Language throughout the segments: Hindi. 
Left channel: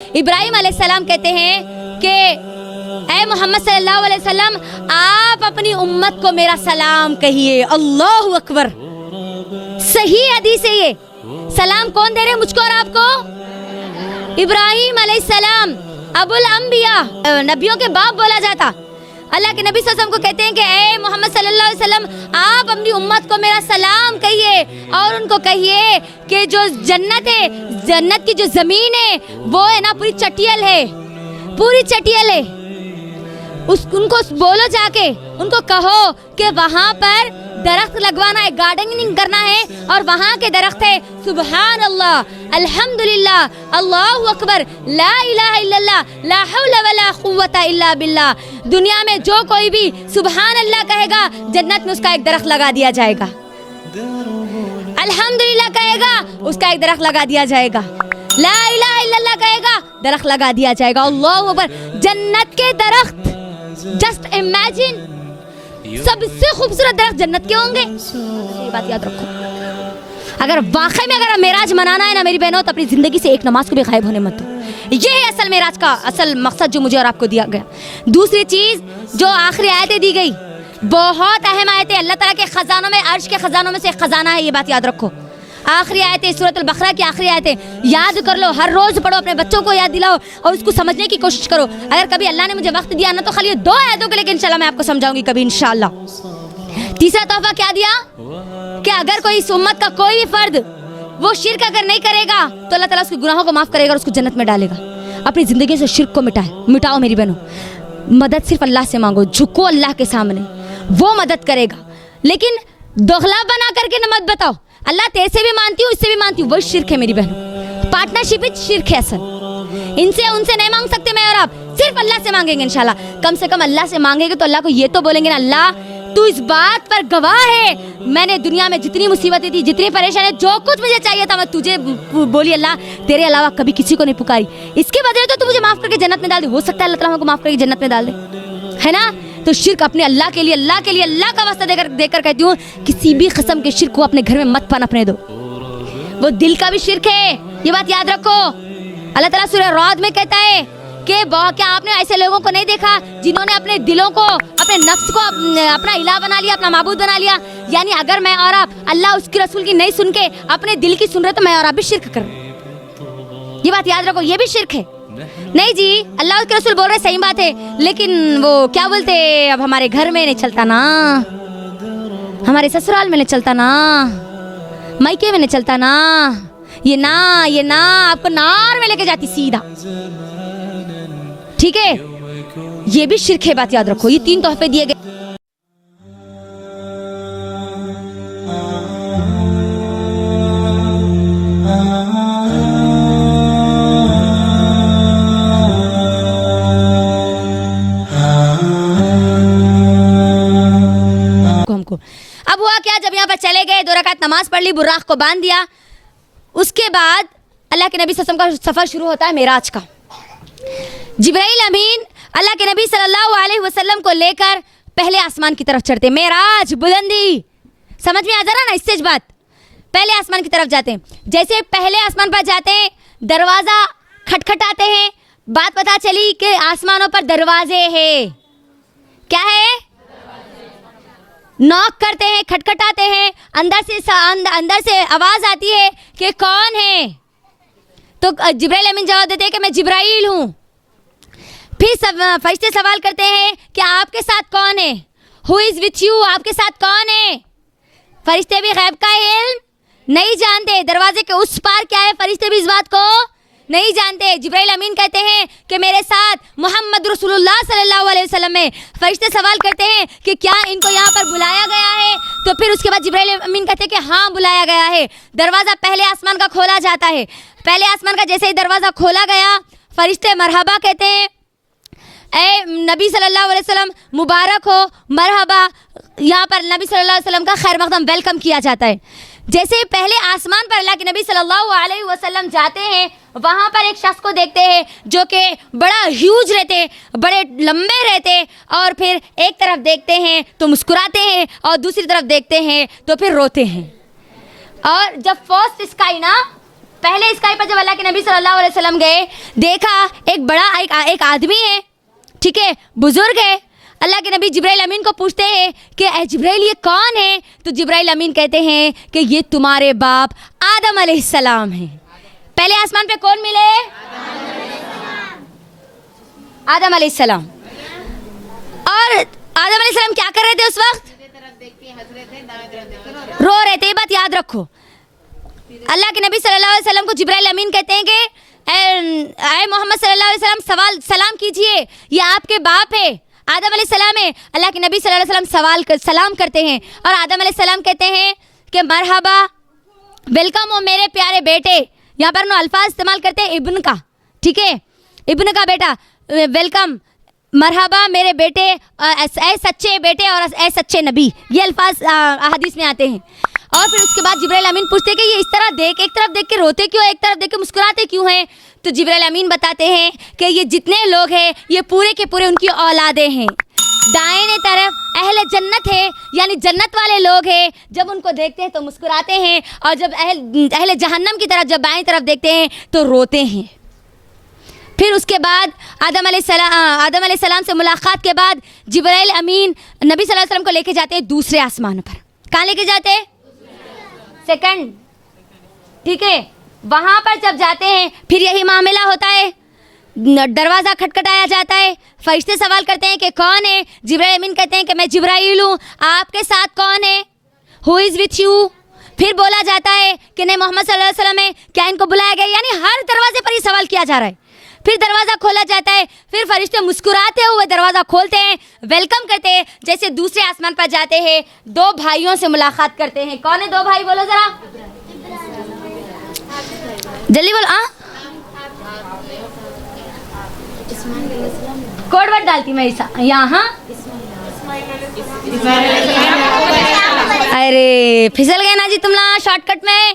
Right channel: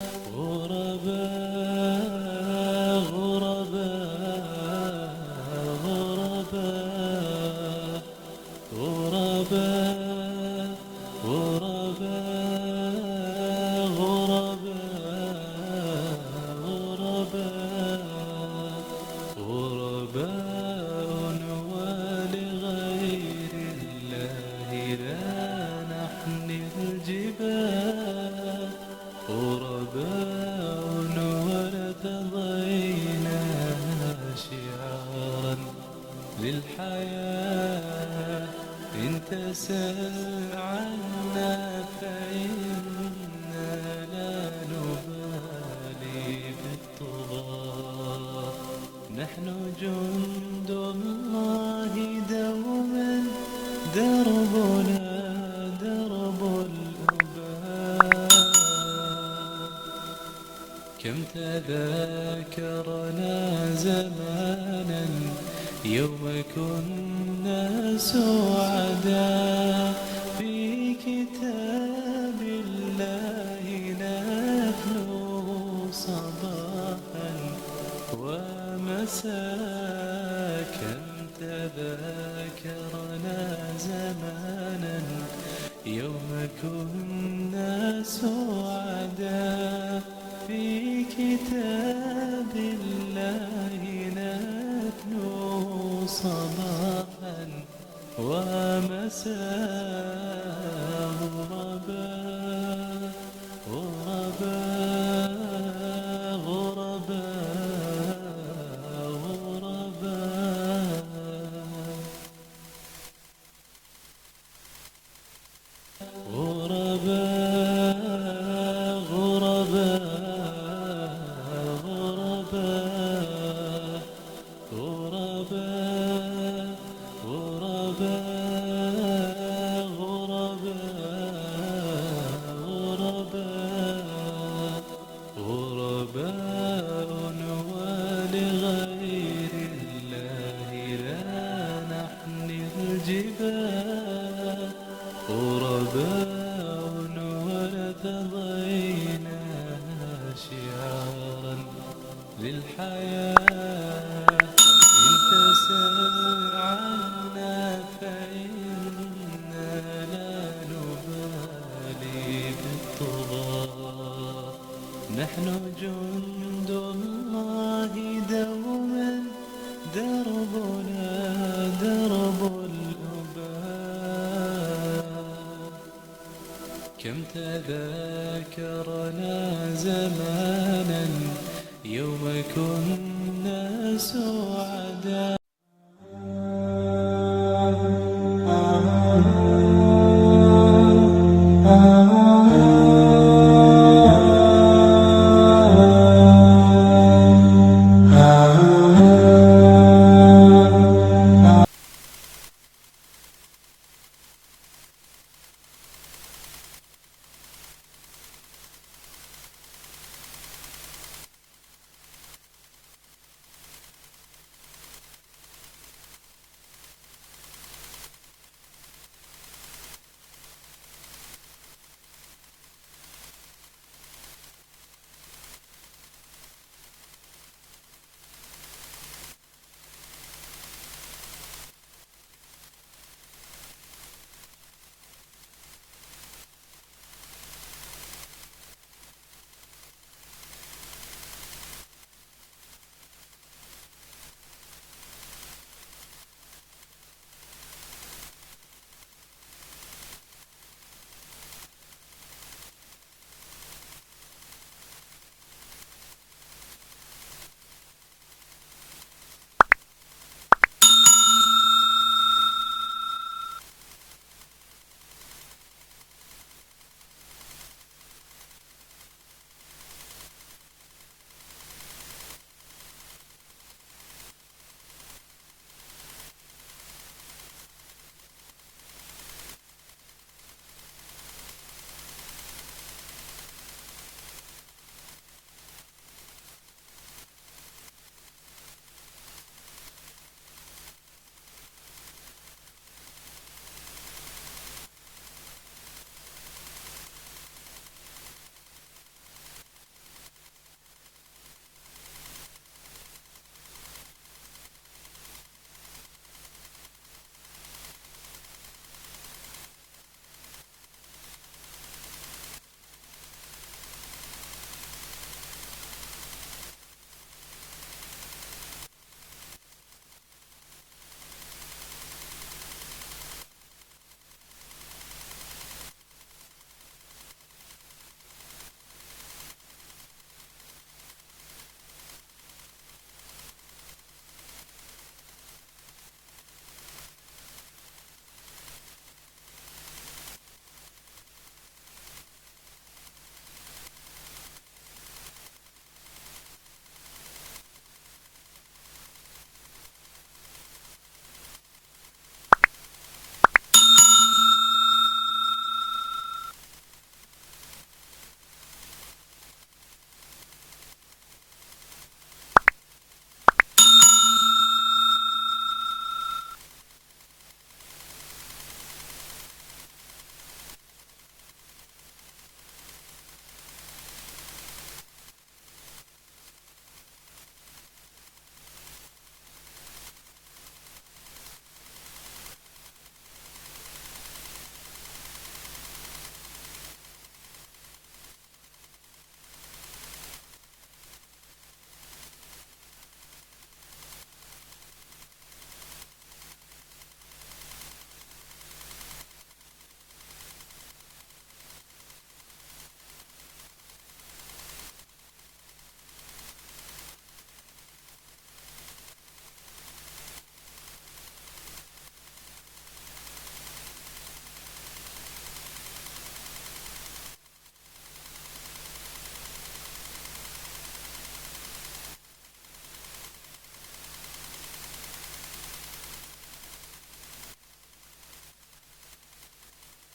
इब्राहिम अलैहिस्सलाम कहते हैं कि ऐ मोहम्मद सल्लल्लाहु अलैहि वसल्लम, आप अपनी उम्मत को मेरा सलाम कहिए। अल्लाहु अकबर। सही हदीस है ये। सलाम कौन दे रहे हैं, मुझको और आपको? इब्राहिम अलैहिस्सलाम अबुल अंबिया, नबियों के बाप बोला जाता। अल्लाह के नबी सल्लल्लाहु अलैहि वसल्लम को कहते हैं कि ऐ मोहम्मद सल्लल्लाहु अलैहि वसल्लम, आप अपनी उम्मत को मेरा सलाम कहिए और उनको कहिए कि जो जन्नत है, जन्नत की जो ज़मीन है वो है ना पूरी चटियल है, पूरी चटियल है। उनको बोलो, जाके उनको कहो कि वहाँ पर दरख्त लगवाना है, गार्डनिंग करना है और वहाँ के दरख्त है सुबहान अल्लाह, अल्हम्दुलिल्लाह, अल्लाहु अकबर, ला इलाहा इल्लल्लाह, ला हौला वला कुव्वता इल्ला बिल्लाह। दुनिया में जो कोई भी सुबहान अल्लाह कहेगा, जन्नत में उसका एक दरख्त लगा दिया जाएगा। अल्हम्दुलिल्लाह कहेगा, उसका एक दरख्त लगा दिया जाएगा। ला इलाहा इल्लल्लाह कहेगा, दरख्त लगा दिया जाएगा। अल्लाहु अकबर। जन्नत के दरख्त, जस्ट इमेजिन, सबसे खूबसूरत दरख्त जन्नत के होंगे। ये बात याद रखो। अगर वाकई में अगर मेराज मनाना है ना मेरी बहनों, तो अपनी जिंदगी से एक नमाज को भी गायब होने मत दो। ये है असल मेराज का असल मकसद जो मुझे और आपको दिया गया। दूसरी चीज जो आखिरी आयतें दी गई, बहुत अहम आयतें, अल्लाह ताला के खजानों में, अर्श के खजानों में से एक खजाना है, ये बात याद रखो। आखिरी आयतें, सूरत अल-बकरा की आखिरी आयतें याद कर लो, हर रोज पढ़ो, अपने बच्चों को याद दिलाओ और उसको समझने की कोशिश करो। अगर कभी अल्लाह ने मुझे वक्त दिया ना, तो खाली 2 आयतों के लिए इंशाल्लाह मैं आपको समझाऊंगी कभी इंशाल्लाह। तीसरा तोहफा क्या दिया कि अगर कोई इस उम्मत का कोई भी फर्द वो शिर्क अगर नहीं करेगा तो अल्लाह ताला उसके गुनाहों को माफ करेगा और उसको जन्नत में डालेगा। अपनी जिंदगी से शिर्क को मिटाओ मेरी बहनों। मदद सिर्फ अल्लाह से मांगो, झुको अल्लाह के सामने, वो मदद करेगा। लेकिन दोगला बना करके न मत बताओ अल्लाह तेरे से भी मानती हूँ, इससे भी मानती हूँ, वही शिर्क है मेरी बहन। पार्टनरशिप ही शिर्क है असल। इनसे उनसे नहीं मांग सकते मैं और आप, सिर्फ अल्लाह से मांगेंगे इंशाल्लाह। कम से कम अल्लाह से मांगेंगे तो अल्लाह को ये तो बोलेंगे ना, अल्लाह तू इस बात पर गवाह है, मैंने दुनिया में जितनी मुसीबतें थी, जितनी परेशानी, जो कुछ मुझे चाहिए था मैं तुझे बोली अल्लाह, तेरे अलावा कभी किसी को नहीं पुकारी। इसके बदले तो तू मुझे माफ करके जन्नत में डाल दे। हो सकता है अल्लाह ताला हमको माफ करके जन्नत में डाल दे, है ना? तो शिर्क अपने अल्लाह के लिए, अल्लाह के लिए, अल्लाह का वास्ता देकर कहती हूँ, किसी भी किस्म के शिर्क को अपने घर में मत पनपने दो। वो दिल का भी शिर्क है, ये बात याद रखो। अल्लाह ताला सूरह राद में कहता है कि क्या आपने ऐसे लोगों को नहीं देखा जिन्होंने अपने दिलों को, अपने नफ्स को अपना इलाह बना लिया, अपना माबूद बना लिया। यानी अगर मैं और आप अल्लाह उसकी रसूल की नहीं सुन के अपने दिल की सुन रहे तो मैं और आप भी शिर्क कर रहे। ये बात याद रखो, ये भी शिर्क है। नहीं जी, अल्लाह उसके रसूल बोल रहे, सही बात है, लेकिन वो क्या बोलते, अब हमारे घर में नहीं चलता ना, हमारे ससुराल में नहीं चलता ना, मायके में नहीं चलता ना, ये ना आपको नार में लेके जाती सीधा। ठीक है, ये भी शिर्क है, बात याद रखो। ये 3 तोहफे दिए गए। हमको अब हुआ क्या, जब यहाँ पर चले गए, 2 रकात नमाज पढ़ ली, बुर्राक को बांध दिया। उसके बाद अल्लाह के नबी सल्लल्लाहु अलैहि वसल्लम का सफ़र शुरू होता है मेराज का। जिब्राइल अमीन अल्लाह के नबी सल्लल्लाहु अलैहि वसल्लम को लेकर पहले आसमान की तरफ चढ़ते। मेराज, बुलंदी, समझ में आ जा रहा ना इससे बात। पहले आसमान की तरफ जाते हैं। जैसे पहले आसमान पर जाते हैं, दरवाज़ा खटखटाते हैं, बात पता चली कि आसमानों पर दरवाजे हैं। क्या है? नॉक करते हैं, खटखटाते हैं, अंदर से आवाज़ आती है कि कौन है? तो जिब्राइल अमीन जवाब देते हैं कि मैं जिब्राइल हूँ। फिर फरिश्ते सवाल करते हैं कि आपके साथ कौन है? Who is with you? आपके साथ कौन है? फरिश्ते भी गैब का इल्म नहीं जानते, दरवाजे के उस पार क्या है फरिश्ते भी इस बात को नहीं जानते। जिब्राइल अमीन कहते हैं कि मेरे साथ मोहम्मद रसूलुल्लाह सल्लल्लाहु अलैहि वसल्लम है। फरिश्ते सवाल करते हैं कि क्या इनको यहाँ पर बुलाया गया है? तो फिर उसके बाद जिब्राइल अमीन कहते हैं कि हाँ बुलाया गया है। दरवाज़ा पहले आसमान का खोला जाता है। पहले आसमान का जैसे ही दरवाज़ा खोला गया, फरिश्ते मरहबा कहते हैं, ए नबी सल्लल्लाहु अलैहि वसल्लम मुबारक हो, मरहबा। यहाँ पर नबी सल्लल्लाहु अलैहि वसल्लम का खैर मकदम वेलकम किया जाता है। जैसे पहले आसमान पर अल्लाह के नबी सल्लल्लाहु अलैहि वसल्लम जाते हैं, वहाँ पर एक शख्स को देखते हैं जो कि बड़ा ह्यूज रहते, बड़े लंबे रहते, और फिर एक तरफ देखते हैं तो मुस्कुराते हैं और दूसरी तरफ देखते हैं तो फिर रोते हैं। और जब फर्स्ट स्काई ना पहले स्काई पर जब अल्लाह के नबी सल्लल्लाहु अलैहि वसल्लम गए, देखा एक बड़ा एक आदमी है, ठीक है, बुजुर्ग है। अल्लाह के नबी जिब्राइल अमीन को पूछते हैं कि ए जिब्राइल ये कौन है? तो जिब्राइल अमीन कहते हैं कि ये तुम्हारे बाप आदम अलैहिस्सलाम हैं। पहले आसमान पे कौन मिले? आदम अलैहिस्सलाम। और आदम अलैहिस्सलाम क्या कर रहे थे उस वक्त? रो रहे थे। ये बात याद रखो। अल्लाह के नबी सल्लल्लाहु अलैहि वसल्लम को जिब्राइल अमीन कहते हैं कि ए मोहम्मद सल्लल्लाहु अलैहि वसल्लम सलाम कीजिए, ये आपके बाप है, आदम अलैहिस्सलाम है। अल्लाह के नबी सल्लल्लाहु अलैहि वसल्लम सलाम करते हैं और आदम अलैहिस्सलाम कहते हैं कि मरहबा, वेलकम हो मेरे प्यारे बेटे। यहाँ पर नो अल्फाज इस्तेमाल करते हैं इब्न का, ठीक है, इब्न का बेटा, वेलकम, मरहबा मेरे बेटे, ए सच्चे बेटे और ए सच्चे नबी, ये अल्फाज हदीस में आते हैं। और फिर उसके बाद जिब्राइल अमीन पूछते हैं कि ये इस तरह देख, एक तरफ देख के रोते क्यों, एक तरफ देख के मुस्कुराते क्यों हैं? तो जिब्राइल अमीन बताते हैं कि ये जितने लोग हैं ये पूरे के पूरे उनकी औलादें हैं। दाहिने तरफ अहले जन्नत है, यानी जन्नत वाले लोग हैं, जब उनको देखते हैं तो मुस्कुराते हैं, और जब अहले जहन्नम की तरफ जब बाएं तरफ देखते हैं तो रोते हैं। फिर उसके बाद आदम अलैहिस्सलाम से मुलाकात के बाद जिब्राइल अमीन नबी सल्लल्लाहु अलैहि वसल्लम को लेके जाते हैं दूसरे आसमान पर। कहाँ लेके जाते हैं? सेकंड, ठीक है। वहाँ पर जब जाते हैं फिर यही मामला होता है, दरवाज़ा खटखटाया जाता है, फरिश्ते सवाल करते हैं कि कौन है? जिब्राइल अमीन कहते हैं कि मैं जिब्राइल हूँ, आपके साथ कौन है? Who is with you? फिर बोला जाता है कि नहीं मोहम्मद सल्लल्लाहु अलैहि वसल्लम है, क्या इनको बुलाया गया? यानी हर दरवाजे पर ही सवाल किया जा रहा है। फिर दरवाज़ा खोला जाता है, फिर फरिश्ते मुस्कुराते हुए दरवाज़ा खोलते हैं, वेलकम करते हैं। जैसे दूसरे आसमान पर जाते हैं, दो भाइयों से मुलाकात करते हैं। कौन है दो भाई? बोलो ज़रा, जल्दी बोलो। कोड वर्ड डालती मैं यहाँ। अरे फिसल गए ना जी तुम लोग शॉर्टकट में।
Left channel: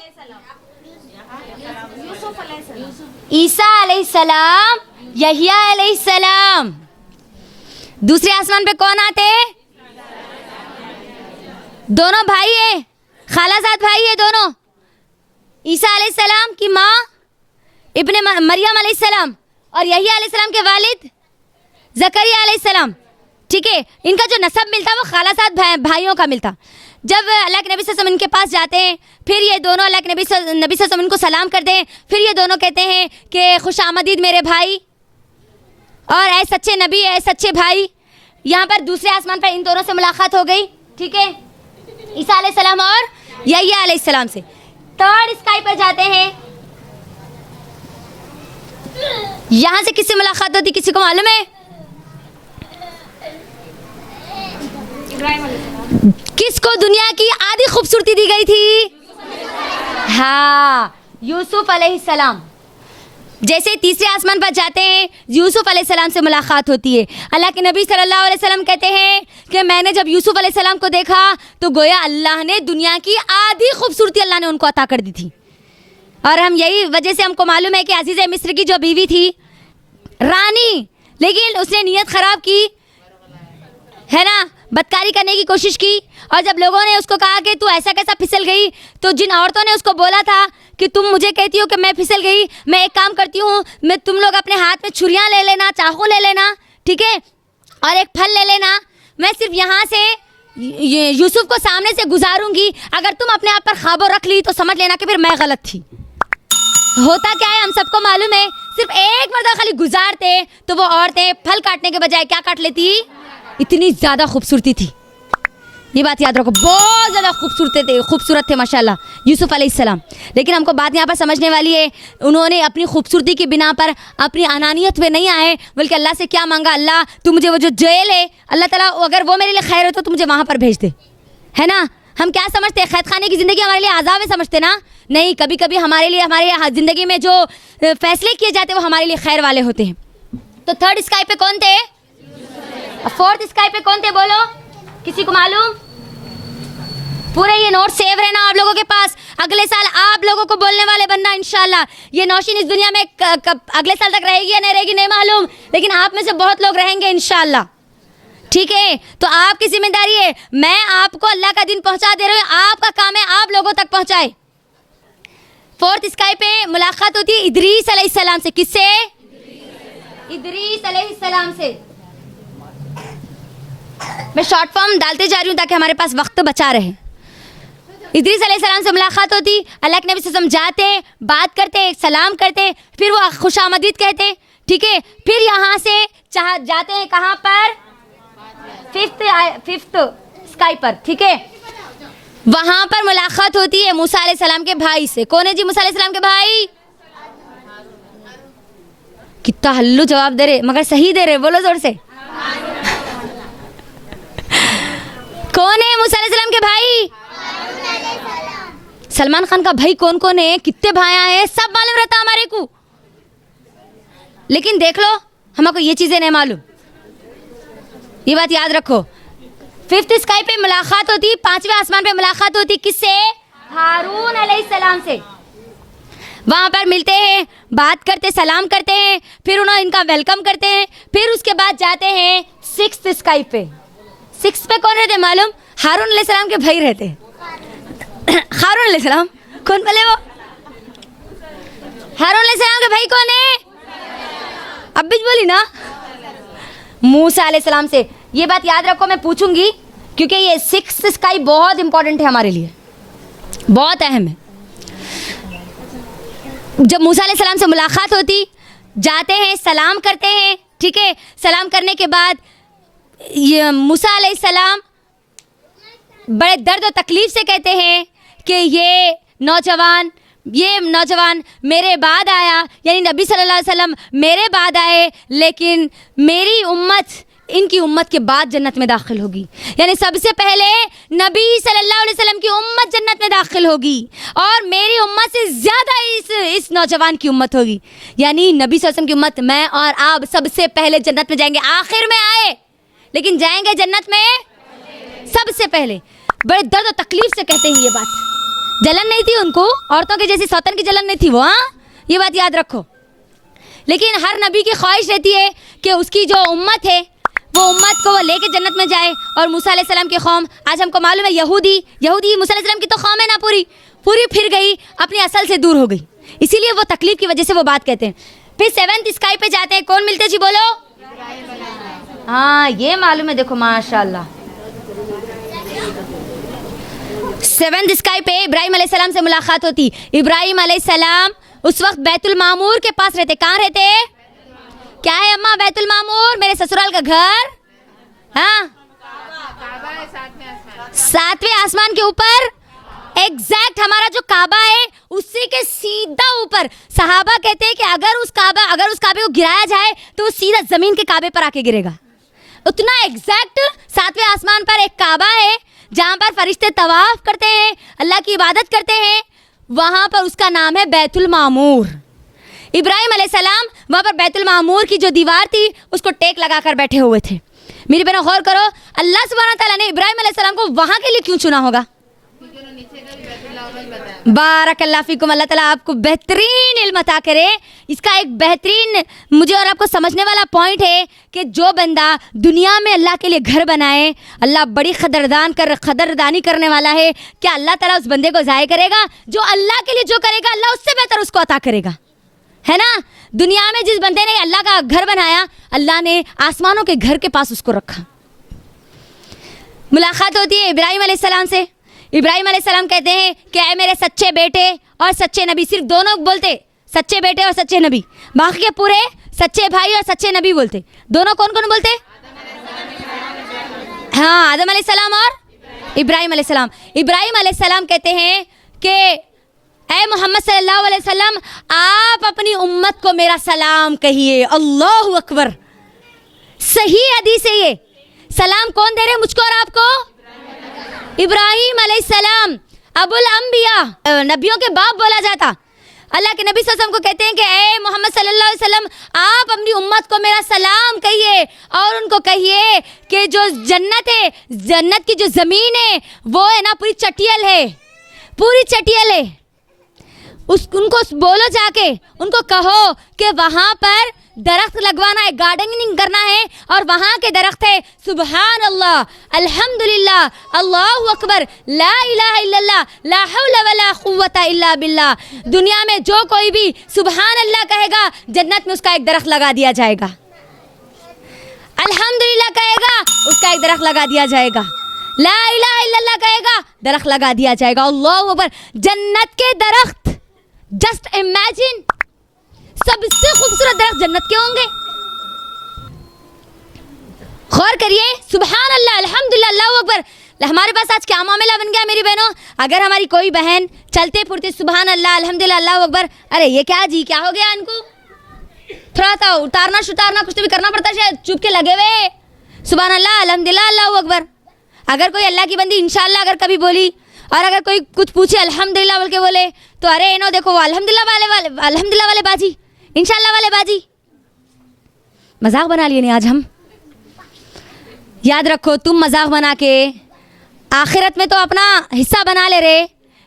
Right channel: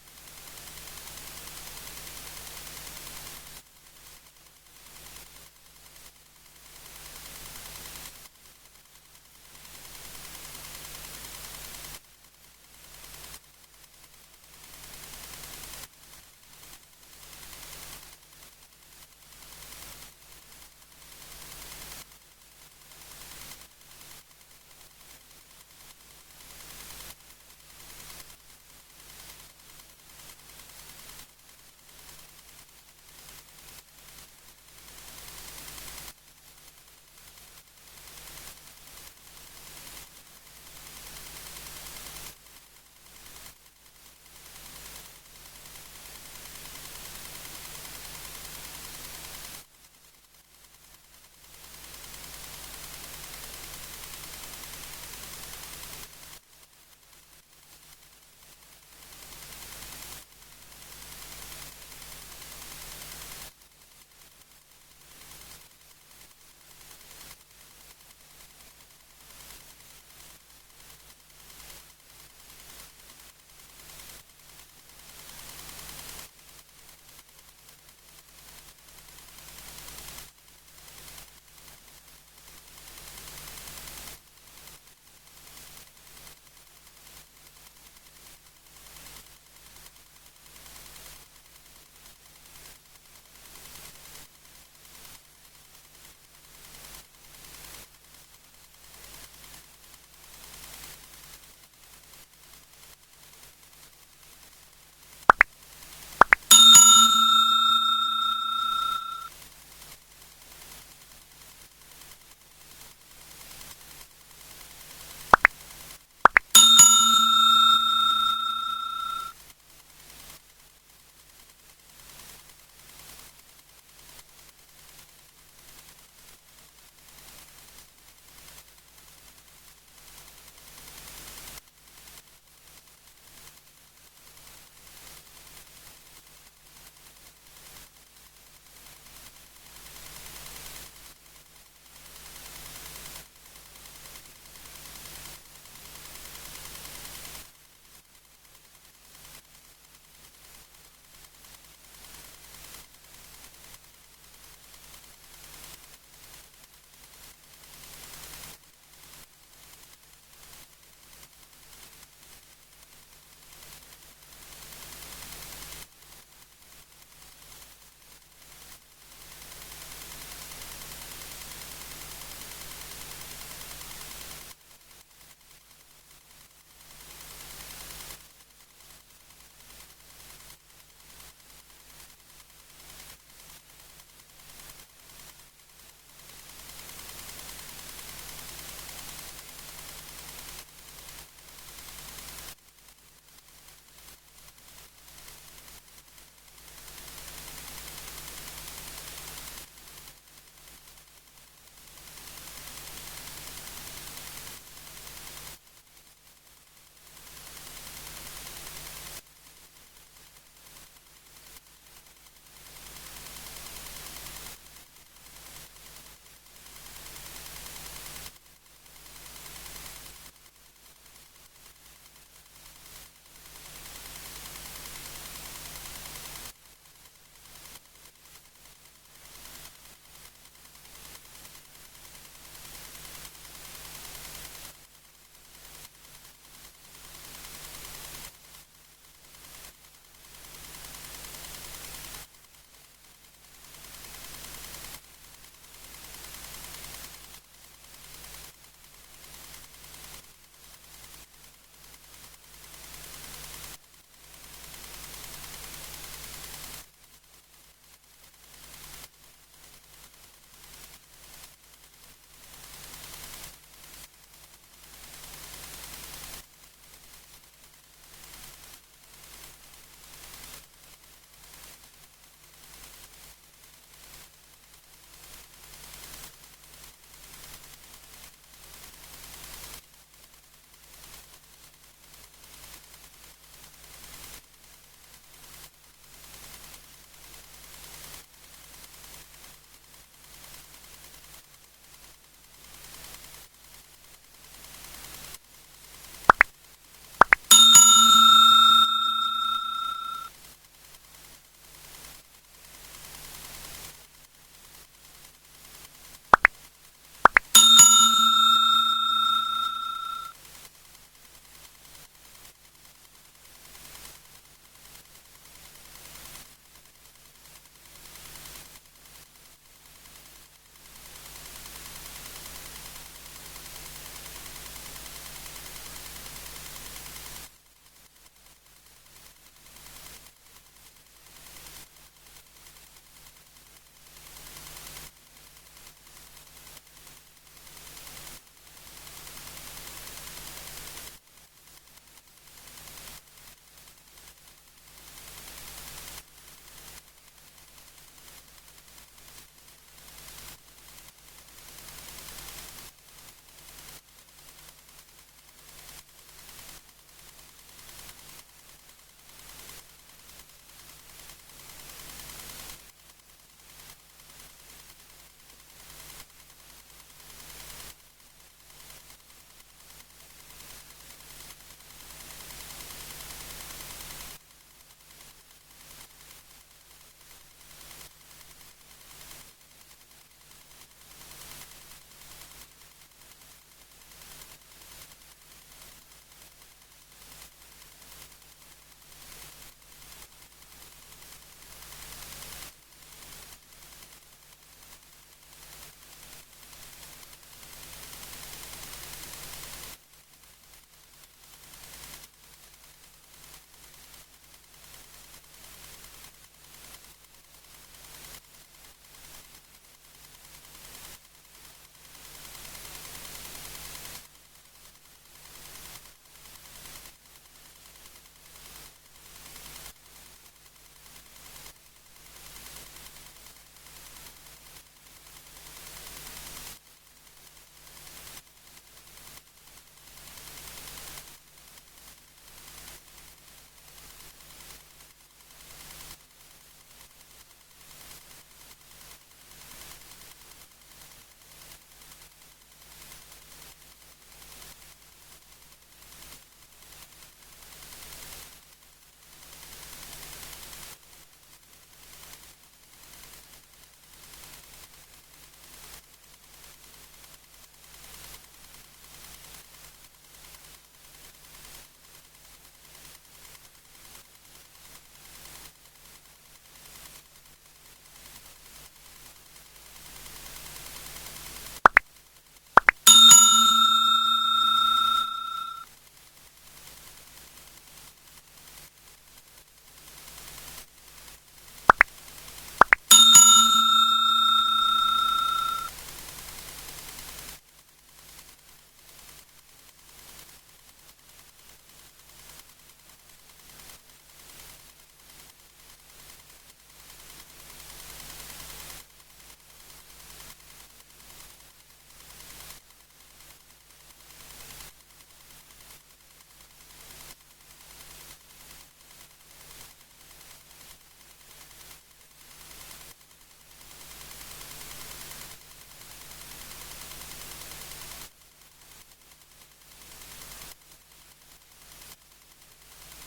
ईसा अलैहिस्सलाम, यहिया अलैहिस्सलाम। दूसरे आसमान पे कौन आते हैं? दोनों भाई है, खालाजाद भाई है दोनों। ईसा अलैहिस्सलाम की माँ इब्ने मरियम अलैहिस्सलाम और यहिया अलैहिस्सलाम के वालिद ज़करिया अलैहिस्सलाम, ठीक है। इनका जो नसब मिलता वो खालाजाद भाइयों का मिलता। जब अल्लाह के नबी सल्लल्लाहु अलैहि वसल्लम इनके पास जाते हैं, फिर ये दोनों अल्लाह के नबी सल्लल्लाहु अलैहि वसल्लम इनको सलाम कर दें। फिर ये दोनों कहते हैं कि खुश आमदीद मेरे भाई, और ऐ सच्चे नबी, ऐ सच्चे भाई। यहाँ पर दूसरे आसमान पर इन दोनों से मुलाकात हो गई, ठीक है, ईसा अलैहिस्सलाम और यहिया अलैहिस्सलाम से। थर्ड स्काई पर जाते हैं, यहाँ से किससे मुलाकात होती किसी को मालूम है? किसको दुनिया की आधी खूबसूरती दी गई थी? हाँ, यूसुफ अलैहिस्सलाम। जैसे तीसरे आसमान पर जाते हैं, यूसुफ अलैहिस्सलाम से मुलाकात होती है। अल्लाह के नबी सल्लल्लाहु अलैहि वसल्लम कहते हैं कि मैंने जब यूसुफ अलैहिस्सलाम को देखा तो गोया अल्लाह ने दुनिया की आधी खूबसूरती अल्लाह ने उनको अता कर दी थी। और हम यही वजह से हमको मालूम है कि अजीज़ मिस्र की जो बीवी थी रानी, लेकिन उसने नीयत ख़राब की है ना, बदकारी करने की कोशिश की। और जब लोगों ने उसको कहा कि तू ऐसा कैसा फिसल गई, तो जिन औरतों ने उसको बोला था कि तुम मुझे कहती हो कि मैं फिसल गई, मैं एक काम करती हूँ, मैं तुम लोग अपने हाथ में छुरियाँ ले लेना, चाकू ले लेना, ठीक है, और एक फल ले लेना, मैं सिर्फ यहाँ से यूसुफ को सामने से गुजारूंगी। अगर तुम अपने आप पर ख्वाबो रख ली तो समझ लेना कि फिर मैं गलत थी। होता क्या है हम सबको मालूम है, सिर्फ एक मरतबा खाली गुजारते तो वो औरतें फल काटने के बजाय क्या काट लेती? इतनी ज़्यादा खूबसूरती थी। ये बात याद रखो, बहुत ज़्यादा खूबसूरत थे माशाल्लाह यूसुफ अलैहिस्सलाम। लेकिन हमको बात यहाँ पर समझने वाली है, उन्होंने अपनी खूबसूरती की बिना पर अपनी अनानियत में नहीं आए, बल्कि अल्लाह से क्या मांगा, अल्लाह तू मुझे वो जो जेल है, अल्लाह ताला अगर वो मेरे लिए खैर हो तो मुझे वहाँ पर भेज दे, है ना। हम क्या समझते हैं, कैद खाने की ज़िंदगी हमारे लिए आज़ाब है समझते ना? नहीं, कभी कभी हमारे लिए हमारे ज़िंदगी में जो फैसले किए जाते हैं वो हमारे लिए खैर वाले होते हैं। तो थर्ड स्काई पे कौन थे? फोर्थ स्काई पे कौन थे बोलो, किसी को मालूम? पूरे ये नोट सेव रहना आप लोगों के पास, अगले साल आप लोगों को बोलने वाले बनना इंशाल्लाह। ये नौशीन इस दुनिया में अगले साल तक रहेगी या नहीं रहेगी नहीं मालूम, लेकिन आप में से बहुत लोग रहेंगे इंशाल्लाह, ठीक है। तो आपकी जिम्मेदारी है, मैं आपको अल्लाह का दिन पहुंचा दे रही हूँ, आपका काम है आप लोगों तक पहुंचाए। फोर्थ स्काई पे मुलाकात होती है इदरीस अलैहिस्सलाम से। किससे? इदरीस अलैहिस्सलाम से। मैं शॉर्ट फॉर्म डालते जा रही हूँ ताकि हमारे पास वक्त बचा रहे। इदरीस अलैहिस्सलाम से मुलाकात होती, अल्लाह के नबी से समझाते, बात करते, सलाम करते, फिर वो खुशामदीद कहते, ठीक है। फिर यहाँ से जाते हैं कहाँ पर? फिफ्थ स्काई पर, ठीक है। वहाँ पर मुलाकात होती है मूसा अलैहिस्सलाम के भाई से। कौन है जी मूसा अलैहिस्सलाम के भाई? कितना हल्लू जवाब दे रहे, मगर सही दे रहे, बोलो जोर से। कौन है मूसा अलैहिस्सलाम के भाई? सलमान खान का भाई कौन कौन है, कितने भाई हैं, सब मालूम रहता हमारे को, लेकिन देख लो हमको ये चीजें नहीं मालूम। ये बात याद रखो। फिफ्थ स्काई पे मुलाकात होती, पांचवें आसमान पे मुलाकात होती, किससे? हारून अलैहिस्सलाम से। वहां पर मिलते हैं, बात करते, सलाम करते हैं, फिर उन्हें इनका वेलकम करते हैं। फिर उसके बाद जाते हैं सिक्स्थ स्काई पे। सिक्स पे कौन रहते मालूम? हारून अलैहिस्सलाम के भाई रहते। हारून अलैहिस्सलाम कौन बोले? वो हारून अलैहिस्सलाम के भाई कौन है? अब भी बोली ना, मूसा अलैहिस्सलाम से। ये बात याद रखो, मैं पूछूंगी क्योंकि ये सिक्स्थ स्काई बहुत इंपॉर्टेंट है हमारे लिए, बहुत अहम है। जब मूसा अलैहिस्सलाम से मुलाकात होती, जाते हैं, सलाम करते हैं, ठीक है। सलाम करने के बाद ये मूसा अलैहिस्सलाम बड़े दर्द और तकलीफ से कहते हैं कि ये नौजवान मेरे बाद आया, यानी नबी सल्लल्लाहु अलैहि वसल्लम मेरे बाद आए, लेकिन मेरी उम्मत इनकी उम्मत के बाद जन्नत में दाखिल होगी। यानी सबसे पहले नबी सल्लल्लाहु अलैहि वसल्लम की उम्मत जन्नत में दाखिल होगी और मेरी उम्मत से ज़्यादा इस नौजवान की उम्मत होगी। यानी नबी सल्लल्लाहु अलैहि वसल्लम की उम्मत, मैं और आप सबसे पहले जन्नत में जाएंगे। आखिर में आए, लेकिन जाएंगे जन्नत में सबसे पहले। बड़े दर्द और तकलीफ से कहते हैं ये बात। जलन नहीं थी उनको, औरतों की जैसी सौतन की जलन नहीं थी वो, हाँ, ये बात याद रखो। लेकिन हर नबी की ख्वाहिश रहती है कि उसकी जो उम्मत है वो उम्मत को वो लेके जन्नत में जाए। और मूसा अलैहिस्सलाम की कौम, आज हमको मालूम है यहूदी मूसा अलैहिस्सलाम की तो कौम है ना, पूरी फिर गई, अपनी असल से दूर हो गई, इसीलिए वो तकलीफ की वजह से वो बात कहते हैं। फिर सेवेंथ स्काई पे जाते हैं, कौन मिलते जी बोलो? हाँ, ये मालूम है, देखो माशाल्लाह। सेवेंथ स्काई पे इब्राहिम अलैहिस्सलाम से मुलाकात होती। इब्राहिम अलैहिस्सलाम उस वक्त बैतुल मामूर के पास रहते। कहाँ रहते? क्या है अम्मा बैतुल मामूर? मेरे ससुराल का घर, हाँ, सातवें आसमान के ऊपर, एग्जैक्ट हमारा जो काबा है उसी के सीधा ऊपर। सहाबा कहते हैं कि अगर उस काबे को गिराया जाए तो वो सीधा जमीन के काबे पर आके गिरेगा। उतना एग्जैक्ट सातवें आसमान पर एक काबा है जहाँ पर फरिश्ते तवाफ करते हैं, अल्लाह की इबादत करते हैं, वहाँ पर उसका नाम है बैतुल मामूर। इब्राहिम अलैहिस्सलाम वहाँ पर बैतुल मामूर की जो दीवार थी उसको टेक लगाकर बैठे हुए थे। मेरी बहनों गौर करो, अल्लाह सुब्हानहू तआला ने इब्राहिम अलैहिस्सलाम को वहाँ के लिए क्यों चुना होगा? बारकल्लाह फीकुम, अल्लाह ताला आपको बेहतरीन इल्म अता करे। इसका एक बेहतरीन मुझे और आपको समझने वाला पॉइंट है कि जो बंदा दुनिया में अल्लाह के लिए घर बनाए, अल्लाह बड़ी कदरदानी करने वाला है। क्या अल्लाह ताला उस बंदे को ज़ाय करेगा? जो अल्लाह के लिए जो करेगा अल्लाह उससे बेहतर उसको अता करेगा, है ना। दुनिया में जिस बंदे ने अल्लाह का घर बनाया, अल्लाह ने आसमानों के घर के पास उसको रखा। मुलाकात होती है इब्राहिम अलैहिस्सलाम से। इब्राहिम अलैहिस्सलाम कहते हैं कि ऐ मेरे सच्चे बेटे और सच्चे नबी, सिर्फ दोनों बोलते, सच्चे बेटे और सच्चे नबी, बाकी के पूरे सच्चे भाई और सच्चे नबी बोलते। दोनों कौन कौन बोलते? हाँ, आदम अलैहिस्सलाम और इब्राहिम अलैहिस्सलाम। इब्राहिम अलैहिस्सलाम कहते हैं कि ऐ मोहम्मद सल्लल्लाहु अलैहि वसल्लम, आप अपनी उम्मत को मेरा सलाम कहिए। अल्लाहु अकबर, सही हदीस है ये। सलाम कौन दे रहे? मुझको और आपको? इब्राहिम अलैहिस्सलाम, अबुल अंबिया, नबियों के बाप बोला जाता। अल्लाह के नबी सल्लल्लाहु अलैहि वसल्लम को कहते हैं कि ऐ मोहम्मद सल्लल्लाहु अलैहि वसल्लम, आप अपनी उम्मत को मेरा सलाम कहिए और उनको कहिए कि जो जन्नत है, जन्नत की जो ज़मीन है वो है ना पूरी चटियल है, पूरी चटियल है। उनको बोलो, जाके उनको कहो कि वहाँ पर दरख्त लगवाना है, गार्डनिंग करना है, और वहाँ के दरख्त है सुबहान अल्लाह, अल्हम्दुलिल्लाह, अल्लाहु अकबर, ला इलाहा इल्लल्लाह, ला हौला वला कुव्वता इल्ला बिल्लाह। दुनिया में जो कोई भी सुबहान अल्लाह कहेगा, जन्नत में उसका एक दरख्त लगा दिया जाएगा। अल्हम्दुलिल्लाह कहेगा, उसका एक दरख्त लगा दिया जाएगा। ला इलाहा इल्लल्लाह कहेगा, दरख्त लगा दिया जाएगा। अल्लाहु अकबर। जन्नत के दरख्त, जस्ट इमेजिन, सबसे खूबसूरत दरख्त जन्नत के होंगे। गौर करिए, सुबहान अल्लाह, अल्हम्दुलिल्लाह, अल्लाहु अकबर। हमारे पास आज क्या मामला बन गया मेरी बहनों, अगर हमारी कोई बहन चलते फिरते सुबहान अल्लाह, अल्हम्दुलिल्लाह, अल्लाहु अकबर, अरे ये क्या जी, क्या हो गया इनको, थोड़ा सा उतारना सुतारना कुछ तो भी करना पड़ता है, शायद चुप के लगे हुए सुबहान अल्लाह, अल्हम्दुलिल्लाह, अल्लाहु अकबर। अगर कोई अल्लाह की बंदी इंशाअल्लाह अगर कभी बोली, और अगर कोई कुछ पूछे अल्हम्दुलिल्लाह बोल के बोले, तो अरे इनो देखो अल्हम्दुलिल्लाह वाले बाजी, इंशाअल्लाह वाले बाजी। मजाक बना लिए नहीं आज हम। याद रखो, तुम मजाक बना के आखिरत में तो अपना हिस्सा बना ले रहे,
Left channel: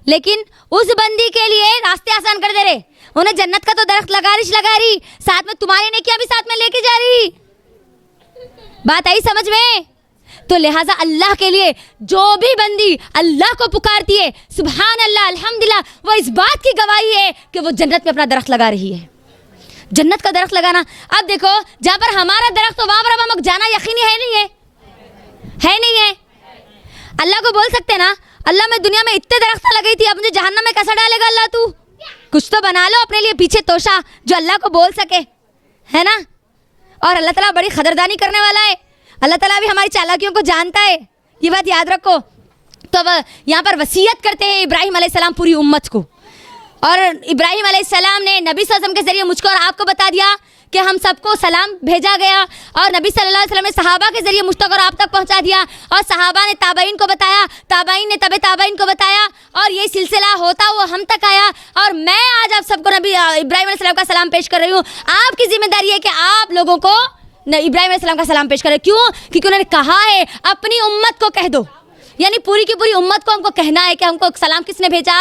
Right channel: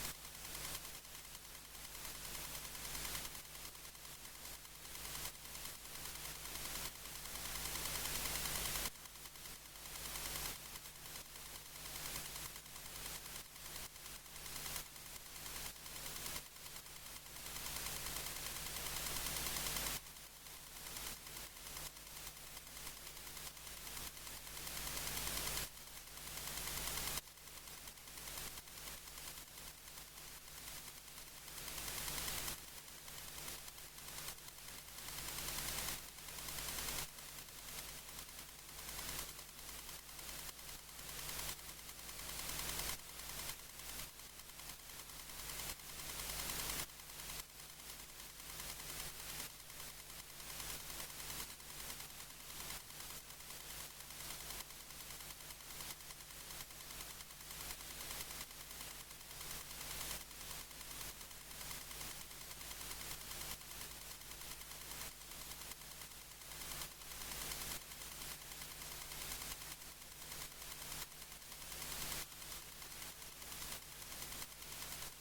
लेकिन उस बंदी के लिए रास्ते आसान कर दे रहे। उन्हें जन्नत का तो दरख्त लगा रही, साथ में तुम्हारे ने किया भी साथ में लेके जा रही। बात आई समझ में? तो लिहाजा अल्लाह के लिए जो भी बंदी अल्लाह को पुकारती है, सुबहान अल्लाह, अल्हम्दुलिल्लाह, वो इस बात की गवाही है कि वो जन्नत में अपना दरख्त लगा रही है। जन्नत का दरख्त लगाना, अब देखो जहाँ पर हमारा दरख्त, तो वहाँ पर हम जाना यकीनी है नहीं है? है नहीं है? अल्लाह को बोल सकते ना, अल्लाह मैं दुनिया में इतने दरख्त लगाई थी, अब मुझे जहन्नम में कैसा डालेगा अल्लाह तू? कुछ तो बना लो अपने लिए पीछे तोशा, जो अल्लाह को बोल सके, है ना। और अल्लाह ताला बड़ी खदरदानी करने वाला है, अल्लाह ताला भी हमारी चालाकियों को जानता है, ये बात याद रखो। तो अब यहाँ पर वसीयत करते हैं इब्राहिम अलैहिस्सलाम पूरी उम्मत को, और इब्राहिम अलैहिस्सलाम ने नबी सल्लल्लाहु अलैहि वसल्लम के ज़रिए मुझको और आपको बता दिया कि हम सबको सलाम भेजा गया, और नबी सल्लल्लाहु अलैहि वसल्लम ने सहाबा के ज़रिए मुझ तक और आप तक पहुंचा दिया, और सहाबा ने ताबईन को बताया, ताबईन ने तबे ताबईन को बताया, और ये सिलसिला होता हुआ हम तक आया। और मैं आज आप सबको नबी इब्राहिम अलैहिस्सलाम का सलाम पेश कर रही हूँ। आपकी जिम्मेदारी है कि आप लोगों को इब्राहिम अलैहिस्सलाम का सलाम पेश करें। क्यों? क्योंकि उन्होंने कहा है अपनी उम्मत को कह दो, यानी पूरी की पूरी उम्मत को हमको कहना है कि हमको सलाम किसने भेजा।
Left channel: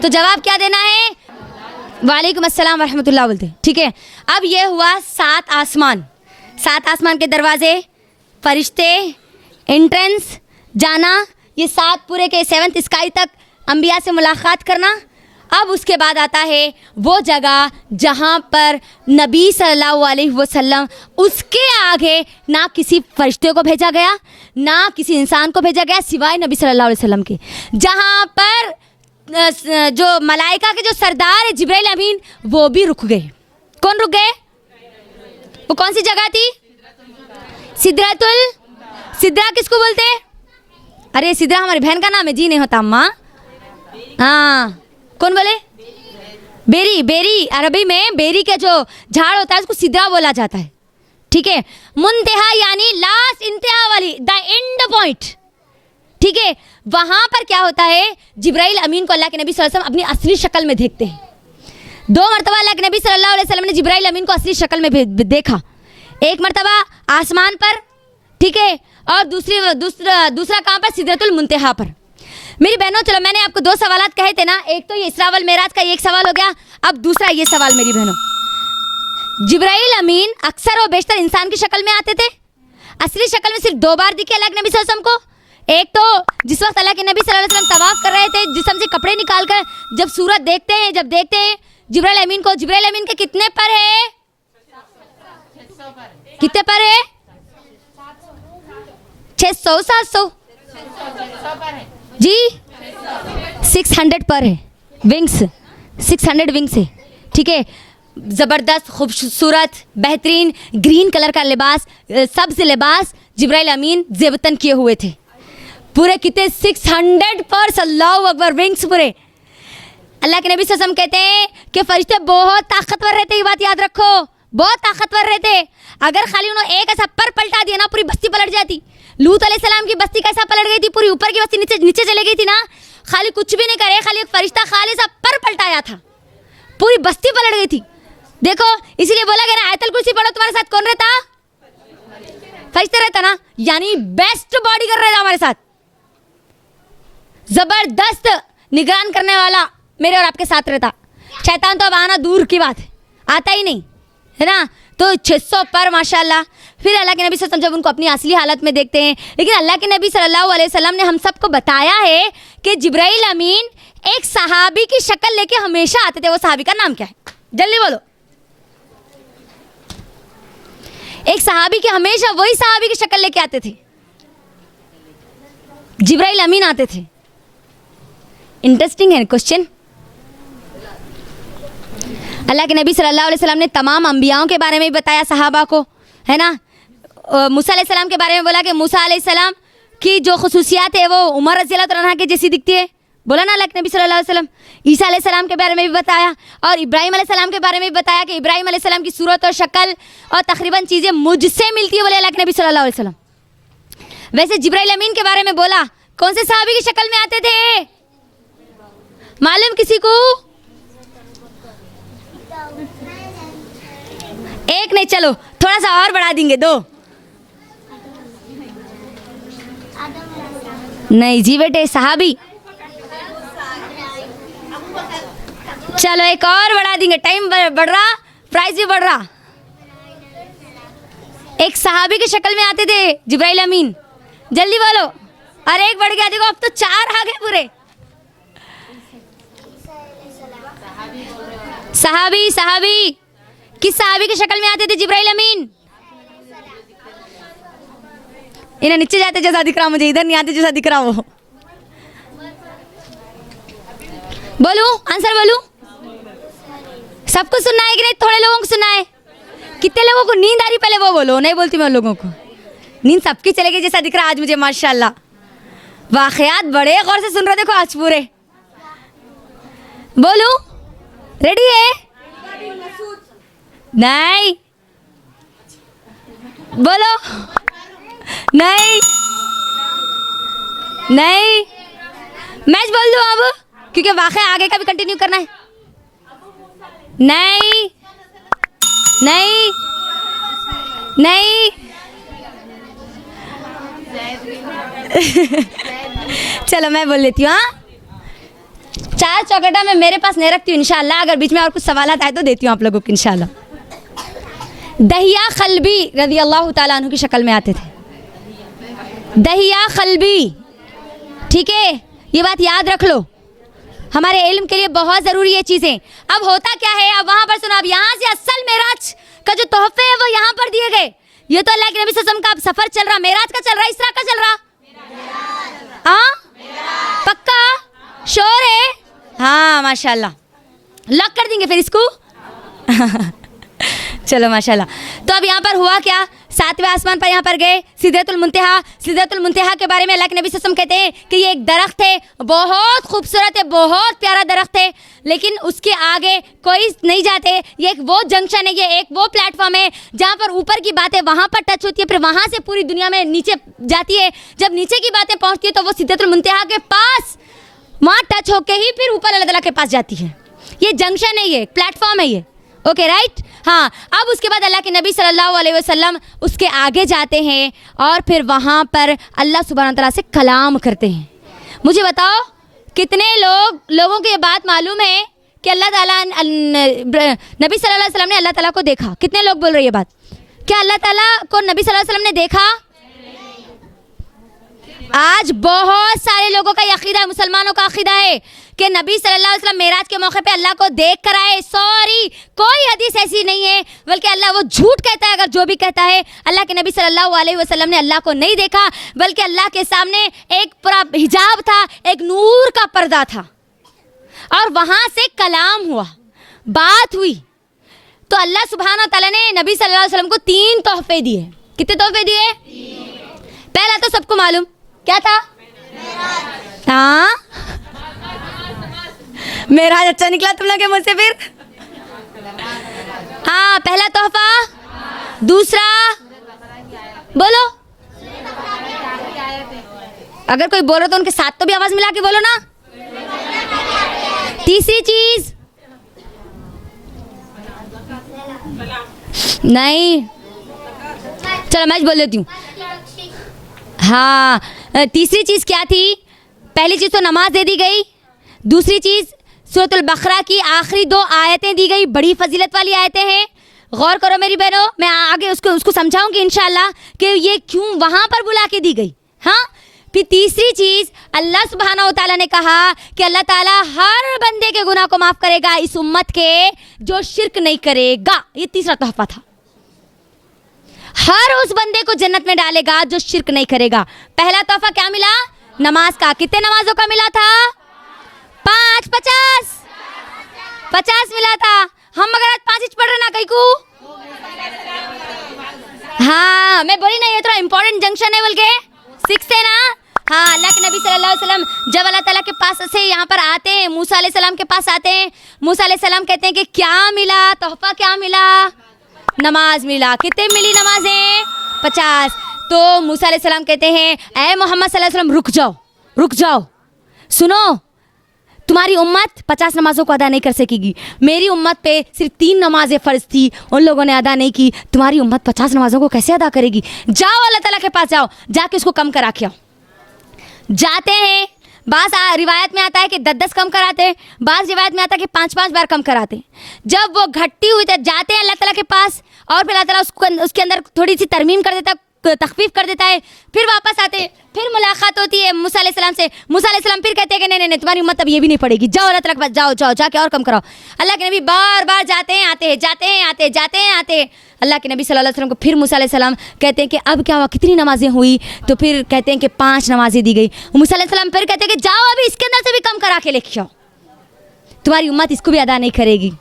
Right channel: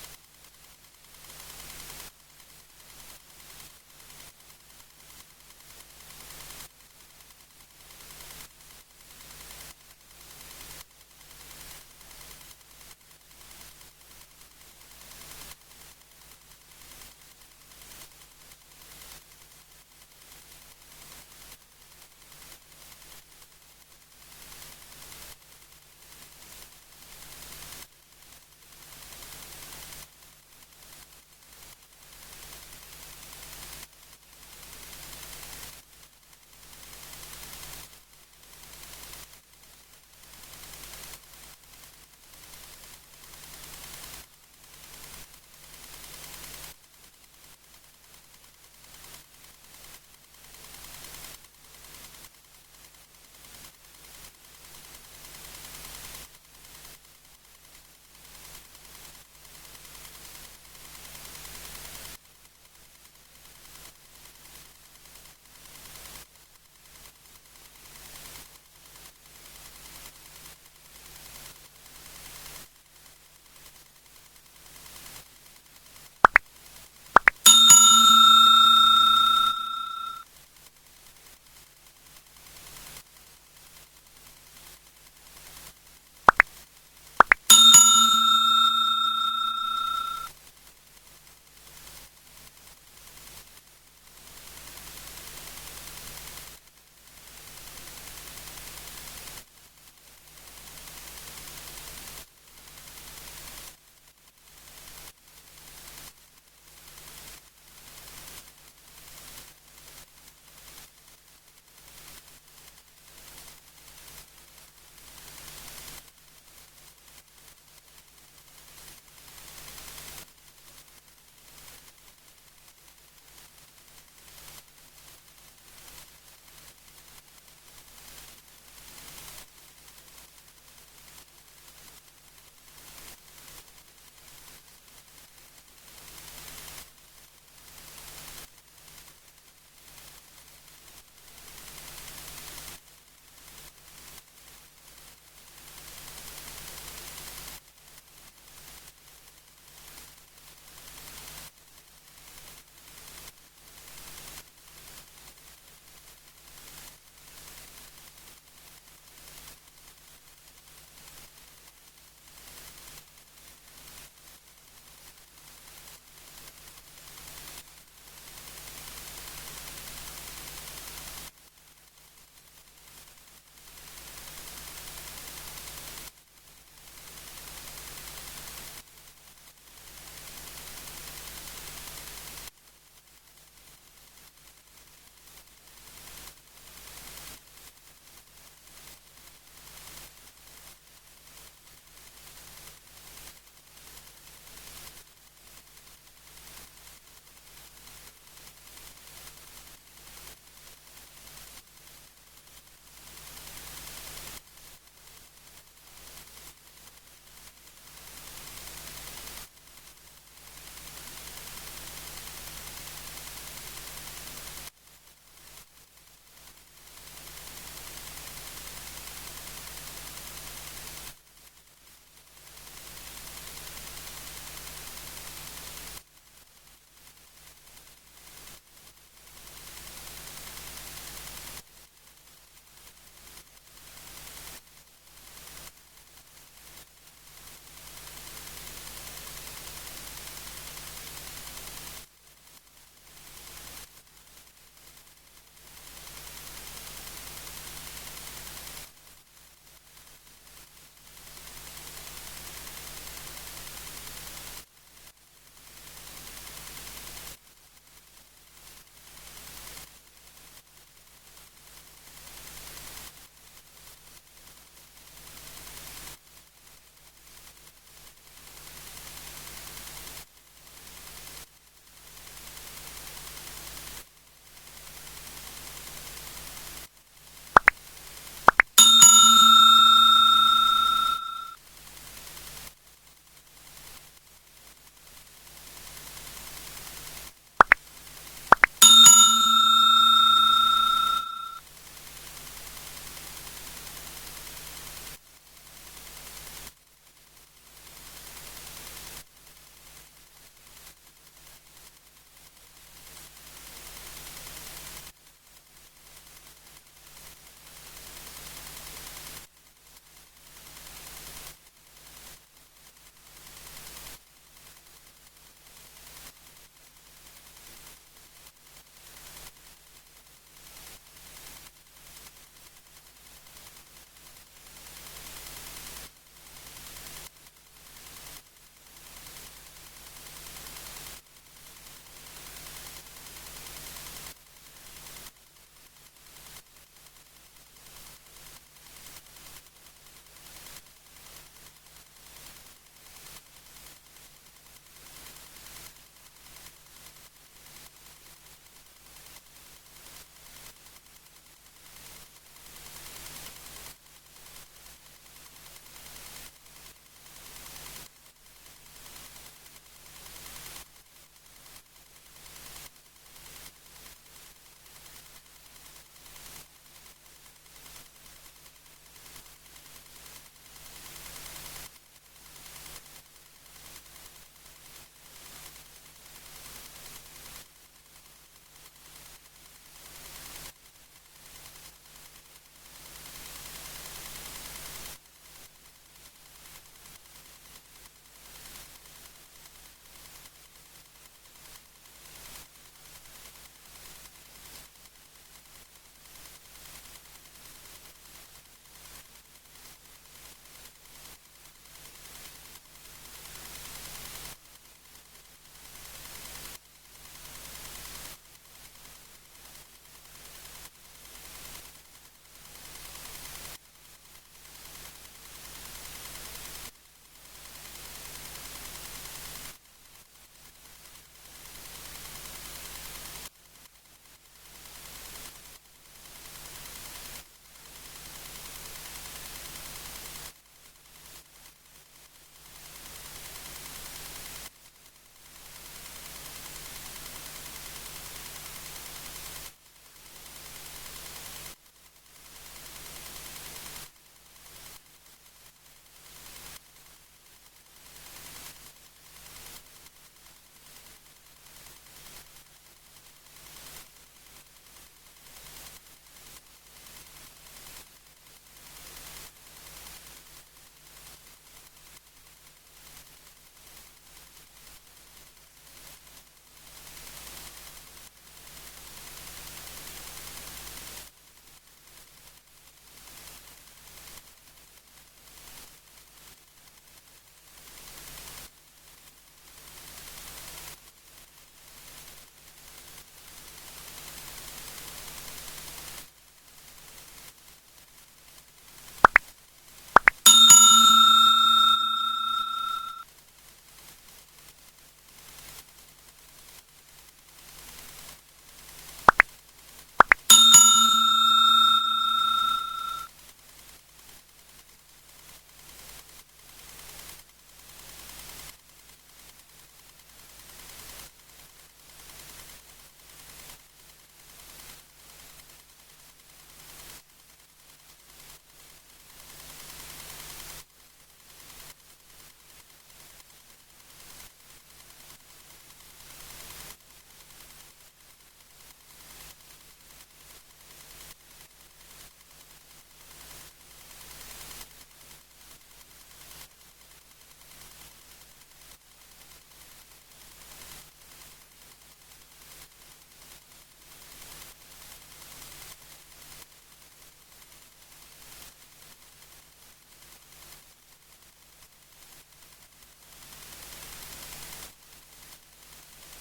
तो जवाब क्या देना है? वालेकुम अस्सलाम वरहमतुल्लाह बोलते, ठीक है। अब ये हुआ 7 आसमान, 7 आसमान के दरवाजे, फरिश्ते, एंट्रेंस, जाना, ये 7 पूरे के 7th स्काई तक अंबिया से मुलाकात करना। अब उसके बाद आता है वो जगह जहाँ पर नबी सल्लल्लाहु अलैहि वसल्लम, उसके आगे ना किसी फरिश्ते को भेजा गया, ना किसी इंसान को भेजा गया सिवाय नबी सल्लल्लाहु अलैहि वसल्लम के, जहाँ पर जो मलाइका के जो सरदार है जिब्राइल अमीन, वो भी रुक गए। कौन रुक गए? वो कौन सी जगह थी? सिदरा किसको बोलते हैं? अरे सिदरा हमारी बहन का नाम है जी, नहीं होता अम्मा। हाँ, कौन बोले? बेरी, अरबी में बेरी के जो झाड़ होता है उसको सिदरा बोला जाता है, ठीक है। मुंतहा यानी लास्ट, इंतहा वाली, द एंड पॉइंट, ठीक है। वहाँ पर क्या होता है, जिब्राइल अमीन को अल्लाह के नबी सल्लल्लाहु अलैहि वसल्लम अपनी असली शक्ल में देखते हैं। 2 मरतबा अल्लाह के नबी सल्लल्लाहु अलैहि वसल्लम ने जिब्राइल अमीन को असली शक्ल में देखा। एक मरतबा आसमान पर, ठीक है, और दूसरा कहाँ पर? सिदरतुल मुंतहा पर। मेरी बहनों, चलो मैंने आपको 2 सवालात कहे थे ना, एक तो ये इसरा वल मेराज का एक सवाल हो गया, अब दूसरा ये सवाल मेरी बहनों, जिब्राइल अमीन अक्सर और बेशतर इंसान की शक्ल में आते थे, असली शक्ल में सिर्फ 2 बार दिखे अल्लाह के नबी सल्लल्लाहु अलैहि वसल्लम को। एक तो जिस वक्त अल्लाह के नबी सल्लल्लाहु अलैहि वसल्लम तवाफ कर रहे थे, जिस्म से कपड़े निकाल कर जब सूरत देखते हैं, जब देखते हैं जिब्राइल अमीन को, जिब्राइल अमीन के कितने पर है? कितने पर है? 600 700 जी, 600 पर है, विंग्स 600 विंग्स है, ठीक है। ज़बरदस्त खूबसूरत बेहतरीन ग्रीन कलर का लिबास, सब्ज़ लिबास जिब्राइल अमीन ज़ेबतन किए हुए थे, पूरे कितने 600 पर, अल्लाहु अकबर, विंग्स पूरे। अल्लाह के नबी सल्लल्लाहु अलैहि वसल्लम कहते हैं कि फरिश्ते बहुत ताकतवर रहते, ये बात याद रखो, बहुत ताकतवर रहते। अगर खाली उन्होंने एक ऐसा पर पलटा दिया ना, पूरी बस्ती पलट जाती। लूत अलैहिस्सलाम की बस्ती कैसा पलट गई थी, पूरी ऊपर की बस्ती नीचे चले गई थी ना, खाली कुछ भी नहीं करे, खाली एक फरिश्ता खाली सा पर पलटाया था, पूरी बस्ती पलट गई थी। देखो, इसीलिए बोला गया ना, आयतल कुर्सी पढ़ो, तुम्हारे साथ कौन रहता? फरिश्ता रहता ना, यानी बेस्ट बॉडीगार्ड रहता हमारे साथ, जबरदस्त निगरान करने वाला मेरे और आपके साथ रहता। शैतान तो अब आना दूर की बात है, आता ही नहीं, है ना। तो 600 पर माशाल्लाह। फिर अल्लाह के नबी सल्लल्लाहु अलैहि वसल्लम जब उनको अपनी असली हालत में देखते हैं, लेकिन अल्लाह के नबी सल्लल्लाहु अलैहि वसल्लम ने हम सबको बताया है कि जिब्राइल अमीन एक सहाबी की शक्ल लेके हमेशा आते थे। वो सहाबी का नाम क्या है? जल्दी बोलो। एक सहाबी के हमेशा वही सहाबी की शक्ल लेके आते थे, जिब्राइल अमीन आते थे। इंटरेस्टिंग है क्वेश्चन। अल्लाह के नबी सल्लल्लाहु अलैहि वसल्लम ने तमाम अंबियाओं के बारे में भी बताया सहाबा को, है ना। मूसा अलैहिस्सलाम के बारे में बोला कि मूसा अलैहिस्सलाम की जो खुसूसियात है वो उमर रज़ियल्लाहु अन्हा के जैसी दिखती है, बोला ना अल्लाह के नबी सल्लल्लाहु अलैहि वसल्लम। ईसा अलैहिस्सलाम के बारे में भी बताया और इब्राहिम अलैहिस्सलाम के बारे में भी बताया कि इब्राहिम अलैहिस्सलाम की सूरत और शक्ल और तकरीबन चीज़ें मुझसे मिलती है, बोले अल्लाह के नबी सल्लल्लाहु अलैहि वसल्लम। वैसे जिब्राइल अमीन के बारे में बोला, कौन से सहाबी की शक्ल में आते थे मालूम किसी को? एक नहीं, चलो थोड़ा सा और बढ़ा देंगे, 2 नहीं जी बेटे, सहाबी। चलो एक और बढ़ा देंगे, टाइम बढ़ रहा, प्राइस भी बढ़ रहा। एक सहाबी की शक्ल में आते थे जिब्राइल अमीन, जल्दी बोलो। अरे एक बढ़ गया, देखो अब तो 4 आ गए पूरे। सहाबी, सहाबी किस सहाबी की शक्ल में आते थे जिब्राइल अमीन? इन्हें नीचे जाते जैसा दिख रहा, मुझे इधर नहीं आते जैसा दिख रहा वो। बोलू आंसर बोलू? सबको सुनना है कि नहीं? थोड़े लोगों को सुनना है? कितने लोगों को नींद आ रही पहले वो बोलो। नहीं बोलती मैं उन लोगों को, नींद सबकी चलेगी जैसा दिख रहा आज मुझे माशाल्लाह। वाकयात बड़े गौर से सुन रहे देखो आज पूरे। बोलू रेडी है? नहीं बोलो, नहीं नहीं, मैच बोल दो अब, क्योंकि वाकई आगे का भी कंटिन्यू करना है। नहीं नहीं नहीं चलो मैं बोल लेती हूँ। हाँ, 4 चौकटा मैं मेरे पास नहीं रखती हूँ इंशाल्लाह, अगर बीच में और कुछ सवाल आए तो देती हूँ आप लोगों को इंशाल्लाह। दहिया खलबी रज़ी अल्लाह ताला अन्हु की शक्ल में आते थे, दहिया खलबी, ठीक है, ये बात याद रख लो, हमारे इल्म के लिए बहुत ज़रूरी है चीज़ें। अब होता क्या है, अब वहाँ पर सुनो, अब यहाँ से असल मेराज का जो तोहफे है वो यहाँ पर दिए गए। ये तो अल्लाह के नबी सल्लल्लाहु अलैहि वसल्लम का सफ़र चल रहा, मेराज का चल रहा, इसरा का चल रहा। हाँ पक्का श्योर है? हाँ माशाल्लाह, लॉक कर देंगे फिर इसको। चलो माशाल्लाह। तो अब यहाँ पर हुआ क्या, 7वें आसमान पर यहाँ पर गए, सिदरतुल मुंतहा। सिदरतुल मुंतहा के बारे में अल्लाह के नबी सल्लल्लाहु अलैहि वसल्लम कहते हैं कि ये एक दरख्त है, बहुत खूबसूरत है, बहुत प्यारा दरख्त है, लेकिन उसके आगे कोई नहीं जाते। ये एक वो जंक्शन है, ये एक वो प्लेटफॉर्म है जहाँ पर ऊपर की बातें वहाँ पर टच होती है, फिर वहाँ से पूरी दुनिया में नीचे जाती है। जब नीचे की बातें पहुँचती है तो वो सिदरतुल मुंतहा के पास वहाँ टच होके ही फिर ऊपर अल्लाह ताला के पास जाती है। ये जंक्शन है, ये प्लेटफॉर्म है ये, ओके राइट। हाँ, अब उसके बाद अल्लाह के नबी सल्लल्लाहु अलैहि वसल्लम उसके आगे जाते हैं और फिर वहाँ पर अल्लाह सुब्हान तआला से कलाम करते हैं। मुझे बताओ कितने लोगों को ये बात मालूम है कि अल्लाह ताला नबी सल्लल्लाहु अलैहि वसल्लम ने अल्लाह ताला को देखा? कितने लोग बोल रहे हैं ये बात? क्या अल्लाह ताला को नबी सल्लल्लाहु अलैहि वसल्लम ने देखा? आज बहुत सारे लोगों का अकीदा है, मुसलमानों का अकीदा है कि नबी सल्लल्लाहु अलैहि वसल्लम मेराज के मौके पे अल्लाह को देख कर आए। सॉरी, कोई हदीस ऐसी नहीं है, बल्कि अल्लाह वो झूठ कहता है अगर जो भी कहता है। अल्लाह के नबी सल्लल्लाहु अलैहि वसल्लम ने अल्लाह को नहीं देखा, बल्कि अल्लाह के सामने एक पूरा हिजाब था, एक नूर का पर्दा था और वहाँ से कलाम हुआ, बात हुई। तो अल्लाह सुब्हान तआला ने नबी सल्लल्लाहु अलैहि वसल्लम को 3 तोहफे दिए। कितने तोहफे दिए? पहला तो सबको मालूम क्या था? हाँ, मेरा अच्छा निकला तुम लोग के मुझसे फिर। हाँ, पहला तोहफा। दूसरा बोलो, अगर कोई बोलो तो उनके साथ तो भी आवाज मिला के बोलो ना। तीसरी चीज नहीं, चलो मैं बोल देती हूँ। हाँ, तीसरी चीज क्या थी? पहली चीज तो नमाज दे दी गई, दूसरी चीज सूरतुल बकरा की आखिरी 2 आयतें दी गई, बड़ी फजीलत वाली आयतें हैं, गौर करो मेरी बहनों, मैं आगे उसको समझाऊंगी इंशाल्लाह कि ये क्यों वहां पर बुला के दी गई। हाँ, फिर तीसरी चीज अल्लाह सुब्हाना व तआला ने कहा कि अल्लाह ताला हर बंदे के गुनाह को माफ करेगा इस उम्मत के जो शिर्क नहीं करेगा। ये तीसरा तोहफा था। हर उस बंदे को जन्नत में डालेगा जो शिर्क नहीं करेगा। पहला तोहफा क्या मिला? नमाज का। कितने नमाजों का मिला था? 5 50 मिला था। हम मगर आज 5 पढ़ रहे ना कहीं को। हाँ मैं बोली ना ये थोड़ा इंपॉर्टेंट जंक्शन है बोल के 6 है ना। हाँ, अल्लाह के नबी सल्लल्लाहु अलैहि वसल्लम जब अल्लाह ताला के पास से यहाँ पर आते हैं, मूसा अलैहि सलाम के पास आते हैं, मूसा अलैहि सलाम कहते हैं कि क्या मिला? तोहफा क्या मिला? नमाज मिला। कितने मिली नमाजें? 50। तो मूसा अलैहि सलाम कहते हैं ऐ मोहम्मद सल्लल्लाहु अलैहि वसल्लम रुक जाओ, सुनो, तुम्हारी उम्मत 50 नमाजों को अदा नहीं कर सकेगी। मेरी उम्मत पे सिर्फ 3 नमाजें फ़र्ज थी, उन लोगों ने अदा नहीं की। तुम्हारी उम्मत 50 नमाजों को कैसे अदा करेगी? जाओ अल्लाह ताला के पास जाओ, जाके उसको कम करा के आओ। जाते हैं, बास रिवायत में आता है कि 10-10 कम कराते हैं, बास रिवायत में आता है कि 5-5 बार कम कराते हैं। जब वो घटती हुई जाते हैं अल्लाह ताला के पास और फिर अल्लाह ताला उसके अंदर थोड़ी सी तरमीम कर देता है, तखफीफ कर देता है। फिर वापस आते हैं, फिर मुलाकात होती है मूसा अलैहि सलाम से। मूसा अलैहि सलाम फिर कहते हैं कि नहीं नहीं तुम्हारी उम्मत अब ये भी नहीं पड़ेगी, जाओ अल्लाह ताला के पास जाओ जाके और कम कराओ। अल्लाह के नबी बार बार जाते हैं आते हैं। अल्लाह के नबी सल्लल्लाहु अलैहि वसल्लम को फिर मूसा अलैहि सलाम कहते हैं कि अब क्या हुआ, कितनी नमाजें हुई? तो फिर कहते हैं कि 5 नमाजें दी गई। मूसा अलैहि सलाम फिर कहते हैं कि जाओ अभी इसके अंदर से भी कम करा के लेके आओ, तुम्हारी उम्मत इसको भी अदा नहीं करेगी।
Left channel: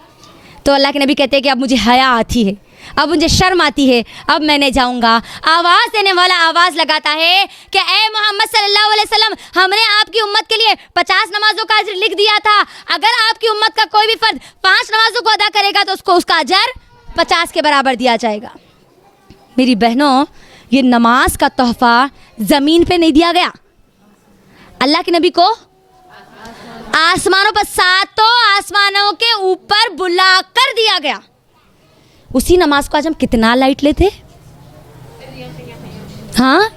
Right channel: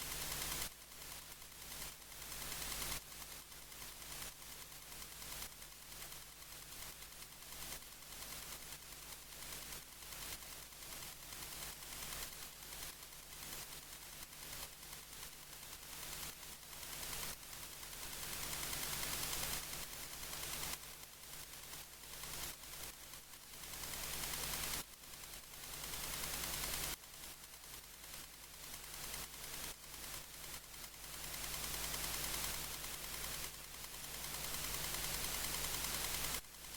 तो अल्लाह के नबी कहते हैं कि अब मुझे हया आती है, अब मुझे शर्म आती है, अब मैं नहीं जाऊंगा। आवाज़ देने वाला आवाज़ लगाता है कि ए मोहम्मद सल्लल्लाहु अलैहि वसल्लम, हमने आपकी उम्मत के लिए 50 नमाजों का अजर लिख दिया था। अगर आपकी उम्मत का कोई भी फर्द 5 नमाजों को अदा करेगा तो उसको उसका अजर 50 के बराबर दिया जाएगा। मेरी बहनों, ये नमाज का तोहफा ज़मीन पे नहीं दिया गया, अल्लाह के नबी को आसमानों पर, 7 आसमानों के ऊपर बुला कर दिया गया। उसी नमाज को आज हम कितना लाइट लेते। हाँ,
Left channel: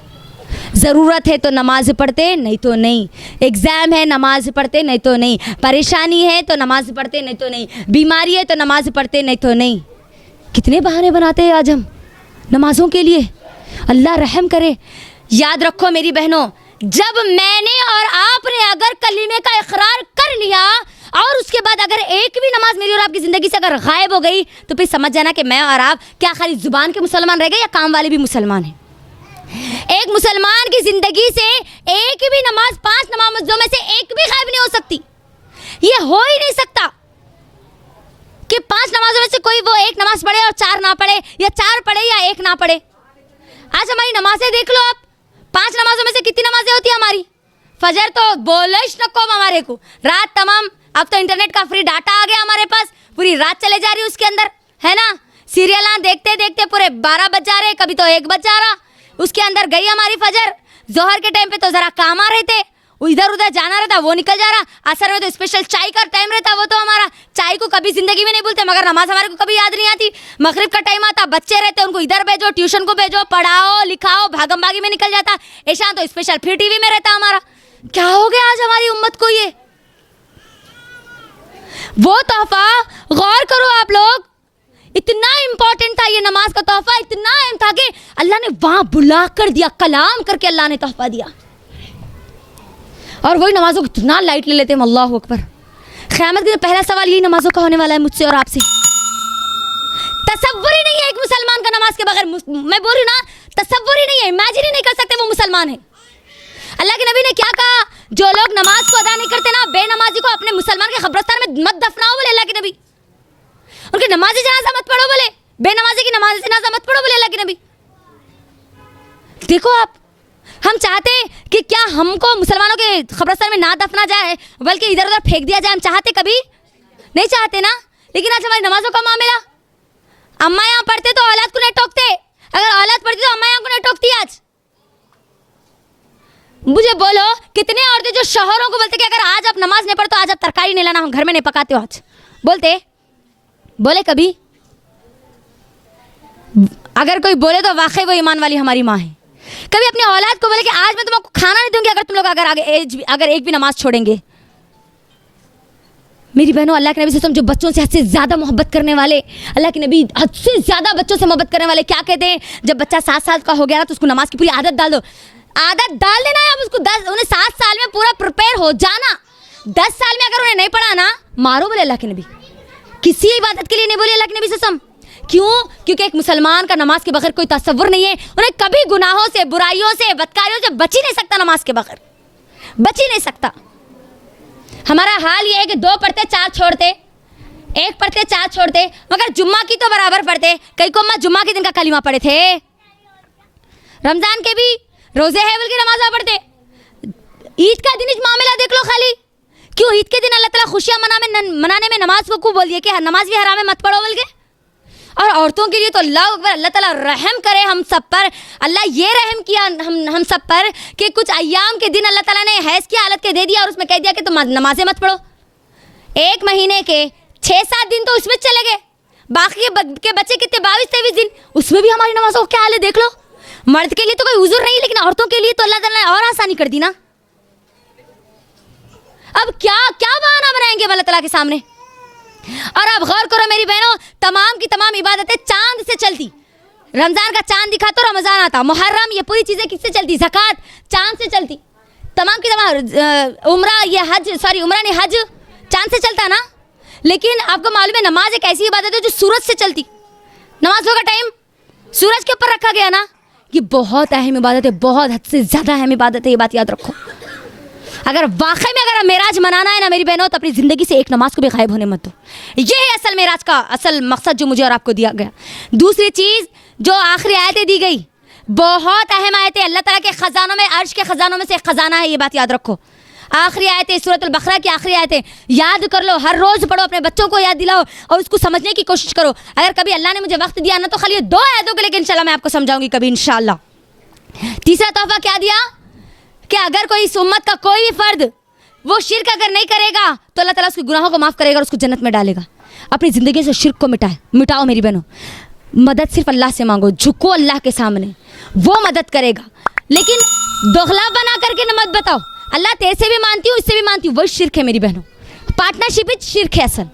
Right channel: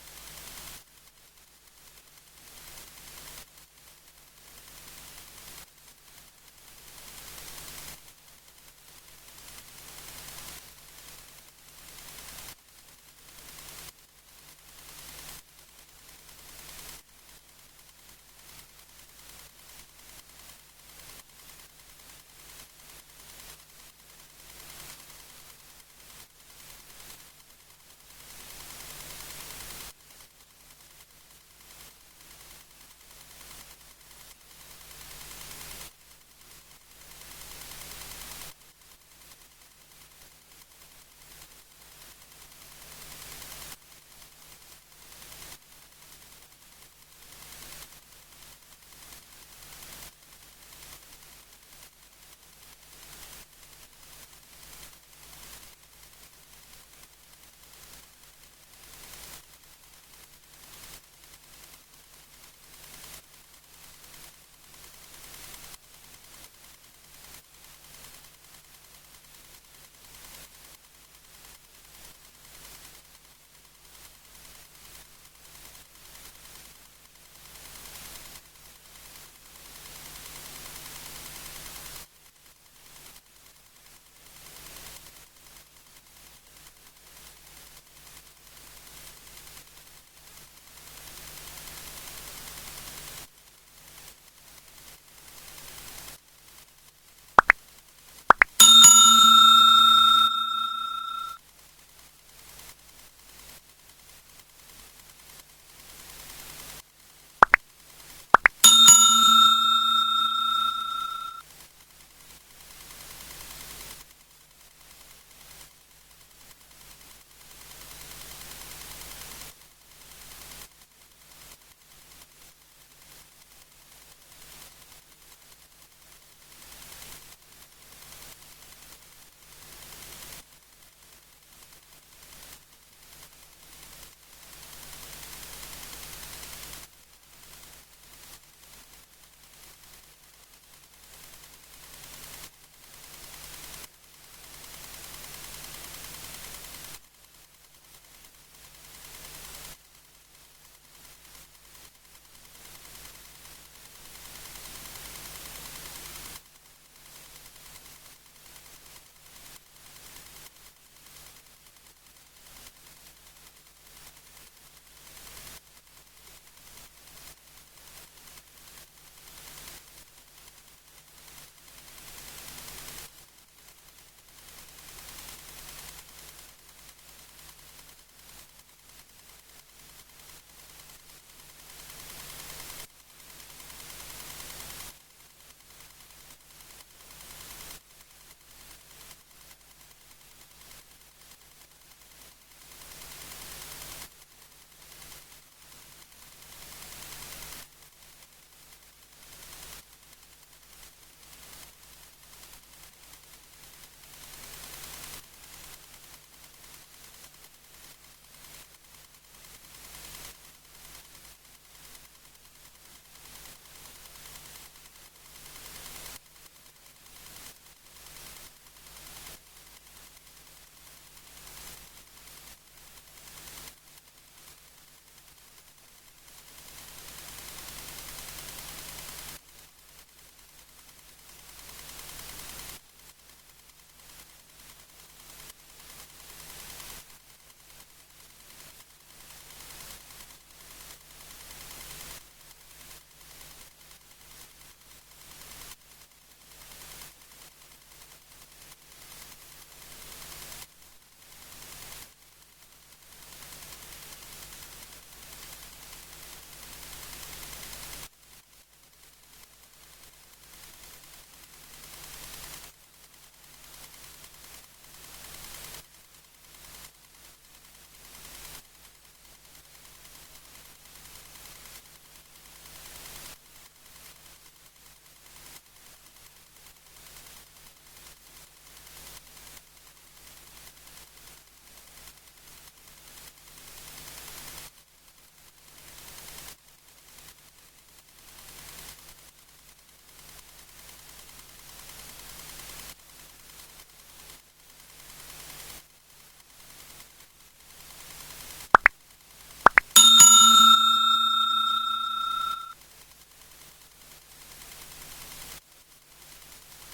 ज़रूरत है तो नमाज पढ़ते, नहीं तो नहीं। एग्ज़ाम है नमाज पढ़ते, नहीं तो नहीं। परेशानी है तो नमाज पढ़ते, नहीं तो नहीं। बीमारी है तो नमाज पढ़ते, नहीं तो नहीं। कितने बहाने बनाते हैं आज हम नमाजों के लिए। अल्लाह रहम करे। याद रखो मेरी बहनों, जब मैंने और आपने अगर कलीमे का इकरार कर लिया और उसके बाद अगर एक भी नमाज मेरी और आपकी ज़िंदगी से अगर गायब हो गई तो फिर समझ जाना कि मैं और आप क्या खाली ज़ुबान के मुसलमान रह गए या काम वाले भी मुसलमान हैं। एक मुसलमान की ज़िंदगी से एक भी नमाज, 5 नमाजों में से एक भी गायब नहीं हो सकती। ये हो ही नहीं सकता कि 5 नमाजों में से कोई वो एक नमाज पढ़े और 4 ना पढ़े, या 4 पढ़े या 1 ना पढ़े। आज हमारी नमाजें देख लो आप, 5 नमाजों में से कितनी नमाजें होती है हमारी? फजर तो बोलिश न कौम हमारे को, रात तमाम। अब तो इंटरनेट का फ्री डाटा आ गया हमारे पास, पूरी रात चले जा रही है उसके अंदर, है ना। सीरियल देखते देखते पूरे 12 बज जा रहे, कभी तो 1 बज जा रहा। उसके अंदर गई हमारी फजर। जोहर के टाइम पे तो ज़रा काम आ रहे थे, इधर उधर जाना रहता, वो निकल जा रहा। असर में तो स्पेशल चाय का टाइम रहता, वो तो हमारा चाय को कभी ज़िंदगी में नहीं भूलते, मगर नमाज हमारे को कभी याद नहीं आती। मगरिब का टाइम आता, बच्चे रहते, उनको इधर भेजो, ट्यूशन को भेजो, पढ़ाओ लिखाओ, भागम भागी में निकल जाता। ऐशा तो स्पेशल फिर टीवी में रहता हमारा। क्या हो गया आज हमारी उम्मत को? ये वो तोहफा, गौर करो आप लोग, इतना इंपॉर्टेंट था ये नमाज का तोहफा, इतना अहम था कि अल्लाह ने वहां बुला कर दिया, कलाम करके अल्लाह ने तोहफा दिया। और वही नमाजों को इतना लाइट ले लेते हैं। अल्लाह अकबर। क़यामत के पहला सवाल यही नमाजों का होने वाला है मुझसे और आपसे। तसव्वुर ही नहीं है एक मुसलमान का नमाज के बगैर, मैं बोल रही हूँ ना, तसव्वुर ही नहीं है, इमेजिन ही नहीं कर सकते वो मुसलमान है। अल्लाह के नबी ने क्या कहा? जो लोग नमाज को अदा नहीं करते ना, बेनमाजी को अपने मुसलमान के कब्रिस्तान में मत दफनाओ बोले अल्लाह के नबी। उनकी नमाजी जनाजा मत पढ़ो बोले, बेनमाजी की नमाज जनाजा मत पढ़ो बोले अल्लाह के नबी। देखो आप, हम चाहते कि क्या हमको मुसलमानों के कब्रिस्तान में ना दफना जाए बल्कि इधर उधर फेंक दिया जाए? हम चाहते कभी नहीं चाहते ना। लेकिन आज हमारी नमाजों का मामला, अम्मा यहाँ पढ़ते तो औलाद को नहीं टोकते, अगर औलाद पढ़ती तो अम्मा यहाँ को नहीं टोकती। आज मुझे बोलो, कितने औरतें जो शौहरों को बोलते कि अगर आज आप नमाज नहीं पढ़ते तो आज आप तरकारी नहीं लाना, हम घर में नहीं पकाते हो। आज बोले कभी? अगर कोई बोले तो वाकई वो ईमान वाली हमारी माँ है। कभी अपनी औलाद को बोले कि आज मैं तुमको खाना नहीं दूंगी अगर तुम लोग अगर एक भी नमाज छोड़ेंगे। मेरी बहनों, अल्लाह के नबी सल्लल्लाहु अलैहि वसल्लम जो बच्चों से हद से ज़्यादा मोहब्बत करने वाले, अल्लाह के नबी हद से ज़्यादा बच्चों से मोहब्बत करने वाले, क्या कहते हैं, जब बच्चा 7 साल का हो गया ना तो उसको नमाज की पूरी आदत डाल दो। आदत डाल देना है, अब उसको 10 उन्हें 7 साल में पूरा प्रिपेयर हो जाना। 10 साल में अगर उन्हें नहीं पढ़ा ना, मारो बोले अल्लाह के नबी। किसी इबादत के लिए नहीं बोले अल्लाह के नबी सल्लल्लाहु अलैहि वसल्लम। क्यों? क्योंकि एक मुसलमान का नमाज के बगैर कोई तसव्वुर नहीं है। उन्हें कभी गुनाहों से, बुराइयों से, बदकारियों से बच ही नहीं सकता, नमाज के बगैर बच ही नहीं सकता। हमारा हाल ये है कि 2 पढ़ते 4 छोड़ते, 1 पढ़ते 4 छोड़ते, मगर जुम्मा की तो बराबर पढ़ते। कई को अम्मा जुम्मा के दिन का कलीमा पढ़े थे, रमजान के भी रोजे है बल्कि नमाज़ पढ़ते। ईद का दिन मामला देख लो खाली, क्यों ईद के दिन अल्लाह ताला खुशियाँ मनाने में नमाज को क्यों बोल दिया कि नमाज भी हराम है, मत पढ़ो बल्कि। और औरतों के लिए तो अल्लाह ताला रहम करे हम सब पर। अल्लाह ये रहम किया हम सब पर कि कुछ अय्याम के दिन अल्लाह ताला ने हैज़ की हालत के दे दिया और उसमें कह दिया कि तुम नमाजें मत पढ़ो। 1 महीने के 6-7 दिन तो उसमें चले गए, बाकी के बच्चे कितने 22-23 दिन, उसमें भी हमारी नमाजों क्या हाल है देख लो। मर्द के लिए तो कोई उज़ुर नहीं, लेकिन औरतों के लिए तो अल्लाह ताला ने और आसानी कर दी ना। अब क्या क्या बहाना बनाएंगे अल्लाह ताला के सामने। और अब गौर करो मेरी बहनों, तमाम की तमाम इबादतें चांद से चलती। रमजान का चांद दिखा तो रमजान आता, मुहर्रम, ये पूरी चीज़ें किससे चलती, ज़कात चांद से चलती। तमाम की तमाम उम्रा, ये हज, सॉरी उम्रा नहीं हज चांद से चलता ना। लेकिन आपको मालूम है नमाज एक ऐसी इबादत है जो सूरज से चलती। नमाजों का टाइम सूरज के ऊपर रखा गया ना, ये बहुत अहम इबादत है, बहुत हद से ज़्यादा अहम इबादत है, ये बात याद रखो। अगर वाकई में अगर मेराज मनाना है ना मेरी बहनों, तो अपनी ज़िंदगी से एक नमाज को भी गायब होने मत दो। ये है असल मेराज का असल मकसद जो मुझे और आपको दिया गया। दूसरी चीज़ जो आखिरी आयतें दी गई, बहुत अहम आयतें, अल्लाह ताला के ख़जानों में, अर्श के ख़जानों में से एक ख़जाना है, ये बात याद रखो। आखिरी आयतें, सूरत अल बकरा की आखिरी आयतें याद कर लो, हर रोज़ पढ़ो, अपने बच्चों को याद दिलाओ और उसको समझने की कोशिश करो। अगर कभी अल्लाह ने मुझे वक्त दिया ना तो खाली ये 2 आयतों के, लेकिन इंशाल्लाह मैं आपको समझाऊंगी कभी इंशाल्लाह। तीसरा तोहफा क्या दिया कि अगर कोई इस उम्मत का कोई भी फर्द वो शिर्क अगर नहीं करेगा तो अल्लाह ताला उसके गुनाहों को माफ़ करेगा और उसको जन्नत में डालेगा। अपनी ज़िंदगी से शिर्क को मिटाओ मेरी बहनों। मदद सिर्फ अल्लाह से मांगो, झुको अल्लाह के सामने, वो मदद करेगा। लेकिन दोगला बना करके न मत बताओ अल्लाह तेरे से भी मानती हूँ, इससे भी मानती हूँ, वही शिर्क है मेरी बहनों। पार्टनरशिप ही शिर्क है असल।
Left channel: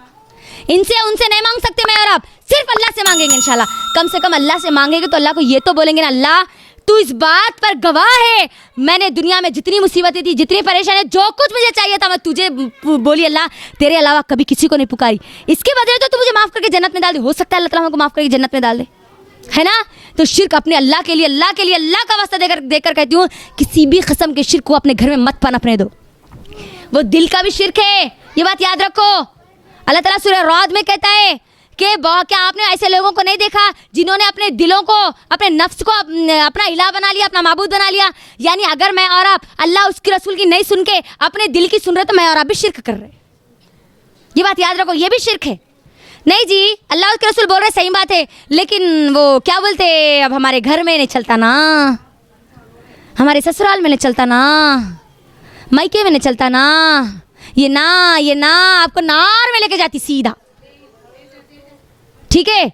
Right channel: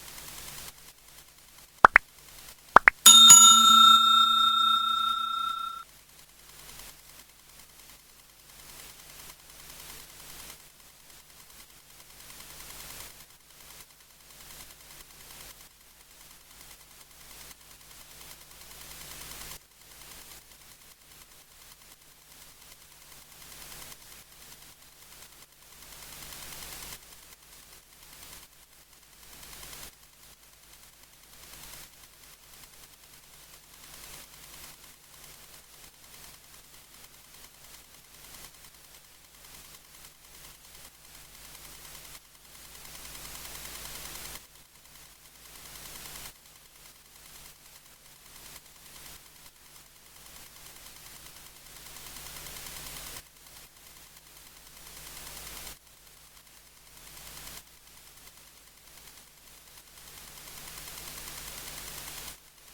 इनसे उनसे नहीं मांग सकते मैं और आप, सिर्फ अल्लाह से मांगेंगे इंशाल्लाह। कम से कम अल्लाह से मांगेंगे तो अल्लाह को ये तो बोलेंगे ना, अल्लाह तू इस बात पर गवाह है, मैंने दुनिया में जितनी मुसीबतें थी, जितनी परेशानी, जो कुछ मुझे चाहिए था मैं तुझे बोली अल्लाह, तेरे अलावा कभी किसी को नहीं पुकारी। इसके बदले तो तू मुझे माफ़ करके जन्नत में डाल दे। हो सकता है अल्लाह ताला को माफ़ करके जन्नत में डाल दे, है ना। तो शिर्क अपने अल्लाह के लिए, अल्लाह के लिए, अल्लाह का वास्ता देकर कहती हूँ, किसी भी किस्म के शिर्क को अपने घर में मत पनपने दो। वो दिल का भी शिर्क है, ये बात याद रखो। अल्लाह ताला सूरह रौद में कहता है कि क्या आपने ऐसे लोगों को नहीं देखा जिन्होंने अपने दिलों को, अपने नफ्स को अपना इलाह बना लिया, अपना माबूद बना लिया। यानी अगर मैं और आप अल्लाह उसके रसूल की नहीं सुन के अपने दिल की सुन रहे तो मैं और आप भी शिर्क कर रहे। ये बात याद रखो, ये भी शिर्क है। नहीं जी, अल्लाह उसके रसूल बोल रहे, सही बात है, लेकिन वो क्या बोलते, अब हमारे घर में नहीं चलता ना, हमारे ससुराल में नहीं चलता ना, मायके में नहीं चलता ना, ये ना आपको नार में लेके जाती सीधा। ठीक है,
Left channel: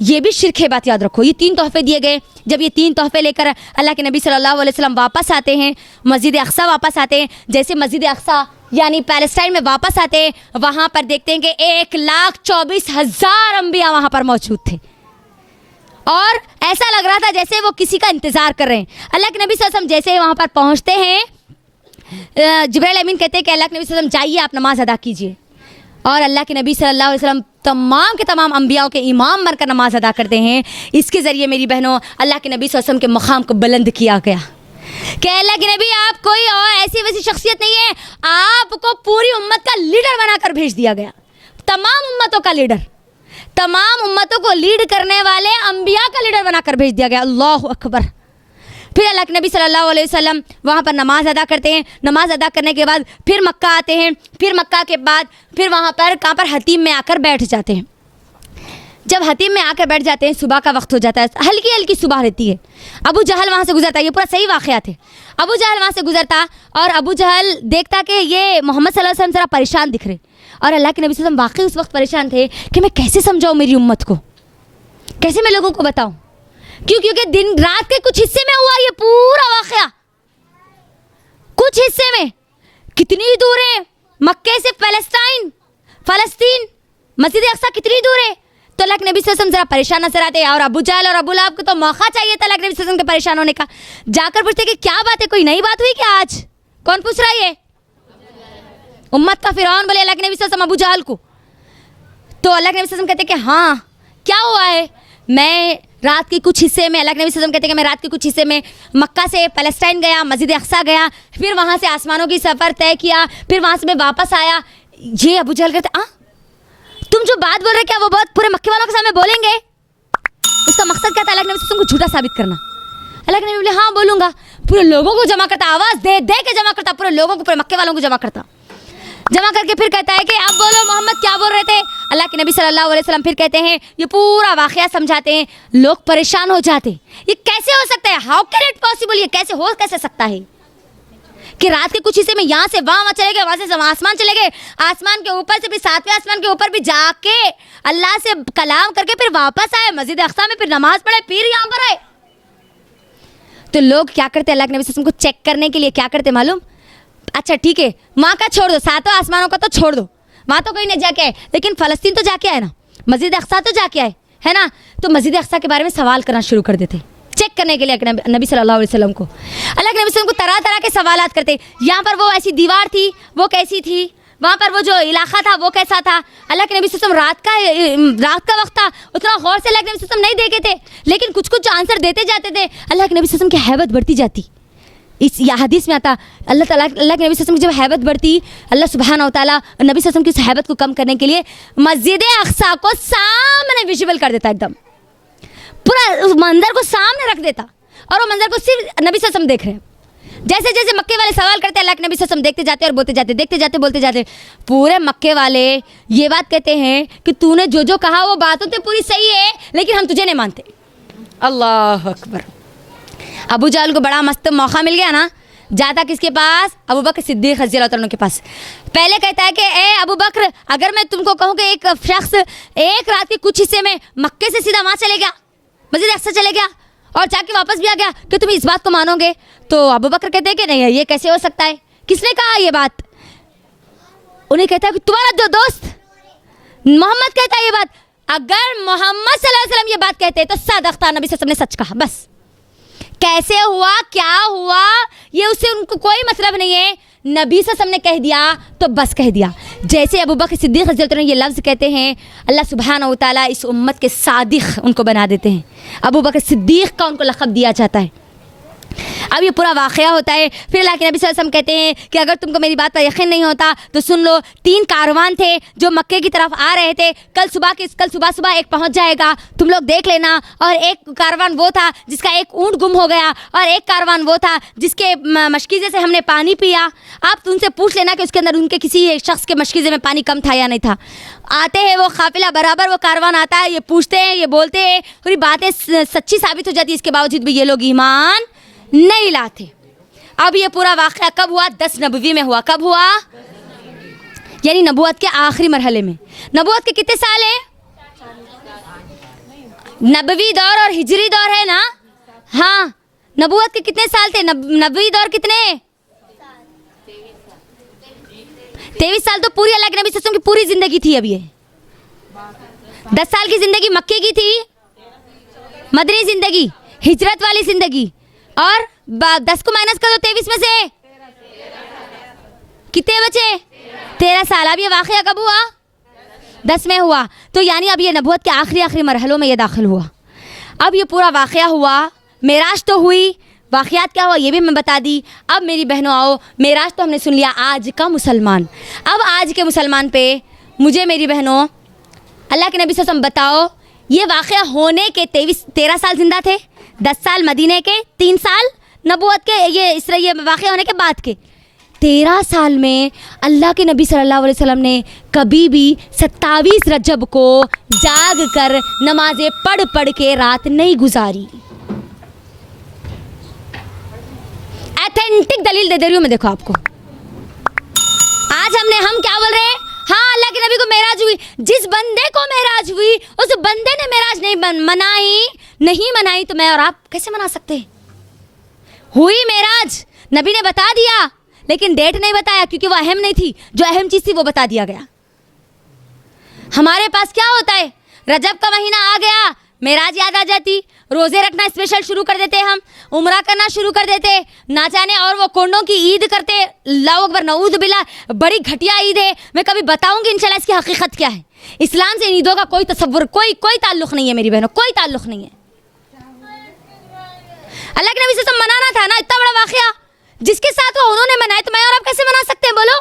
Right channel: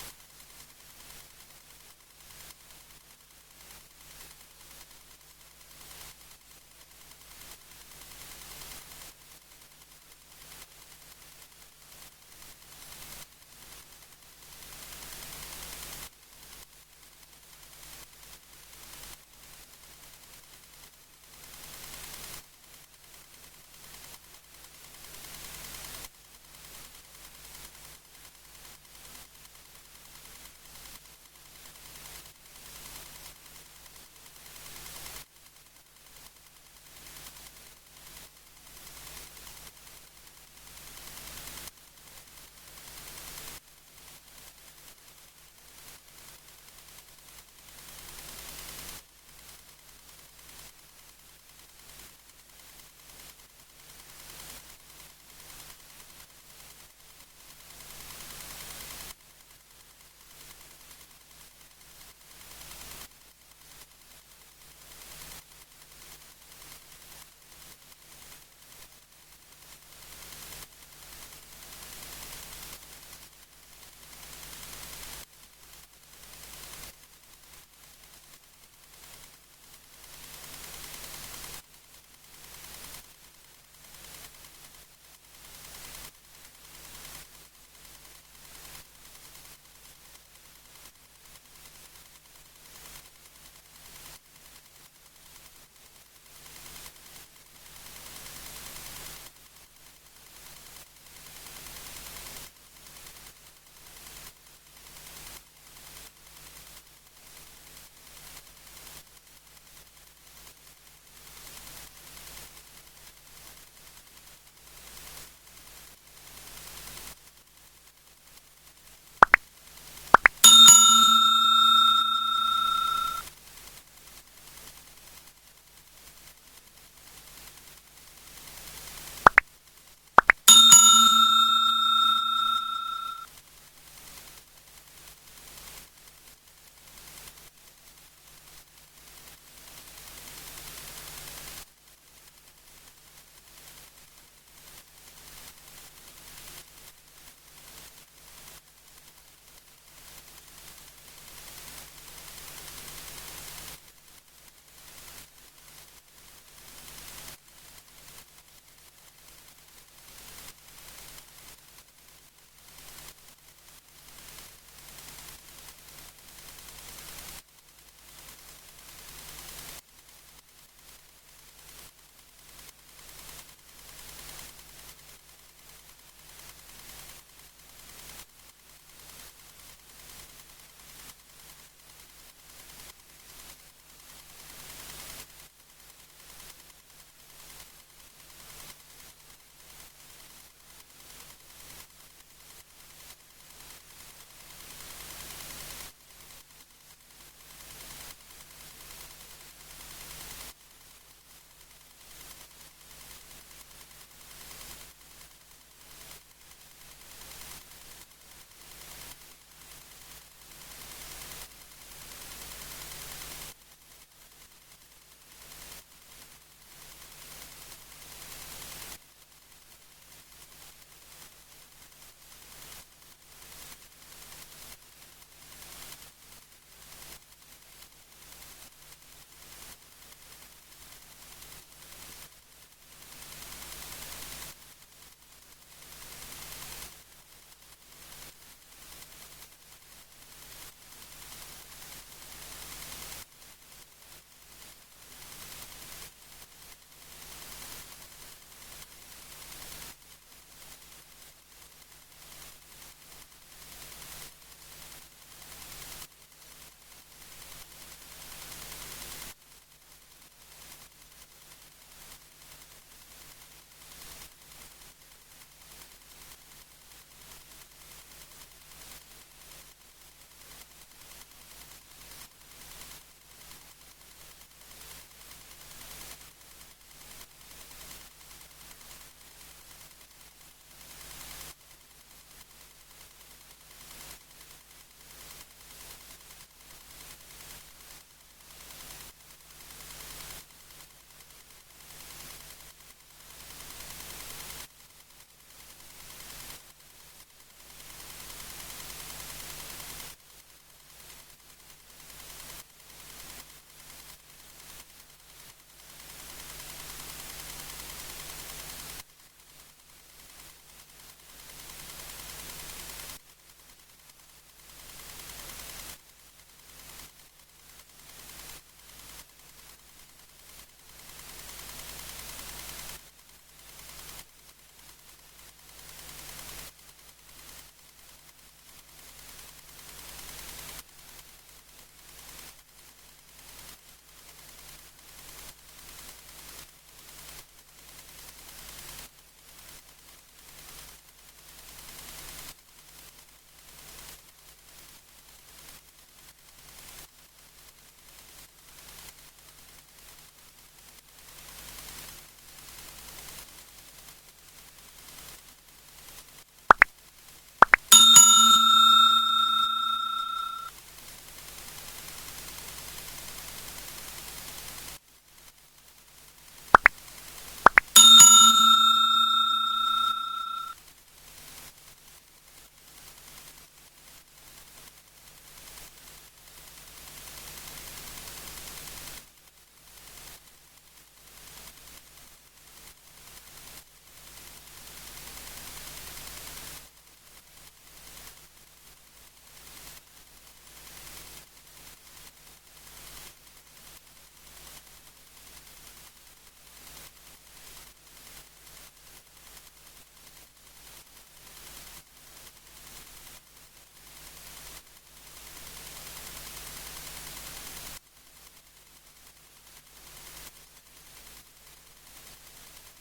ये भी शिर्क है, बात याद रखो। ये 3 तोहफे दिए गए। जब ये 3 तोहफे लेकर अल्लाह के नबी सल्लल्लाहु अलैहि वसल्लम वापस आते हैं, मस्जिद अक्सा वापस आते हैं, जैसे मस्जिद अक्सा यानी पैलेस्टाइन में वापस आते हैं, वहाँ पर देखते हैं कि 1,24,000 अम्बिया वहाँ पर मौजूद थे और ऐसा लग रहा था जैसे वो किसी का इंतज़ार कर रहे हैं। अल्लाह के नबी सल्लल्लाहु अलैहि वसल्लम जैसे वहाँ पर पहुँचते हैं, जिब्राइल अमीन कहते हैं कि अल्लाह के नबी सल्लल्लाहु अलैहि वसल्लम जाइए, आप नमाज अदा कीजिए। और अल्लाह के नबी सल्लल्लाहु अलैहि वसल्लम तमाम के तमाम अम्बियाओं के इमाम बनकर नमाज अदा करते हैं। इसके ज़रिए मेरी बहनों अल्लाह के नबी सल्लल्लाहु अलैहि वसल्लम के मकाम को बुलंद किया गया कि अल्लाह के नबी आप कोई और ऐसी वैसी शख्सियत नहीं है, आपको पूरी उम्मत का लीडर बनाकर भेज दिया गया। तमाम उम्मतों का लीडर, तमाम उम्मतों को लीड करने वाले अम्बिया का लीडर बनाकर भेज दिया गया। अल्लाह अकबर। फिर अल्लाह के नबी सल्लल्लाहु अलैहि वसल्लम वहाँ पर नमाज अदा करते हैं। नमाज अदा करने के बाद फिर मक्का आते हैं। फिर मक्का के बाद फिर वहाँ पर कहाँ पर हतीम में आकर बैठ जाते हैं। जब हतीम में आकर बैठ जाते हैं, सुबह का वक्त हो जाता है, हल्की हल्की सुबह रहती है। अबू जहल वहाँ से गुजरता है, ये पूरा सही वाक़या थे। अबू जहल वहाँ से गुजरता और अबू जहल देखता कि ये मोहम्मद सल्लल्लाहु अलैहि वसल्लम ज़रा परेशान दिख रहे और अल्लाह के नबी सल्लल्लाहु अलैहि वसल्लम वाकई उस वक्त परेशान थे कि मैं कैसे समझाऊँ मेरी उम्मत को, कैसे मैं लोगों को बताऊँ। क्योंकि दिन रात के कुछ हिस्से में हुआ ये पूरा वाक़या, कुछ हिस्से में। कितनी दूर है मक्के से पैलेस्टाइन, फ़लस्तीन, मस्जिद अक्सा कितनी दूर है? तो अल्लाह के नबी सल्लल्लाहु अलैहि वसल्लम जरा परेशान नजर आते और अबू जहल और अबू लहब को तो मौका चाहिए था अल्लाह के नबी सल्लल्लाहु अलैहि वसल्लम के परेशान होने का। जाकर पूछते कि क्या बात है, कोई नई बात हुई क्या आज? कौन पूछ रहा है ये? उम्मत का फिरौन बोले अल्लाह के नबी सल्लल्लाहु अलैहि वसल्लम अबू जहल को। तो अल्लाह के नबी सल्लल्लाहु अलैहि वसल्लम कहते कि हाँ क्या हुआ है? मैं रात के कुछ हिस्से में, अल्लाह के नबी सल्लल्लाहु अलैहि वसल्लम कहते हैं कि मैं रात के कुछ हिस्से में मक्का से पैलेस्टाइन गया, मस्जिद अक्सा गया, फिर वहाँ से आसमानों की सफ़र तय किया, फिर वहाँ से मैं वापस आया। ये अबू जहल कहते तुम जो बात बोल रहे क्या वो बात पूरे मक्के वालों के सामने बोलेंगे? उसका मकसद क्या था? अल्लाह के नबी तुमको झूठा साबित करना। अल्लाह के नबी बोले हाँ बोलूँगा। पूरे लोगों को जमा करता, आवाज़ दे दे के जमा करता, पूरे लोगों को, पूरे मक्के वालों को जमा करता, जमा करके फिर कहता है कि अब बोलो मोहम्मद क्या बोल रहे थे? अल्लाह के नबी सल्लल्लाहु अलैहि वसल्लम फिर कहते हैं, ये पूरा वाक़या समझाते हैं। लोग परेशान हो जाते, ये कैसे हो सकता है? How can it possible? ये कैसे सकता है कि रात के कुछ हिस्से में यहाँ से वहाँ चले गए, वहाँ से आसमान चले गए, आसमान के ऊपर से भी 7वें आसमान के ऊपर भी जाके अल्लाह से कलाम करके फिर वापस आए, मस्जिद अक्सा में फिर नमाज पढ़े, फिर यहाँ पर आए। तो लोग क्या करते, अल्लाह के नबी सल्लल्लाहु अलैहि वसल्लम को चेक करने के लिए क्या करते मालूम? अच्छा ठीक है वहाँ का छोड़ दो, 7वें आसमानों का तो छोड़ दो, वहाँ तो कोई नहीं जाके आए, लेकिन फ़लस्तीन तो जाके आए ना, मस्जिद अक्सा तो जाके आए है ना। तो मस्जिद अक्सा के बारे में सवाल करना शुरू कर देते, चेक करने के लिए नबी सल्लल्लाहु अलैहि वसल्लम को। अल्लाह के नबी सल्लल्लाहु अलैहि वसल्लम को तरह तरह के सवालात करते। यहाँ पर वो ऐसी दीवार थी, वो कैसी थी? वहाँ पर वो जो इलाका था वो कैसा था? अल्लाह के नबी सल्लल्लाहु अलैहि वसल्लम रात का वक्त था, उतना गौर से अल्लाह के नबी सल्लल्लाहु अलैहि वसल्लम नहीं देखे थे, लेकिन कुछ कुछ आंसर देते जाते थे। अल्लाह के नबी सल्लल्लाहु अलैहि वसल्लम की हैबत बढ़ती जाती। इस या हदीस में आता अल्लाह के नबी सल्लल्लाहु अलैहि वसल्लम की जब हैबत बढ़ती, अल्लाह सुब्हानहू व तआला नबी सल्लल्लाहु अलैहि वसल्लम की उस हैबत को कम करने के लिए मस्जिद अक्सा को सामने विजिबल कर देता, एकदम पूरा उस मंजर को सामने रख देता, और वो मंजर को सिर्फ नबी सल्लल्लाहु अलैहि वसल्लम देख रहे हैं। जैसे जैसे मक्के वाले सवाल करते, अल्लाह के नबी सल्लल्लाहु अलैहि वसल्लम देखते जाते और बोलते जाते, देखते जाते बोलते जाते। पूरे मक्के वाले ये बात कहते हैं कि तूने जो जो कहा वो बातों तो पूरी सही है, लेकिन हम तुझे नहीं मानते। अल्लाह अकबर। अबू जहल को बड़ा मस्त मौका मिल गया ना, जाता किसके पास? अबू बकर सिद्दीक़ रज़ियल्लाहु अन्हु के पास। पहले कहता है कि ए अबू बकर, अगर मैं तुमको कहूँ कि एक शख्स एक रात के कुछ हिस्से में मक्के से सीधा वहाँ चले गया, मस्जिद अक्सा चले गया और जाके वापस भी आ गया, कि तुम इस बात को मानोगे? तो अबू बकर कहते हैं कि नहीं, ये कैसे हो सकता है? किसने कहा ये बात? उन्हें कहता है कि तुम्हारा जो दोस्त मोहम्मद कहता है ये बात। अगर मोहम्मद सल्लल्लाहु अलैहि वसल्लम ये बात कहते तो सदक़ता, नबी सल्लल्लाहु अलैहि वसल्लम ने सच कहा। बस कैसे हुआ, क्या हुआ, ये उससे उनको कोई मतलब नहीं है। नबी सल्लल्लाहु अलैहि वसल्लम ने कह दिया तो बस कह दिया। जैसे अबू बकर सिद्दीक़ रज़ियल्लाहु अन्हु ये लफ्ज़ कहते हैं, अल्लाह सुब्हानहू व तआला इस उम्मत के सादिक़ उनको बना देते हैं। अबू बकर सिद्दीक़ का उनको लक़ब दिया जाता है। अब ये पूरा वाक़या होता है। फिर अल्लाह के नबी सल्लल्लाहु अलैहि वसल्लम कहते हैं कि अगर तुमको मेरी बात पर यकीन नहीं होता तो सुन लो, 3 कारवान थे जो मक्के की तरफ आ रहे थे। कल सुबह एक पहुंच जाएगा, तुम लोग देख लेना। और एक कारवान वो था जिसका एक ऊँट गुम हो गया, और एक कारवान वो था जिसके मशकीज़े से हमने पानी पिया। आप उनसे पूछ लेना कि उसके अंदर उनके किसी एक शख्स के मशकीज़े में पानी कम था या नहीं था। आते हैं वो काफिला बराबर, वो कारवान आता है, ये पूछते हैं, ये बोलते हैं, पूरी बातें सच्ची साबित हो जाती है। इसके बावजूद भी ये लोग ईमान नहीं लाते। अब ये पूरा वाक़या कब हुआ? 10 नबवी में हुआ। कब हुआ? यानी नबूवत के आखिरी मरहले में। नबूवत के कितने साल है? नबवी दौर और हिजरी दौर है ना। हाँ, नबूवत के कितने साल थे? नबवी दौर कितने? 23 साल तो पूरी अल्लाह के नबी सल्लल्लाहु अलैहि वसल्लम की पूरी जिंदगी थी। अब ये 10 साल की जिंदगी मक्के की थी, मदनी जिंदगी, हिजरत वाली जिंदगी, और 10 को माइनस कर दो 23 में से कितने बचे? 13 साल। अब ये वाक़या कब हुआ? 10 में हुआ। तो यानी अब ये नबूवत के आखिरी मरहलों में ये दाखिल हुआ। अब ये पूरा वाक़या हुआ, मेराज तो हुई, वाक़यात क्या हुआ ये भी मैं बता दी। अब मेरी बहनों आओ, मेराज तो हमने सुन लिया, आज का मुसलमान। अब आज के मुसलमान पे मुझे मेरी बहनों अल्लाह के नबी सल्लल्लाहु अलैहि वसल्लम बताओ, ये वाक़या होने के 13 साल जिंदा थे, 10 साल मदीने के, 3 साल नबूवत के, ये वाक़या होने के बाद के 13 साल में अल्लाह के नबी सल्लल्लाहु अलैहि वसल्लम ने कभी भी 27 रजब को जाग कर नमाजें पढ़ के रात नहीं गुजारी। ऑथेंटिक दलील दे रही हूँ मैं, देखो आपको। आज हम क्या बोल रहे हैं? हाँ, अल्लाह के नबी को मेराज हुई। जिस बंदे को मेराज हुई उस बंदे ने मेराज नहीं मनाई तो मैं और आप कैसे मना सकते हैं? हुई मेराज, नबी ने बता दिया, लेकिन डेट नहीं बताया क्योंकि वो अहम नहीं थी। जो अहम चीज़ थी वो बता दिया गया। हमारे पास क्या होता है, रजब का महीना आ गया, मेराज याद आ जाती, रोजे रखना स्पेशल शुरू कर देते, हम उम्रा करना शुरू कर देते, ना जाने और वो कोंडों की ईद करते। अल्लाहु अकबर, नऊज़ बिल्लाह, बड़ी घटिया ईद है। मैं कभी बताऊंगी इंशाल्लाह इसकी हकीकत क्या है। इस्लाम से इन ईदों का कोई तसव्वुर, कोई ताल्लुक नहीं है मेरी बहनों, कोई ताल्लुक नहीं है। अल्लाह के नबी से सब मनाना था ना, इतना बड़ा वाकया जिसके साथ वो उन्होंने मनाए, तो मैं और आप कैसे मना सकते हैं बोलो?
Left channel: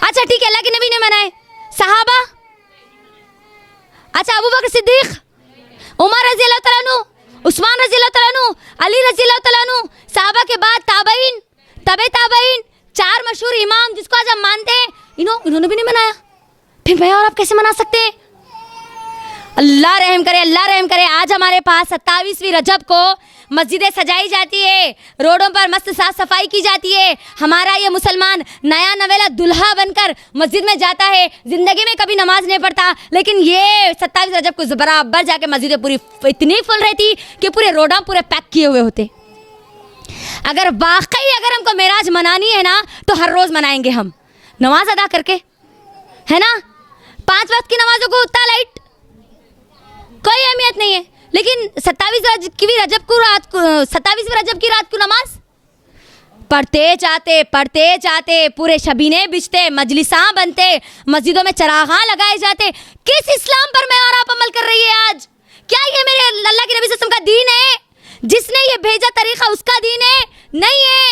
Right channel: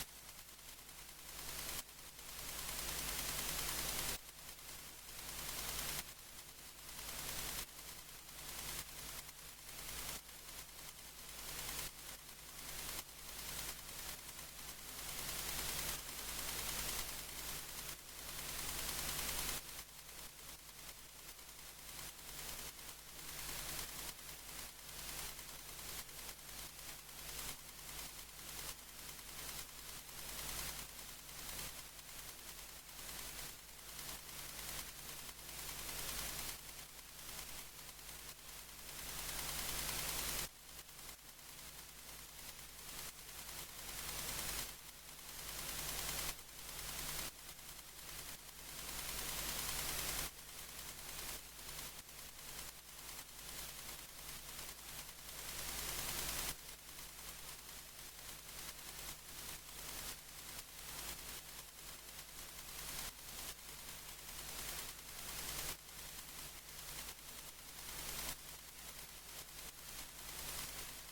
अच्छा ठीक है, अल्लाह के नबी ने मनाए, सहाबा, अच्छा अबू बकर सिद्दीक, उमर रज़ी अल्लाह तआला अन्हु, उस्मान रज़ी अल्लाह तआला अन्हु, अली रज़ी अल्लाह तआला अन्हु, सहाबा के बाद ताबईन, तबे ताबईन, चार मशहूर इमाम जिसको आज हम मानते हैं, इन्होंने भी नहीं मनाया, फिर मैं और आप कैसे मना सकते हैं? अल्लाह रहम करे, अल्लाह रहम करे। आज हमारे पास 27वीं रजब को मस्जिदें सजाई जाती है, रोडों पर मस्त साफ सफाई की जाती है। हमारा ये मुसलमान नया नवेला दुल्हा बनकर मस्जिद में जाता है, जिंदगी में कभी नमाज नहीं पढ़ता, लेकिन ये 27 रजब को बराबर जाके मस्जिदें पूरी इतनी फुल रहती कि पूरे रोडा पूरे पैक किए हुए होते। अगर वाकई अगर हमको मेराज मनानी है ना, तो हर रोज मनाएंगे हम, नमाज अदा करके, है ना। 5 वक्त की नमाजों को उतना लाइट कोई अहमियत नहीं है, लेकिन 27वीं रजब की रात को नमाज पढ़ते जाते पूरे शबीने बिछते, मजलिसा बनते, मस्जिदों में चरागां लगाए जाते। किस इस्लाम पर मैं और आप अमल कर रही है आज? क्या ये मेरे अल्लाह के नबी सल्लल्लाहु अलैहि वसल्लम का दीन है? जिसने ये भेजा तरीका उसका दीन है? नहीं है।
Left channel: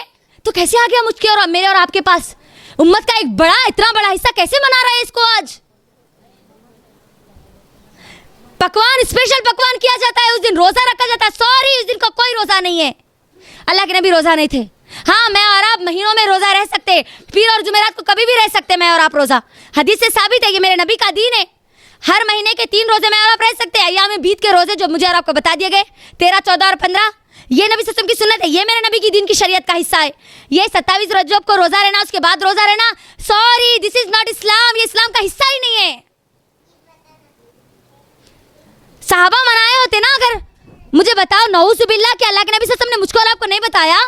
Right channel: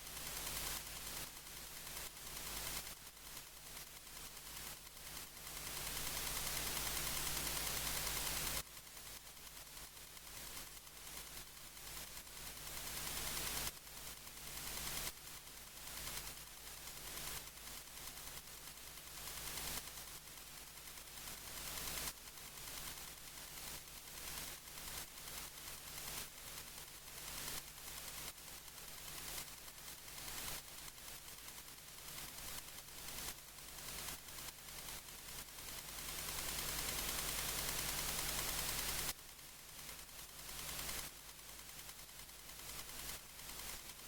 तो कैसे आ गया मुझके और मेरे और आपके पास? उम्मत का एक बड़ा, इतना बड़ा हिस्सा कैसे मना रहा है इसको आज? पकवान, स्पेशल पकवान किया जाता है, उस दिन रोजा रखा जाता है। सॉरी, उस दिन का कोई रोजा नहीं है, अल्लाह के नबी रोजा नहीं थे। हाँ, मैं और आप महीनों में रोजा रह सकते, पीर और जुमेरात को कभी भी रह सकते मैं और आप रोजा, हदीस से साबित है, ये मेरे नबी का दीन है। हर महीने के 3 रोजे मैं और आप रह सकते हैं। अय्याम बीत के रोजे जो मुझे और आपको बता दिए गए 13, 14 और 15, ये नबी सल्लल्लाहु अलैहि वसल्लम की सुन्नत है, ये मेरे नबी की दीन की शरीयत का हिस्सा है। ये 27 रजब को रोजा रहना, उसके बाद रोजा रहना, सॉरी, दिस इज नॉट इस्लाम, ये इस्लाम का हिस्सा ही नहीं है। साहबा मनाए होते ना, अगर मुझे बताओ, नऊज़ बिल्लाह, क्या अल्लाह के नबी सल्लल्लाहु अलैहि वसल्लम ने मुझको और आपको नहीं बताया?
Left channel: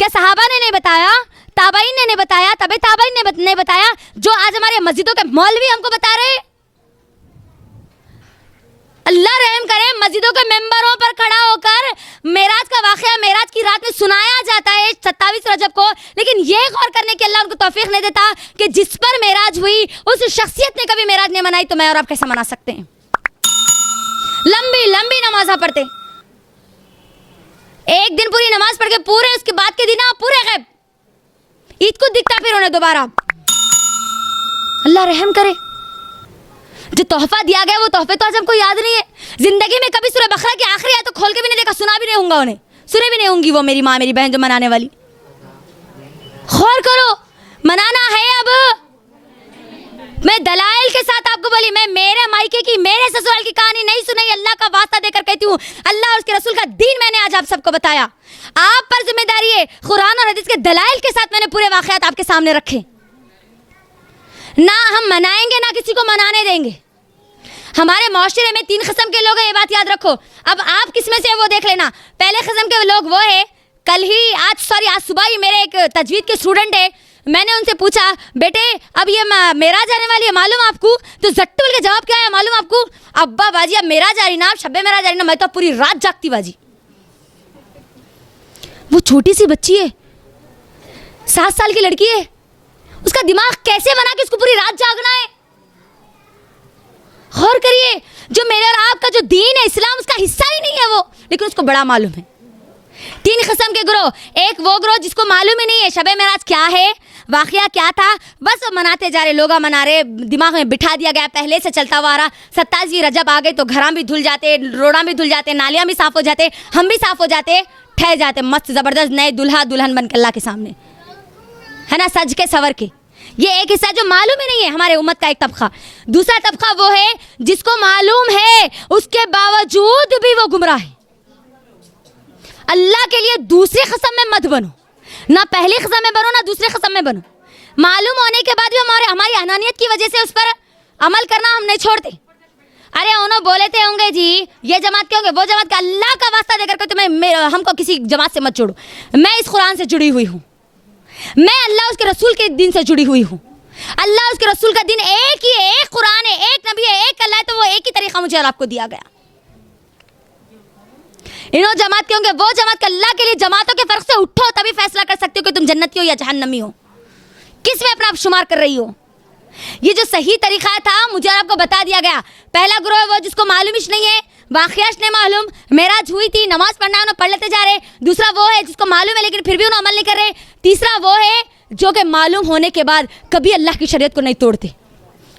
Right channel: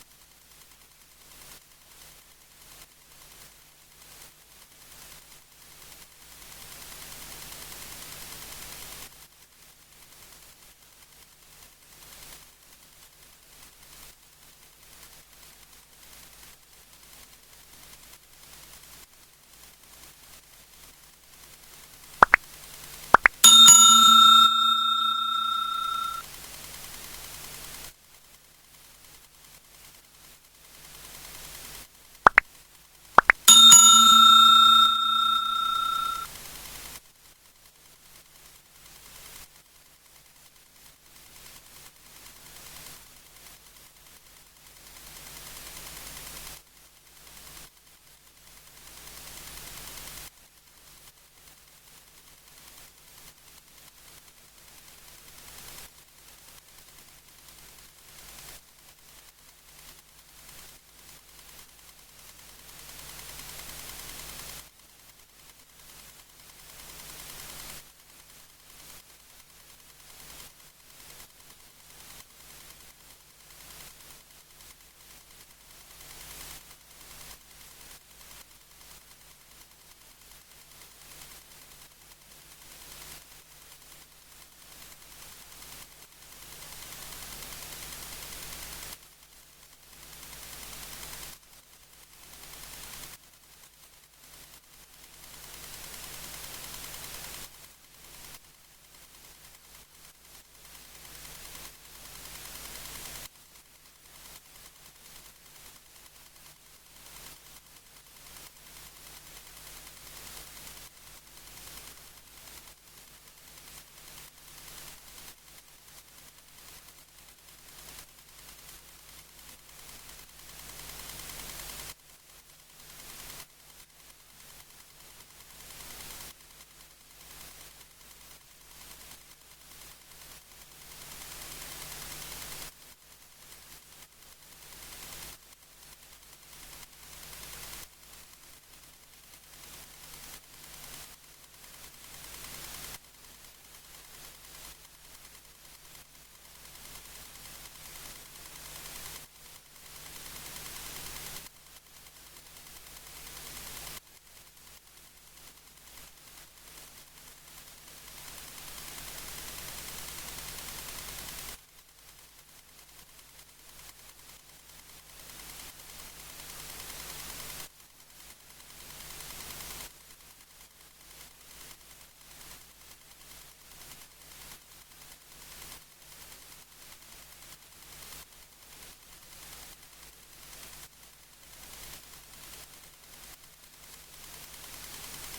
क्या सहाबा ने नहीं बताया? ताबईन ने नहीं बताया? तबे ताबईन ने नहीं बताया? जो आज हमारे मस्जिदों के मौलवी हमको बता रहे, अल्लाह रहम करे, मस्जिदों के मेंबरों पर खड़ा होकर मेराज का वाकया मेराज की रात में सुनाया जाता है 27 रजब को, लेकिन ये गौर करने की अल्लाह उनको तौफीक नहीं देता कि जिस पर मेराज हुई उस शख्सियत ने कभी मेराज नहीं मनाई, तो मैं और आप कैसे मना सकते हैं? लंबी लंबी नमाज़ा पढ़ते, एक दिन पूरी नमाज पढ़ के पूरे उसके बाद के दिन आप पूरे गैब, ईद को दिखता फिर उन्हें दोबारा। अल्लाह रहम करे, जो तोहफा दिया गया वो तोहफे तो आज हमको याद नहीं है। जिंदगी में कभी सूरह बकरा की आखिरी आयत तो खोल के भी नहीं देखा, सुना भी नहीं होगा उन्हें, सुने भी नहीं होंगी वो मेरी माँ मेरी बहन जो मनाने वाली। गौर करो, मनाना है। अब मैं दलाइल के साथ आपको बोली, मैं मेरे मायके की, मेरे ससुराल की कहानी नहीं सुनाई, अल्लाह का वास्ता देकर कहती हूँ, अल्लाह और उसके रसूल का दीन मैंने आज आप सबको बताया। आप पर जिम्मेदारी है, कुरान और हदीस के दलाइल के साथ मैंने पूरे वाकयात आपके सामने रखे। ना हम मनाएंगे ना किसी को मनाने देंगे। हमारे माशरे में 3 किस्म के लोग हैं, ये बात याद रखो। अब आप किस में से वो देख लेना। पहले किस्म के लोग वो है, आज सुबह ही मेरे एक तजवीद के स्टूडेंट है, मैंने उनसे पूछा, बेटे अब ये मेराज आने वाली है मालूम आपको? तो झट्ट बोल के जवाब क्या है मालूम आपको? अब्बा बाजी अब मेराज आ रही ना, शब्बे मेराज आ रही ना, मैं तो पूरी रात जागती बाजी। वो छोटी सी बच्ची है, 7 साल की लड़की है, उसका दिमाग कैसे बना कि उसको पूरी रात जागना है? गौर करिए, जो मेरे और आपका जो दीन है इस्लाम, उसका हिस्सा ही नहीं है वो, लेकिन उसको बड़ा मालूम है। 3 किस्म के ग्रोह, एक वो ग्रोह जिसको मालूम ही नहीं है शबे मेराज क्या है, वाकया क्या था, बस मनाते जा रहे, लोग मना रहे, दिमाग में बिठा दिया गया, पहले से चलता हुआ आ रहा। 27वीं रजब आ गई तो घरां भी धुल जाते, रोड़ा भी धुल जाते, नालियाँ भी साफ हो जाते, हम भी साफ हो जाते, ठहर जाते मस्त ज़बरदस्त नए दुल्हा दुल्हन बन के अल्लाह के सामने, है ना, सज के सवर के। ये एक हिस्सा जो मालूम ही नहीं है हमारे उम्मत का एक तबका। दूसरा तबका वो है जिसको मालूम है उसके बावजूद भी वो गुमराह है। अल्लाह के लिए दूसरी कसम में मत बनो, ना पहली कसम में बनो ना दूसरी कसम में बनो। मालूम होने के बाद भी हमारी अनानियत की वजह से उस पर अमल करना हम नहीं छोड़ते। अरे उन्होंने बोले थे होंगे जी ये जमात के होंगे वो जमात के, अल्लाह का वास्ता देकर के तुम्हें हमको किसी जमात से मत छोड़ो। मैं इस कुरान से जुड़ी हुई हूँ, मैं अल्लाह उसके रसूल के दिन से जुड़ी हुई हूँ। अल्लाह उसके रसूल का दिन एक ही है, एक कुरान है, एक नबी है, एक अल्लाह है, तो वो एक ही तरीका मुझे और आपको दिया गया। इन्हों जमात के होंगे, वो जमात के, अल्लाह के लिए जमातों के फर्क से उठो, तभी फैसला कर सकते हो कि तुम जन्नती हो या जहन्नमी हो, किस में अपना आप शुमार कर रही हो। ये जो सही तरीका था मुझे और आपको बता दिया गया। पहला ग्रोह है वो जिसको मालूम ही नहीं है, वाक़ियाश नहीं मालूम, मेराज हुई थी, नमाज पढ़ना है, उन्हें पढ़ लेते जा रहे। दूसरा वो है जिसको मालूम है लेकिन फिर भी उन्हें अमल नहीं कर रहे। तीसरा वो है जो कि मालूम होने के बाद कभी अल्लाह की शरीयत को नहीं तोड़ते।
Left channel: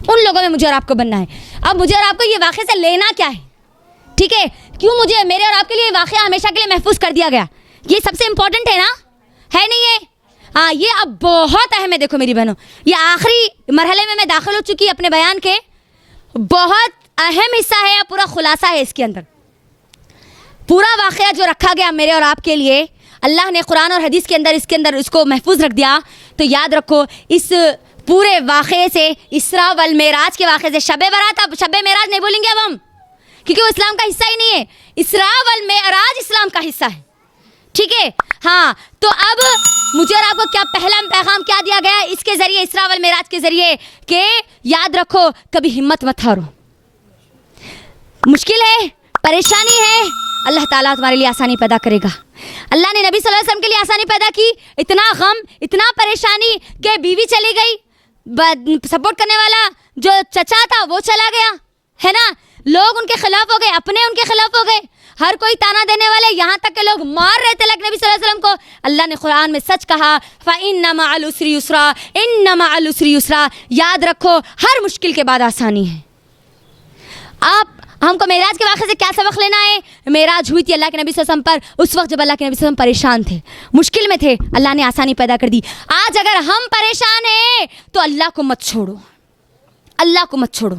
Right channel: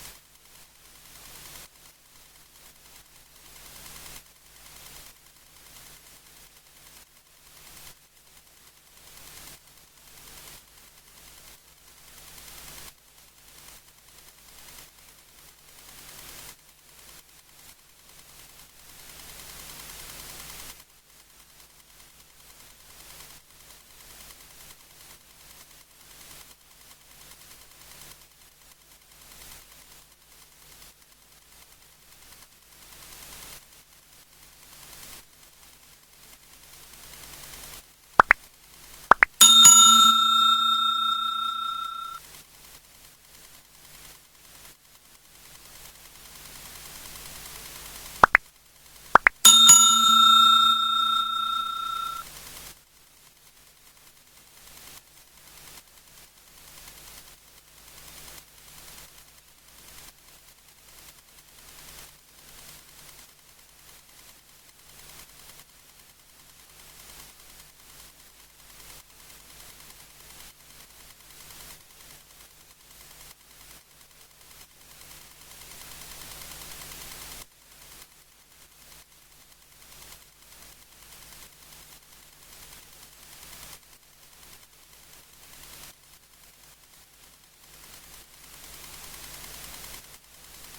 उन लोगों में मुझे और आपको बनना है। अब मुझे और आपको ये वाक़े से लेना क्या है, ठीक है, क्यों मुझे मेरे और आपके लिए वाक़या हमेशा के लिए महफूज कर दिया गया, ये सबसे इम्पोर्टेंट है ना, है नहीं है? हाँ, ये अब बहुत अहम है। देखो मेरी बहनों, ये आखिरी मरहले में मैं दाखिल हो चुकी अपने बयान के, बहुत अहम हिस्सा है या पूरा खुलासा है इसके अंदर। पूरा वाक़या जो रखा गया मेरे और आपके लिए, अल्लाह ने कुरान और हदीस के अंदर इसके अंदर इसको महफूज रख दिया। तो याद रखो, इस पूरे वाक़े से, इसरा वल मेराज के वाक़े से, शब बरात, अब शब मेराज नहीं बोलेंगे अब हम, क्योंकि वो इस्लाम का हिस्सा ही नहीं है। इसरा वल मेराज इस्लाम का हिस्सा है, ठीक है। हाँ, तो अब मुझे और आपको क्या पहला पैगाम क्या दिया गया इसके ज़रिए, इसरा वल मेराज के ज़रिए, कि याद रखो कभी हिम्मत मत हारो। मुश्किल है, परेशानी है, अल्लाह ताला तुम्हारे लिए आसानी पैदा करेगा। अल्लाह ने नबी सल्लल्लाहु अलैहि वसल्लम के लिए आसानी पैदा की। इतना गम, इतना परेशानी कि बीवी चली गई, सपोर्ट करने वाला जो चचा था वो चला गया, है ना, लोग उनके खिलाफ हो गए, अपने उनके खिलाफ हो गए, हर कोई ताना देने वाले, यहाँ तक के लोग मार रहे थे नबी सल्लल्लाहु अलैहि वसल्लम को। अल्लाह ने कुरान में सच कहा, फ़इन्न मअल उसरि युस्रा, इन्न मअल उसरि युस्रा। याद रखो हर मुश्किल के बाद आसानी है। आप हमको मेराज के वाक़े से क्या सबक लेना है? मेराज हुई थी अल्लाह के नबी सल्लल्लाहु अलैहि वसल्लम पर, उस वक्त जब अल्लाह के नबी सल्लल्लाहु अलैहि वसल्लम परेशान थे, मुश्किल में थे, अल्लाह ने आसानी पैदा कर दी। आज अगर हम परेशान हैं तो अल्लाह को मत छोड़ो, अल्लाह को मत छोड़ो,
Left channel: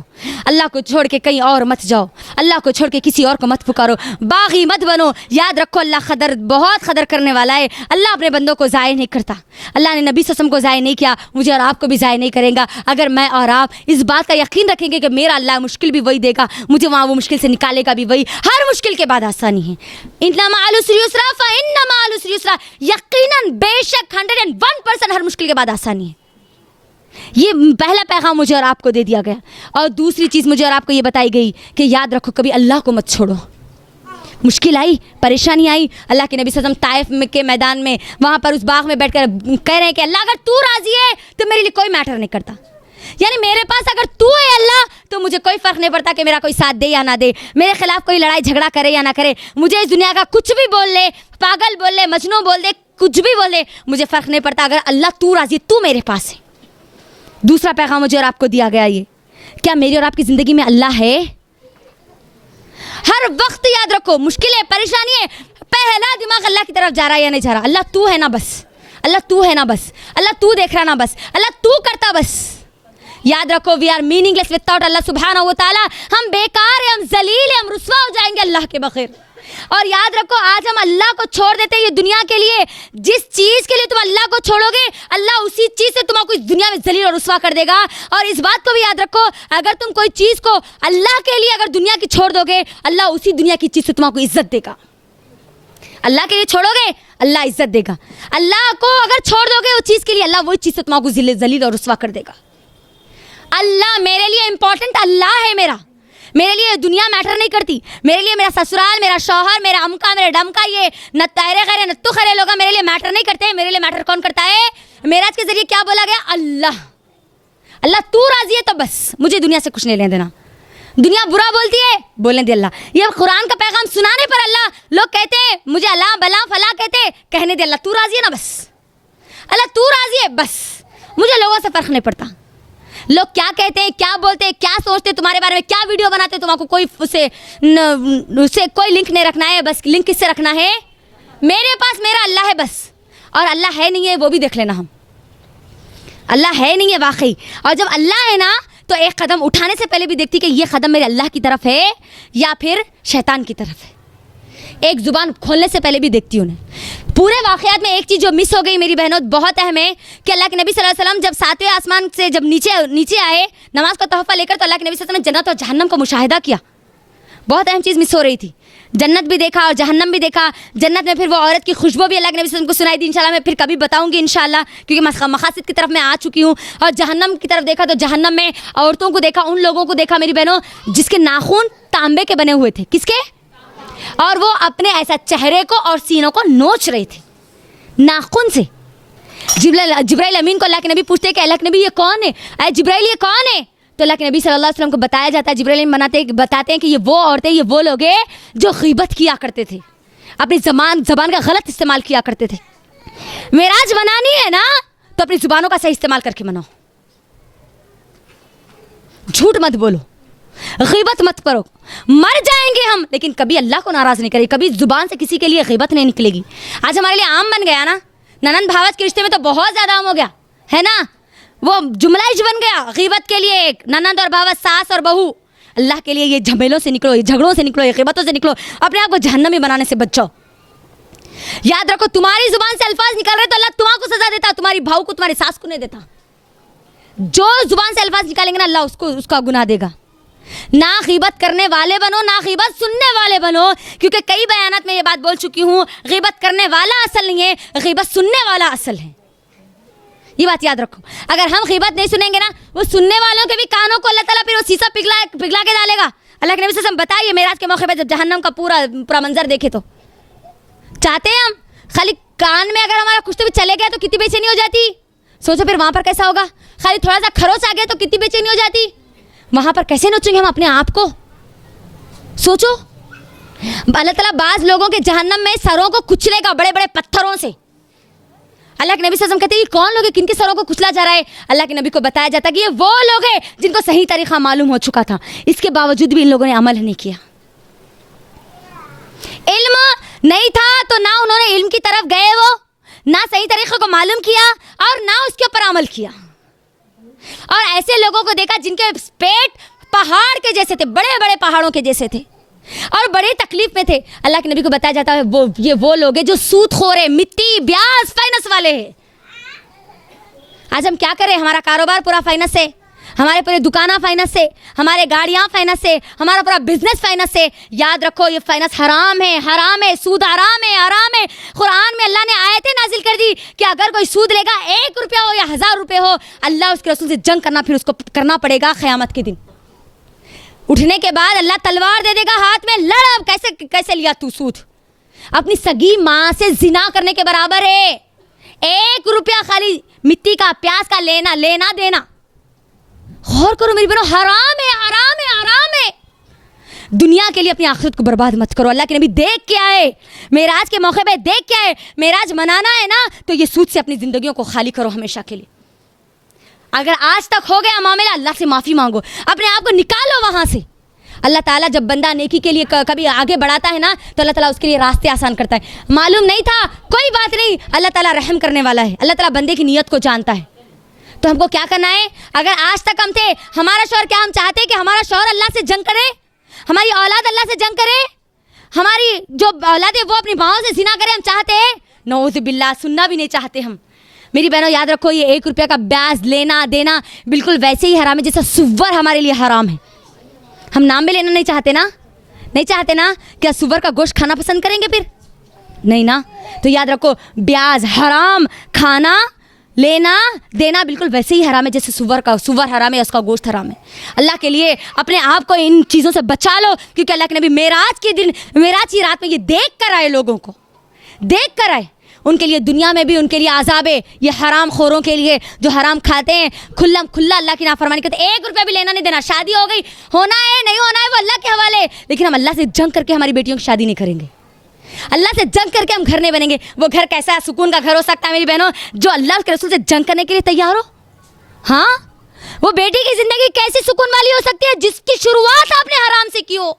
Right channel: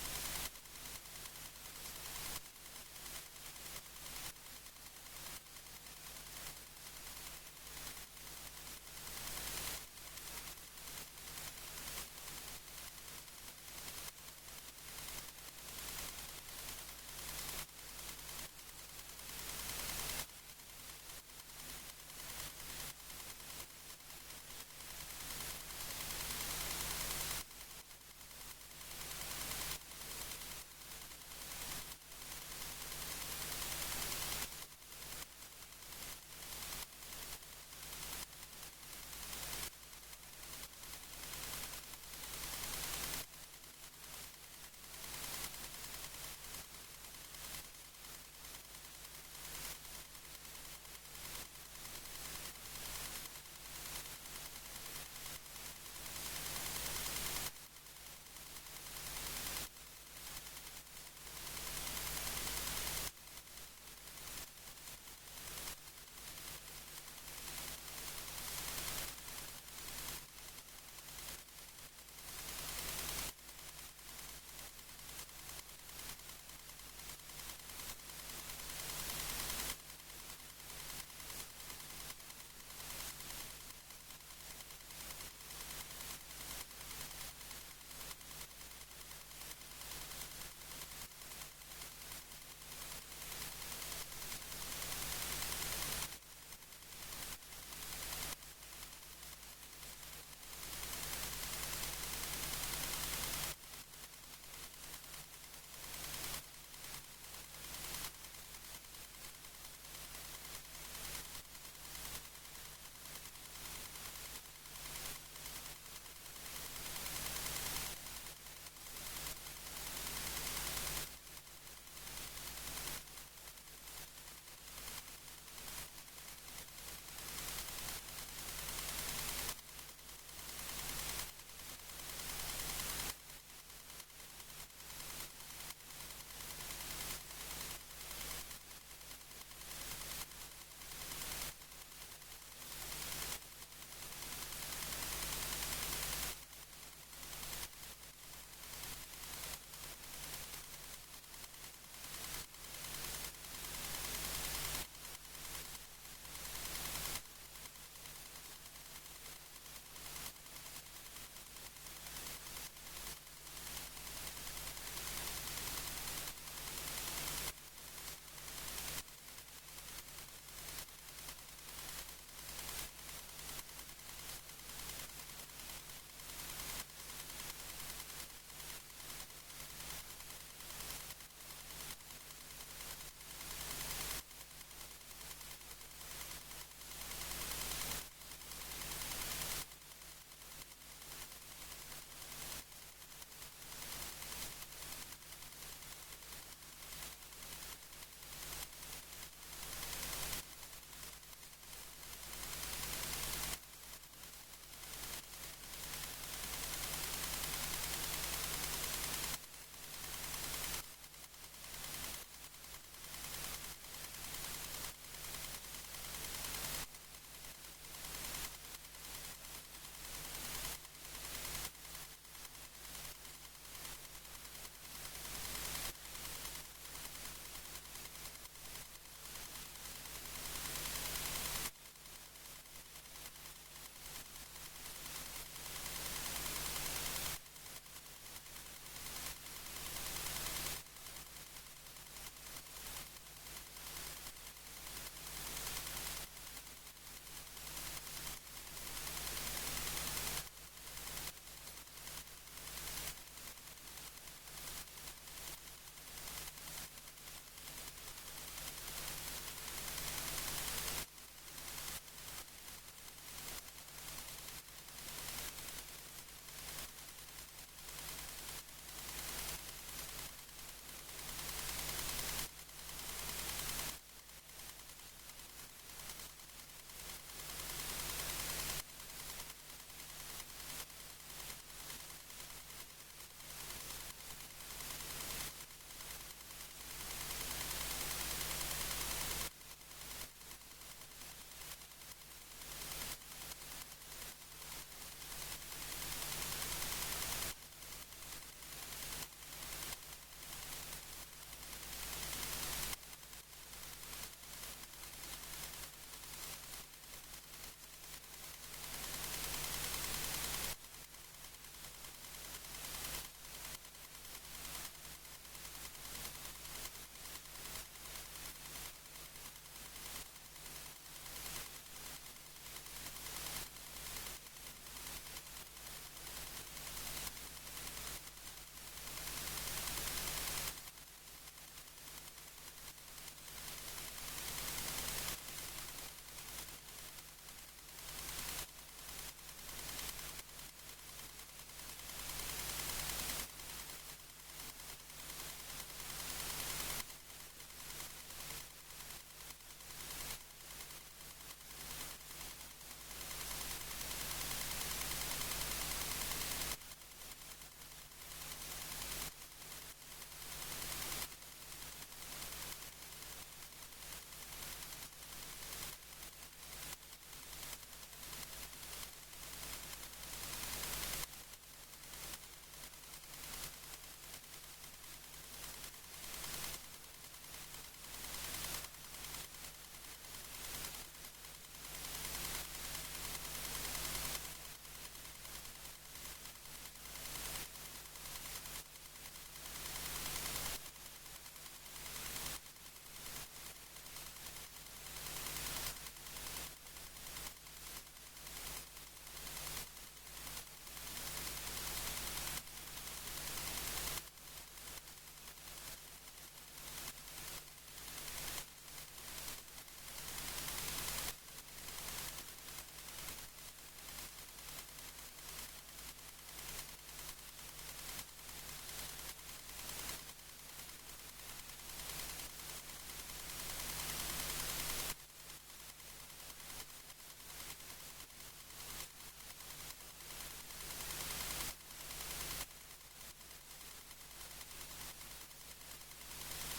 अल्लाह को छोड़ के कहीं और मत जाओ, अल्लाह को छोड़ के किसी और को मत पुकारो, बागी मत बनो। याद रखो अल्लाह कदर, बहुत कदर करने वाला है। अल्लाह अपने बंदों को ज़ाय नहीं करता। अल्लाह ने नबी सल्लल्लाहु अलैहि वसल्लम को ज़ाय नहीं किया, मुझे और आपको भी ज़ाय नहीं करेगा। अगर मैं और आप इस बात का यकीन रखेंगे कि मेरा अल्लाह मुश्किल भी वही देगा, मुझे वहाँ वो मुश्किल से निकालेगा भी वही। हर मुश्किल के बाद आसानी है। इन्ना मअल उसरि युस्रा फ़इन्न मअल उसरि युस्रा। यकीनन, बेशक 101% हर मुश्किल के बाद आसानी है। ये पहला पैगाम मुझे और आपको दे दिया गया। और दूसरी चीज़ मुझे और आपको ये बताई गई कि याद रखो कभी अल्लाह को मत छोड़ो। मुश्किल आई, परेशानी आई, अल्लाह के नबी सल्लल्लाहु अलैहि वसल्लम ताइफ के मैदान में, वहाँ पर उस बाग में बैठकर कह रहे हैं कि अल्लाह अगर तू राज़ी है तो मेरे लिए कोई मैटर नहीं करता, यानी मेरे पास अगर तू है अल्लाह तो मुझे कोई फ़र्क नहीं पड़ता कि मेरा कोई साथ दे या ना दे, मेरे खिलाफ कोई लड़ाई झगड़ा करे या ना करे, मुझे इस दुनिया का कुछ भी बोल ले, पागल बोल ले, मजनू बोल दे, कुछ भी बोल ले, मुझे फ़र्क नहीं पड़ता। अगर अल्लाह तू राज़ी, तू मेरे पास है। दूसरा पैगाम मुझे और आपको दिया गया, ये क्या मेरी और आपकी ज़िंदगी में अल्लाह है? हर वक्त याद रखो, मुश्किल है, परेशानी है, पहला दिमाग अल्लाह की तरफ जा रहा है या नहीं जा रहा? अल्लाह तू है ना बस, अल्लाह तू है ना बस, अल्लाह तू देख रहा ना बस, अल्लाह तू करता बस। याद रखो, वी आर मीनिंगलेस विदाउट अल्लाह सुब्हानहू व तआला। हम बेकार हैं, हम जलील हैं, हम रुस्वा हो जाएंगे अल्लाह के बगैर। और याद रखो, आज हम अल्लाह को छोड़ देते हैं ये दुनिया के लिए। जिस चीज़ के लिए तुम अल्लाह को छोड़ोगे, अल्लाह उसी चीज़ से तुमको इस दुनिया में जलील और रुस्वा कर देगा। और इस बात को भी याद रखो, अगर तुम कोई चीज़ को अल्लाह के लिए अगर दुनिया की छोड़ दोगे, अल्लाह उसी दुनिया की चीज़ से तुमको इज्जत देगा। अल्लाह के लिए छोड़ोगे, अल्लाह इज्जत देगा। अल्लाह को अगर छोड़ दोगे उस चीज़ के लिए, अल्लाह वही चीज़ से तुमको जलील और रुस्वा कर देगा। अल्लाह मेरे लिए इंपॉर्टेंट, अल्लाह है मेरा, मेरे लिए दुनिया मैटर नहीं करती। मेरे लिए मेरा ससुराल, मेरा शौहर, मेरा अमका, मेरा डमका, ये न तायरे खैरे नत्तू खैरे लोग मेरे लिए मैटर नहीं करते। मेरे लिए मैटर कौन करता है? मेराज के जरिए क्या बोला गया? अल्लाह। अल्लाह तू राजी है तो बस, मुझे दुनिया से कुछ नहीं लेने देना। दुनिया बुरा बोलती है, बोलने दे अल्लाह। ये कुरान का पैगाम सुनाने पर अल्लाह, लोग कहते हैं मुझे अल्लाह बला फला कहते, कहने दे अल्लाह तू राजी है ना बस, अल्लाह तू राजी है बस, मुझे लोगों से फ़र्क नहीं पड़ता। लोग क्या कहते हैं, क्या बोलते हैं, क्या सोचते हैं तुम्हारे बारे में, क्या वीडियो बनाते हैं, तुमको कोई उससे कोई लिंक नहीं रखना है। बस लिंक किससे रखना है? मेरे पास मेरा अल्लाह है बस। और अल्लाह है नहीं है वो भी देख लेना, हम अल्लाह है नहीं है वाकई। और जब अल्लाह है ना तो एक कदम उठाने से पहले भी देखती कि ये कदम मेरे अल्लाह की तरफ है या फिर शैतान की तरफ है। एक ज़ुबान खोलने से पहले भी देखती हूँ। पूरे वाक़यात में एक चीज़ जो मिस हो गई मेरी बहनों, बहुत अहम है कि अल्लाह के नबी सल्लल्लाहु अलैहि वसल्लम जब 7वें आसमान से जब नीचे आए नमाज का तोहफ़ा लेकर, तो अल्लाह के नबी सल्लल्लाहु अलैहि वसल्लम ने जन्नत और जहन्नम का मुशाहिदा किया। बहुत अहम चीज़ मिस हो रही थी। जन्नत भी देखा और जहन्नम भी देखा। जन्नत में फिर वो औरत की खुशबू भी अल्लाह के नबी से उनको सुनाई दी। इंशाल्लाह मैं फिर कभी बताऊंगी इंशाल्लाह, क्योंकि मकासद की तरफ मैं आ चुकी हूँ। और जहन्नम की तरफ देखा तो जहन्नम में औरतों को देखा, उन लोगों को देखा मेरी बहनों जिसके नाखून तांबे के बने हुए थे। किसके? और वो अपने ऐसा चेहरे को और सीनों को नोच रहे थे नाखून से। जिब्राइल अमीन को अल्लाह के नबी पूछते हैं कि अल्लाह के नबी ये कौन है, अरे जिब्राइल ये कौन है? तो अल्लाह के नबी सल्लल्लाहु अलैहि वसल्लम को बताया जाता है, जिब्राइल बताते हैं कि ये वो औरतें, ये वो लोग हैं जो ग़ीबत किया करते थे, अपनी ज़बान का गलत इस्तेमाल किया करते थे। मेराज मनानी है ना तो अपनी ज़ुबानों का सही इस्तेमाल करके मनाओ, झूठ मत बोलो, ग़ीबत मत करो। मर जाएंगे हम लेकिन कभी अल्लाह को नाराज़ नहीं करेंगे, कभी ज़ुबान से किसी के लिए ग़ीबत नहीं निकलेगी। आज हमारे लिए आम बन गया ना, ननंद भावच के रिश्ते में तो बहुत ज़्यादा आम हो गया है ना, वो जुमला ही बन गया ग़ीबत के लिए। एक ननंद और भावच, सास और बहू, अल्लाह के लिए ये झमेलों से निकलो, ये झगड़ों से निकलो, ये ग़ीबतों से निकलो, अपने आप को जहन्नमी बनाने से बचाओ। याद रखो, तुम्हारी ज़ुबान से अल्फाज निकल रहे तो अल्लाह तुम्हारा सजा देता, तुम्हारी भाव को, तुम्हारी सास को नहीं देता। जो ज़ुबान से अल्फाज निकालेंगे ना अल्लाह उसका गुनाह देगा। ना ग़ीबत करने वाले बनो, ना ग़ीबत सुनने वाले बनो, क्योंकि कई बयानात में ये बात बोल चुकी हूँ, ग़ीबत करने वाला असल नहीं है, ग़ीबत सुनने वाला असल है। ये बात याद रखो। अगर हम ग़ीबत नहीं सुनेंगे ना, वो सुनने वालों के भी कानों को अल्लाह ताला फिर वो शीशा पिघला के डालेगा। अल्लाह के नबी सल्लल्लाहु अलैहि वसल्लम बताइए, मेराज के मौके पर जब जहन्नम का पूरा मंजर देखे तो चाहते हैं हम खाली कान में अगर हमारा कुछ तो भी चले गया तो कितनी बेचैनी हो जाती। सोचो फिर वहाँ पर कैसा होगा। खाली थोड़ा सा खरोच आ गया तो कितनी बेचैनी हो जाती। वहाँ पर कैसे नोचेंगे हम अपने आप को, सोचो। अल्लाह ताला बाज़ लोगों के जहन्नम में सरों को कुचलेगा बड़े बड़े पत्थरों से। अल्लाह के नबी सल्लल्लाहु अलैहि वसल्लम कहते हैं ये कौन लोग हैं, किनके सरों को कुचला जा रहा है? अल्लाह के नबी को बताया जाता है कि ये वो लोग हैं जिनको सही तरीक़ा मालूम हो चुका था, इसके बावजूद भी इन लोगों ने अमल नहीं किया। इल्म नहीं था तो ना उन्होंने इल्म की तरफ गए, वो ना सही तरीक़े को मालूम किया और ना उसके ऊपर अमल किया। और ऐसे लोगों को देखा जिनके पेट पहाड़ के जैसे थे, बड़े बड़े पहाड़ों के जैसे थे और बड़े तकलीफ में थे। अल्लाह के नबी को बताया जाता है वो लोग हैं जो सूदखोर है, मिट्टी, ब्याज, फाइनेंस वाले हैं। आज हम क्या करें? हमारा कारोबार पूरा फाइनेंस से, हमारे पूरे दुकाना फाइनेंस से, हमारे गाड़ियाँ फाइनेंस से, हमारा पूरा बिजनेस फाइनेंस से। याद रखो ये फाइनेंस हराम है, हराम है, सूद हराम है, हराम है। कुरान में अल्लाह ने आयतें नाजिल कर दी कि अगर कोई सूद लेगा 1 रुपया हो या 1000 रुपये हो, अल्लाह उसके रसूल से जंग करना फिर उसको करना पड़ेगा क़यामत के दिन। उठने के बाद अल्लाह तलवार दे देगा हाथ में, लड़। अब कैसे लिया तू सूद? अपनी सगी माँ से जिना करने के बराबर है। 1 रुपया खाली मिट्टी का, प्याज का लेना देना। गौर करो मेरी बहनों, हराम है, हराम है, हराम है। दुनिया के लिए अपनी आखिरत को बर्बाद मत करो। अल्लाह के नबी देख के आए, मेराज के मौके पे देख के आए। मेराज मनाना है ना तो ये सूद से अपनी ज़िंदगियों को खाली करो हमेशा के लिए। अगर आज तक हो गया मामला, अल्लाह से माफ़ी मांगो, अपने आप को निकालो वहाँ से। अल्लाह ताला जब बंदा नेकी के लिए कभी आगे बढ़ाता है ना तो अल्लाह ताला उसके लिए रास्ते आसान करता है। मालूम नहीं था, कोई बात नहीं, अल्लाह ताला रहम करने वाला है। अल्लाह ताला बंदे की नीयत को जानता है। तो हमको क्या करना है? अगर आज तक हम थे, हमारा शौहर, क्या हम चाहते हैं कि हमारा शौहर अल्लाह से जंग करे, हमारी औलाद अल्लाह से जंग करे, हमारी जो औलाद है वो अपनी माओ से जिना करे? हम चाहते हैं? नऊज़ बिल्लाह, सुनना भी नहीं चाहते हम। मेरी बहनों याद रखो, ये 1 रुपया का ब्याज लेना देना बिल्कुल वैसे ही हराम है जैसा सुअर हमारे लिए हराम है। हम नाम भी लेना नहीं चाहते ना, नहीं चाहते ना? क्या सुअर का गोश्त खाना पसंद करेंगे फिर? नहीं ना। तो याद रखो, ब्याज हराम, खाना लेना देना बिल्कुल वैसे ही हराम है जैसे सुअर हराम है, उसका गोश्त हराम है। अल्लाह के लिए अपने आप को इन चीज़ों से बचा लो, क्योंकि अल्लाह के नबी मेराज की रात में ये देख कर आए, लोगों को देख कर आए। उनके लिए दुनिया में भी उनके लिए आज़ाब है। ये हराम खोरों के लिए जो हराम खाते हैं, खुला अल्लाह की नाफरमानी करते, 1 रुपया भी लेना नहीं देना। शादी हो गई, होना है नहीं होना है वो अल्लाह के हवाले, लेकिन हम अल्लाह से जंग करके हमारी बेटियों की शादी नहीं करेंगे। अल्लाह से जंग करके हम घर नहीं बनेंगे। वो घर कैसा सुकून का घर हो सकता है मेरी बहनों? जो अल्लाह के रसूल से जंग करने के लिए तैयार हो। हाँ, वो बेटी की जिंदगी कैसी सुकून वाली हो सकती है जिसकी शुरुआत आपने हराम से की हो?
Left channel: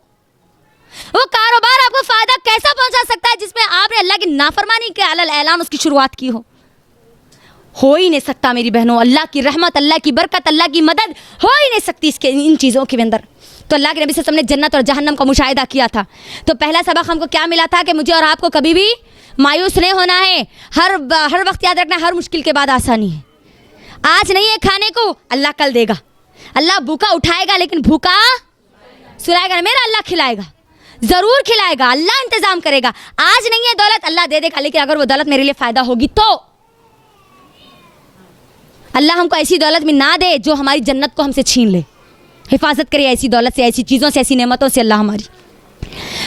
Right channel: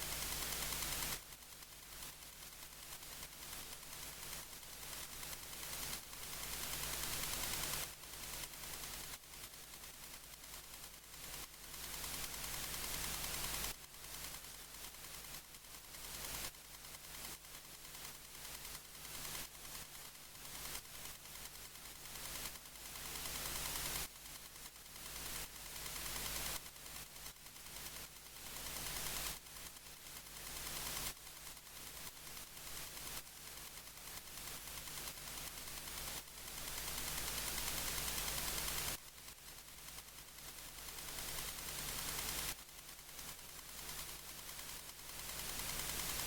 वो कारोबार आपको फायदा कैसा पहुंचा सकता है जिसमें आपने अल्लाह की नाफरमानी के अलल ऐलान उसकी शुरुआत की हो ही नहीं सकता मेरी बहनों। अल्लाह की रहमत, अल्लाह की बरकत, अल्लाह की मदद हो ही नहीं सकती इसके इन चीज़ों के अंदर। तो अल्लाह के नबी सल्लल्लाहु अलैहि वसल्लम ने जन्नत और जहन्नम का मुशाहिदा किया था। तो पहला सबक हमको क्या मिला था कि मुझे और आपको कभी भी मायूस नहीं होना है। हर वक्त याद रखना, हर मुश्किल के बाद आसानी है। आज नहीं है खाने को, अल्लाह कल देगा। अल्लाह भूखा उठाएगा लेकिन भूखा सुलाएगा ना, मेरा अल्लाह खिलाएगा। ज़रूर खिलाएगा, अल्लाह इंतज़ाम करेगा। आज नहीं है दौलत, अल्लाह दे देगा, लेकिन अगर वो दौलत मेरे लिए फ़ायदा होगी तो। अल्लाह हमको ऐसी दौलत में ना दे जो हमारी जन्नत को हमसे छीन ले। हिफाजत करे ऐसी दौलत से, ऐसी चीज़ों से, ऐसी नेमतों से अल्लाह हमारी।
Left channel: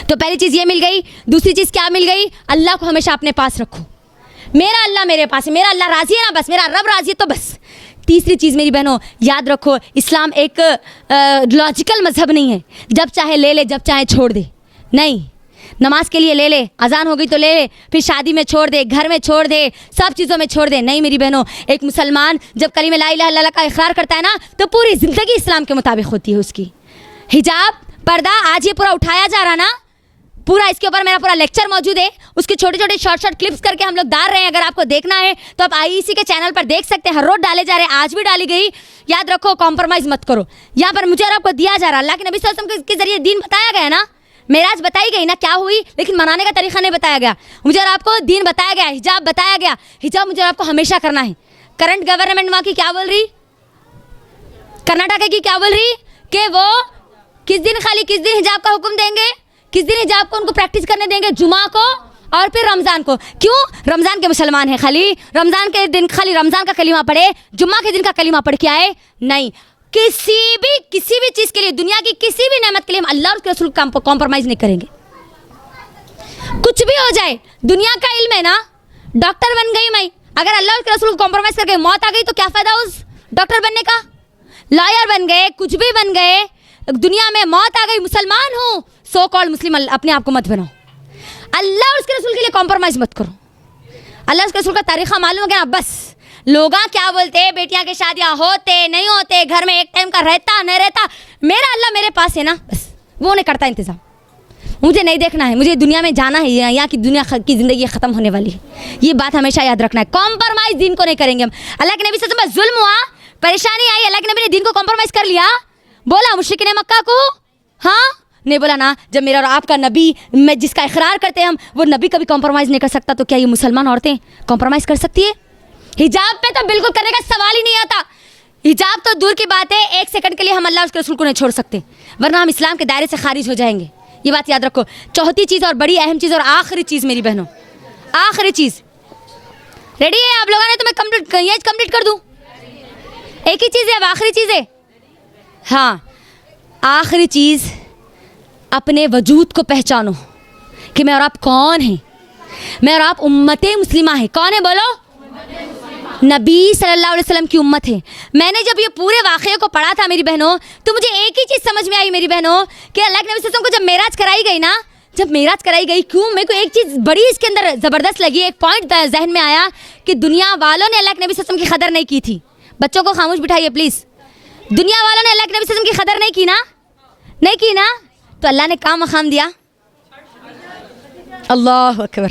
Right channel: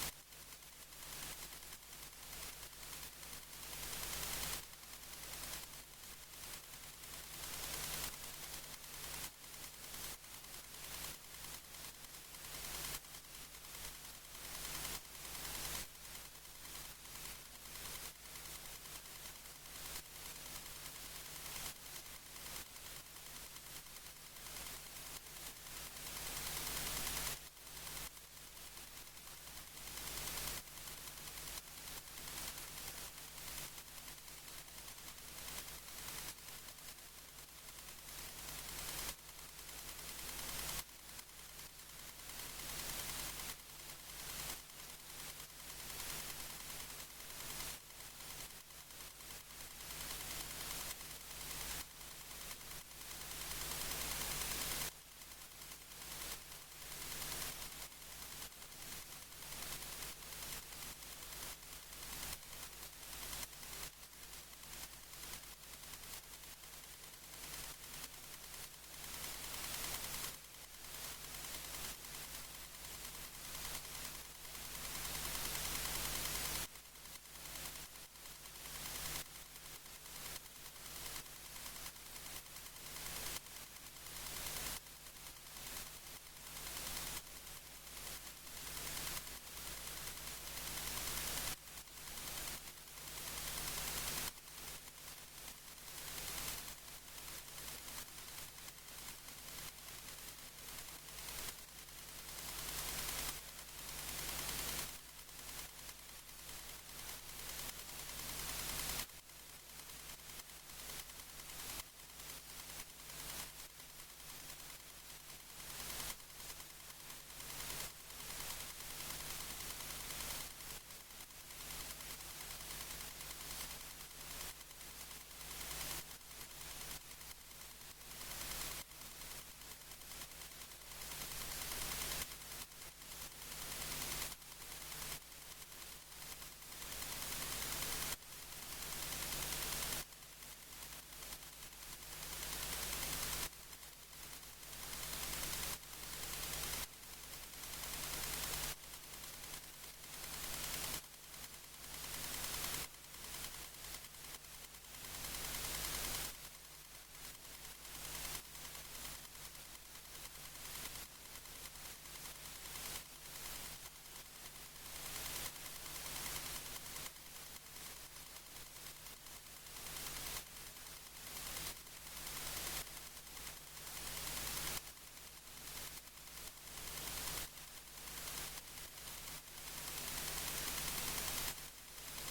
तो पहली चीज़ ये मिल गई। दूसरी चीज़ क्या मिल गई? अल्लाह को हमेशा अपने पास रखो। मेरा अल्लाह मेरे पास है, मेरा अल्लाह राज़ी है ना, बस मेरा रब राज़ी है तो बस। तीसरी चीज़ मेरी बहनों याद रखो, इस्लाम एक लॉजिकल मज़हब नहीं है, जब चाहे ले ले जब चाहे छोड़ दे। नहीं, नमाज के लिए ले ले, अजान हो गई तो ले ले, फिर शादी में छोड़ दे, घर में छोड़ दे, सब चीज़ों में छोड़ दे। नहीं मेरी बहनों, एक मुसलमान जब कलीमा ला इलाहा इल्लल्लाह का इकरार करता है ना, तो पूरी ज़िंदगी इस्लाम के मुताबिक होती है उसकी। हिजाब, पर्दा, आज ये पूरा उठाया जा रहा ना, पूरा इसके ऊपर मेरा पूरा लेक्चर मौजूद है, उसके छोटे छोटे शॉर्ट क्लिप्स करके हम लोग डाल रहे हैं। अगर आपको देखना है तो आप IEC के चैनल पर देख सकते हैं, हर रोज डाले जा रहे हैं, आज भी डाली गई। याद रखो, कॉम्प्रोमाइज़ मत करो। यहाँ पर मुझे और आपको दिया जा रहा, अल्लाह के नबी सल्लल्लाहु अलैहि वसल्लम के जरिए दीन बताया गया ना, मेराज बताई गई ना, क्या हुई, लेकिन मनाने का तरीका नहीं बताया गया। मुझे और आपको दीन बताया गया, हिजाब बताया गया। हिजाब मुझे और आपको हमेशा करना है। करंट गवर्नमेंट वहाँ की क्या बोल रही, कर्नाटक की क्या बोल रही कि वो किस दिन हिजाब का हुक्म देंगे, किस दिन हिजाब को उनको प्रैक्टिस करने देंगे, जुमा को और फिर रमज़ान को। क्यों? रमज़ान के मुसलमान हैं, खाली रमज़ान के दिन खाली रमज़ान का कलीमा पढ़े, जुम्मा के दिन का कलीमा पढ़ के आए। नहीं, किसी भी चीज़ के लिए, दुनिया की किसी भी नेमत के लिए हम अल्लाह और उसके रसूल का कॉम्प्रोमाइज़ नहीं करेंगे। कुछ भी हो जाए, दुनिया का इल्म है ना, डॉक्टर बन गई मैं, अगर अल्लाह और उसके रसूल को कॉम्प्रोमाइज़ करके मौत आ गई तो क्या फ़ायदा उस डॉक्टर बनने का? लॉयर बन गए, कुछ भी बन गए, दुनिया में मौत आ गई, मुसलमान हूँ, सो कॉल्ड मुस्लिम अपने आप को मत बनाओ। अल्लाह और उसके रसूल के लिए कॉम्प्रोमाइज़ मत करो। अल्लाह और उसके रसूल का तरीक़ा मालूम हो गया, बस लोग क्या बोलते हैं, बेटियां की शादियां होते नहीं होते, घर में एक टाइम का रहता नहीं रहता, मेरा अल्लाह मेरे पास है ना, बस वो नहीं करता इंतज़ाम। मुझे नहीं देखना है, मुझे दुनिया में जाना है, यहाँ की दुनिया की ज़िंदगी ख़त्म होने वाली है, ये बात हमेशा याद रखना है। कॉम्प्रोमाइज़ दीन को नहीं करेंगे हम। अल्लाह के नबी से जुल्म हुआ, परेशानी आई, अल्लाह के नबी ने दीन को कॉम्प्रोमाइज़ कर लिया, बोला मुशरिकीन मक्का को, हाँ नहीं बोला ना। जब मेरा और आपका नबी में जिसका इकरार करते हैं हम, वो नबी कभी कॉम्प्रोमाइज़ नहीं कर सकता, तो क्या ये मुसलमान औरतें कॉम्प्रोमाइज़ कर सकती है? हिजाब पे तो बिल्कुल करने का सवाल ही नहीं आता। हिजाब तो दूर की बात है, एक सेकंड के लिए हम अल्लाह और उसके रसूल को नहीं छोड़ सकते, वरना हम इस्लाम के दायरे से खारिज हो जाएंगे। ये बात याद रखो। चौथी चीज़ और बड़ी अहम चीज़ और आखिरी चीज़ मेरी बहनों, आखिरी चीज़, रेडी है आप लोगों ने? तो मैं कंप्लीट कर दूँ। एक ही चीज़ है, अब आखिरी चीज़ है। हाँ, आखिरी चीज़, अपने वजूद को पहचानो कि मैं और आप कौन हैं। मैं और आप उम्मते मुस्लिमा है। कौन है बोलो? नबी सल्लल्लाहु अलैहि वसल्लम की उम्मत है। मैंने जब ये पूरे वाक़े को पढ़ा था मेरी बहनों, तो मुझे एक ही चीज़ समझ में आई मेरी बहनों, कि अल्लाह के नबी सल्लल्लाहु अलैहि वसल्लम को जब मेराज कराई गई ना, जब मेराज कराई गई, क्यों, मेरे को एक चीज़ बड़ी इसके अंदर ज़बरदस्त लगी, एक पॉइंट जहन में आया कि दुनिया वालों ने अल्लाह के नबी सल्लल्लाहु अलैहि वसल्लम की कदर नहीं की थी। बच्चों को खामोश बिठाइए प्लीज़। दुनिया वालों ने अल्लाह के नबी सल्लल्लाहु अलैहि वसल्लम की कदर नहीं की ना, नहीं की ना, तो अल्लाह ने काम मकाम दिया। अल्लाह अकबर।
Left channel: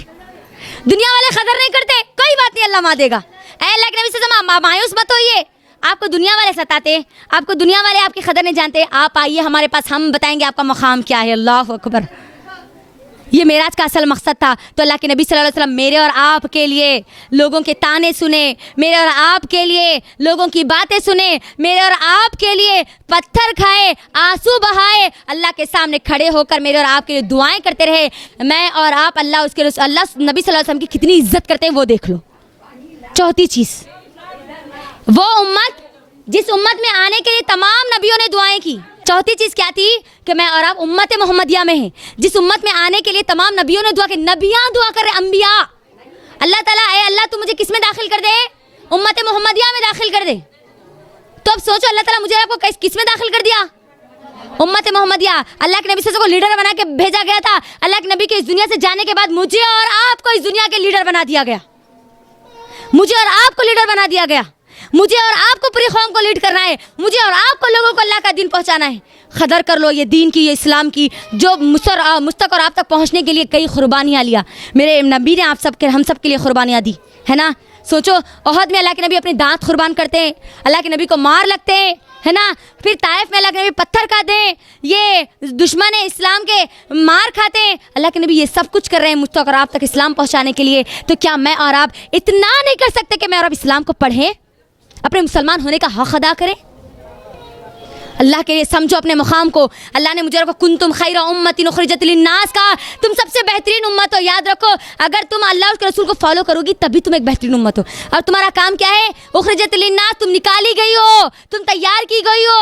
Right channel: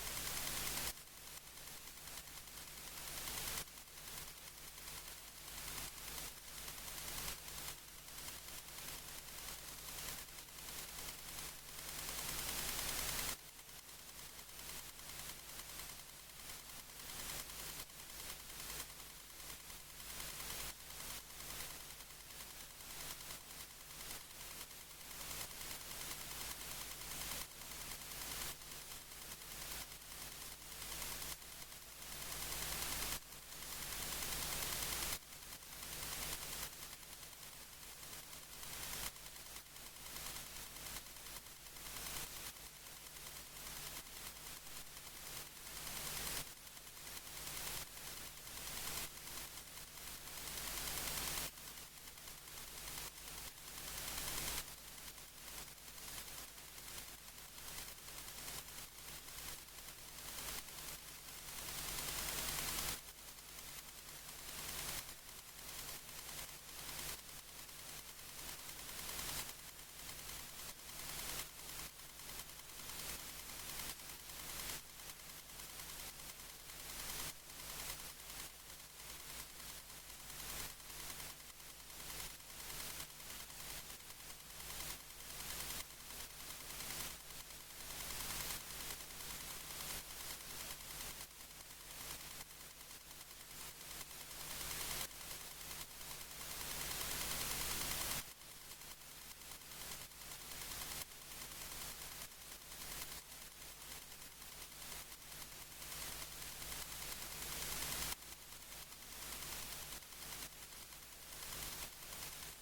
दुनिया वाले कदर नहीं करते, कोई बात नहीं, अल्लाह मा देगा। अल्लाह के नबी से मायूस मत होइए, आपको दुनिया वाले सताते, आपको दुनिया वाले आपकी कदर नहीं जानते, आप आइए हमारे पास, हम बताएंगे आपका मकाम क्या है। अल्लाह अकबर। ये मेराज का असल मकसद था। तो अल्लाह के नबी सल्लल्लाहु अलैहि वसल्लम मेरे और आपके लिए लोगों के ताने सुने, मेरे और आपके लिए लोगों की बातें सुने, मेरे और आपके लिए पत्थर खाए, आंसू बहाए, अल्लाह के सामने खड़े होकर मेरे और आपके लिए दुआएं करते रहे। मैं और आप अल्लाह उसके अल्लाह नबी सल्लल्लाहु अलैहि वसल्लम की कितनी इज्जत करते हैं वो देख लो। चौथी चीज़, वो उम्मत जिस उम्मत में आने के लिए तमाम नबियों ने दुआएं की। चौथी चीज़ क्या थी? कि मैं और आप उम्मत मोहम्मदिया में हैं, जिस उम्मत में आने के लिए तमाम नबियों ने दुआ की। नबियाँ दुआ कर रहे, अम्बिया। अल्लाह ताला, ए अल्लाह तू मुझे किस में दाखिल कर दे? उम्मत मोहम्मदिया में दाखिल कर दे। तो अब सोचो, अल्लाह ताला मुझे आपको किस में दाखिल कर दिया? उम्मत मोहम्मदिया। अल्लाह के नबी से को लीडर बना के भेजा गया था। अल्लाह के नबी के इस दुनिया से जाने के बाद मुझे और आपको इस दुनिया के लीडर बना दिया गया, मुझे और आपको लीडर बना दिया गया। मुझे और आपको पूरी कौम को लीड करना है, मुझे और आपको लोगों को अल्लाह का दीन पहुंचाना है। कदर कर लो ये दीन की, ये इस्लाम की, जो मुझ तक और आप तक पहुंचने के लिए कई कुर्बानियाँ लिया। मेरे नबी ने आप सब के, हम सब के लिए कुर्बानियाँ दी है ना। सोचो, ओहद में अल्लाह के नबी अपने दांत कुर्बान करते हैं, अल्लाह के नबी को मार लगते हैं है ना। फिर ताइफ में अल्लाह के नबी पत्थर खाते हैं, ये दुश्मन इस्लाम के मार खाते हैं, अल्लाह के नबी ये सब कुछ कर रहे हैं मुझ तक और आप तक इस्लाम पहुँचाने के लिए। तो क्या मैं और आप इतना नहीं कर सकते कि मैं और आप इस्लाम को पढ़ें, अपने मुसलमान होने का हक़ अदा करें? अल्लाह के लिए समझो अपने मुकाम को। अल्लाह ने मुझे रखो कुंतुम खैरा उम्मतिन उखरिजत लिन्नास का, तुम सबसे बेहतरीन उम्मत हो। याद रखो, अगर तुम अल्लाह और उसके रसूल को फॉलो करोगी तभी तुम एक बेहतरीन उम्मत हो। और तुम्हारा काम क्या है? उखरिजत लिन्नास, तुम निकाली गई हो, तुम तैयार की गई हो,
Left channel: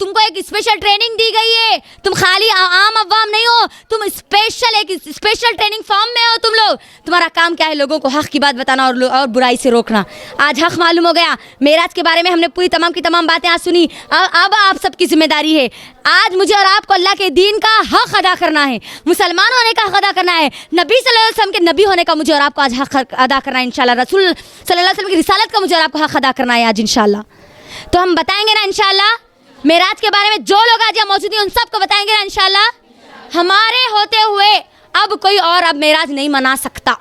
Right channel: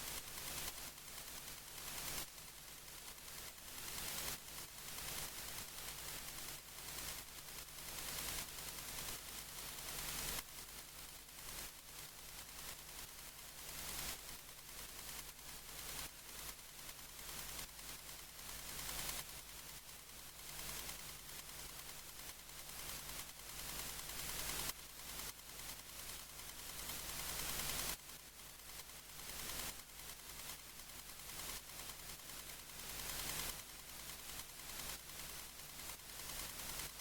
तुमको एक स्पेशल ट्रेनिंग दी गई है। तुम खाली आम अवाम नहीं हो, तुम एक स्पेशल ट्रेनिंग फॉर्म में हो तुम लोग। तुम्हारा काम क्या है? लोगों को हक़ की बात बताना और बुराई से रोकना। आज हक़ मालूम हो गया। मेराज के बारे में हमने पूरी तमाम की तमाम बातें आज सुनी। अब आप सबकी जिम्मेदारी है, आज मुझे और आपको अल्लाह के दीन का हक़ अदा करना है, मुसलमान होने का हक़ अदा करना है, नबी सल्लल्लाहु अलैहि वसल्लम के नबी होने का मुझे और आपको आज हक़ अदा करना है इंशाल्लाह। रसूल सल्लल्लाहु अलैहि वसल्लम की रिसालत का मुझे और आपको हक़ अदा करना है आज इंशाल्लाह। तो हम बताएंगे ना इंशाल्लाह, मेराज के बारे में जो लोग आज यहाँ मौजूद हैं उन सबको बताएंगे ना इंशाल्लाह। हमारे होते हुए अब कोई और अब मेराज नहीं मना सकता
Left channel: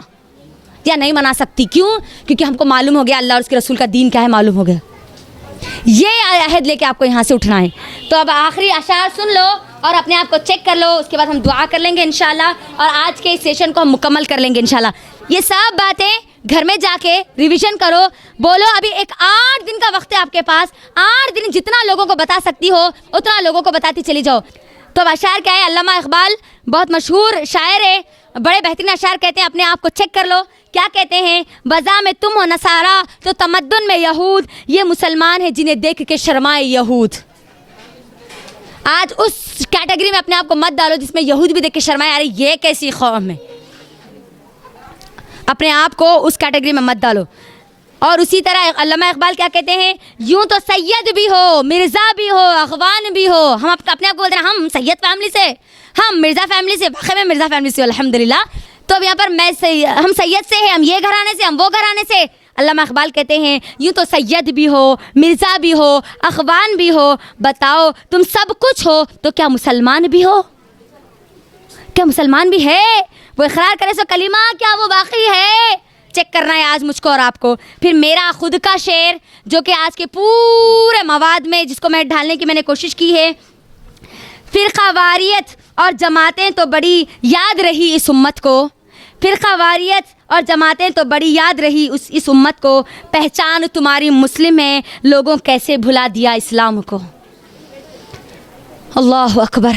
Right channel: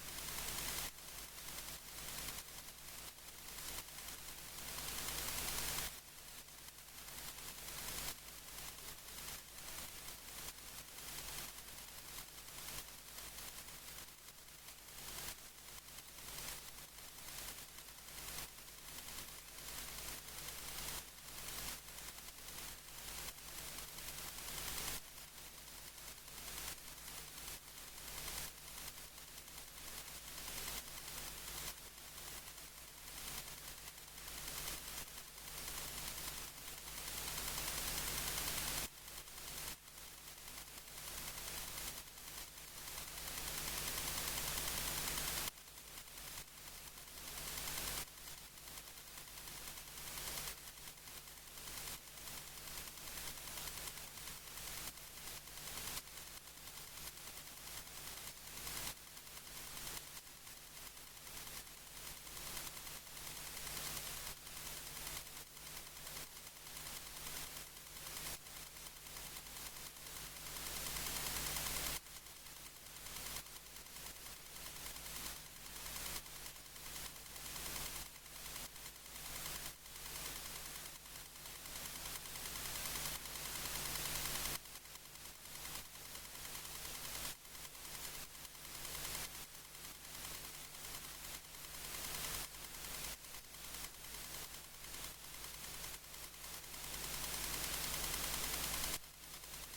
या नहीं मना सकती। क्यों? क्योंकि हमको मालूम हो गया अल्लाह और उसके रसूल का दीन क्या है, मालूम हो गया। ये अहद लेके आपको यहाँ से उठना है। तो अब आखिरी अशार सुन लो और अपने आप को चेक कर लो, उसके बाद हम दुआ कर लेंगे इंशाल्लाह और आज के इस सेशन को हम मुकम्मल कर लेंगे इंशाल्लाह। ये सब बातें घर में जाके रिवीजन करो, बोलो। अभी एक 8 दिन का वक्त है आपके पास, 8 दिन जितना लोगों को बता सकती हो उतना लोगों को बताती चली जाओ। तो अब अशार क्या है? अल्लामा इकबाल बहुत मशहूर शायर है, बड़े बेहतरीन अशार कहते हैं, अपने आप को चेक कर लो। क्या कहते हैं? बज़ा में तुम हो नसारा तो तमद्दुन में यहूद, ये मुसलमान है जिन्हें देख के शर्माए यहूद। आज उस कैटेगरी में अपने आप को मत डालो जिसमें यहूद भी देख के शर्माए, अरे ये कैसी कौम है। अपने आप को उस कैटेगरी में मत डालो। और उसी तरह अल्लामा इकबाल क्या कहते हैं? यूं तो सैयद भी हो, मिर्ज़ा भी हो, अखवान भी हो। हम अपने आप को बोलते हैं हम सैयद फैमिली से, हम मिर्ज़ा फैमिली से, वाकई में मिर्ज़ा फैमिली से अल्हम्दुलिल्लाह। तो अब यहाँ पर हम सैयद से हैं, हम ये घराने से, हम वो घराने से। अल्लामा इकबाल कहते हैं यूँ तो सैयद भी हो, मिर्ज़ा भी हो, अखवान भी हो, बताओ तुम सब कुछ हो तो क्या मुसलमान भी हो? क्या मुसलमान भी है? वो इकरार करे सो कलीमा, क्या वो बाकी है? चेक करना है आज मुझको और आपको। फिर मेरा खुद का शेर जो कि आज के पूरे मवाद में जिसको मैं ढालने की मैंने कोशिश की है। फ़िरक़ा वारियत और जमातें तो बड़ी याद रही इस उम्मत को, फ़िरक़ा वारियत और जमातें तो बड़ी याद रही इस उम्मत को, पहचान तुम्हारी मुस्लिम है, लोगों कैसे भुला दिया इस्लाम को। अल्लाह अकबर।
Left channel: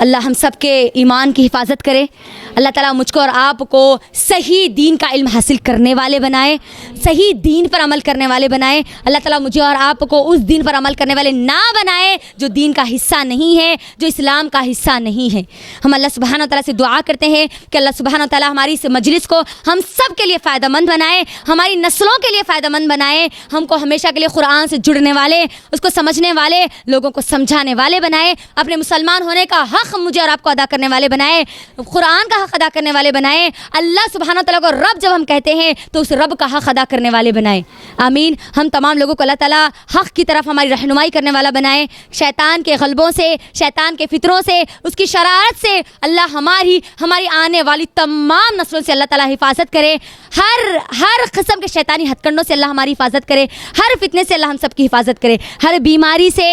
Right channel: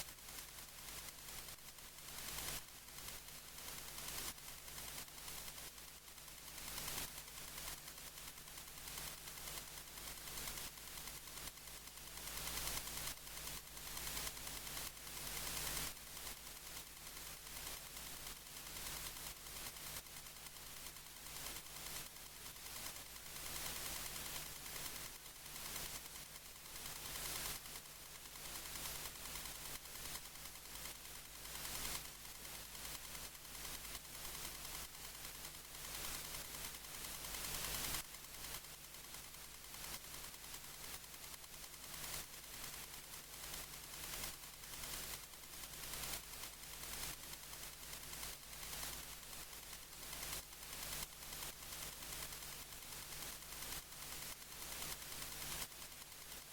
अल्लाह हम सब के ईमान की हिफाजत करे। अल्लाह ताला मुझको और आपको सही दीन का इल्म हासिल करने वाले बनाए, सही दीन पर अमल करने वाले बनाए। अल्लाह ताला मुझे और आपको उस दीन पर अमल करने वाले ना बनाए जो दीन का हिस्सा नहीं है, जो इस्लाम का हिस्सा नहीं है। हम अल्लाह सुब्हानहू तआला से दुआ करते हैं कि अल्लाह सुब्हानहू तआला हमारी इस मजलिस को हम सब के लिए फ़ायदेमंद बनाए, हमारी नस्लों के लिए फ़ायदेमंद बनाए, हमको हमेशा के लिए कुरान से जुड़ने वाले, उसको समझने वाले, लोगों को समझाने वाले बनाए, अपने मुसलमान होने का हक़ मुझे और आपको अदा करने वाले बनाए, कुरान का हक़ अदा करने वाले बनाए। अल्लाह सुब्हानहू तआला को रब जब हम कहते हैं तो उस रब का हक़ अदा करने वाले बनाए। आमीन। हम तमाम लोगों को अल्लाह ताला हक़ की तरफ हमारी रहनुमाई करने वाला बनाए। शैतान के गलबों से, शैतान के फितरों से, उसकी शरारत से अल्लाह हमारी आने वाली तमाम नस्लों से अल्लाह ताला हिफाजत करे। हर किस्म के शैतानी हथकंडों से अल्लाह हमारी हिफाजत करे, हर फितने से अल्लाह हम सब की हिफाजत करे, हर बीमारी से,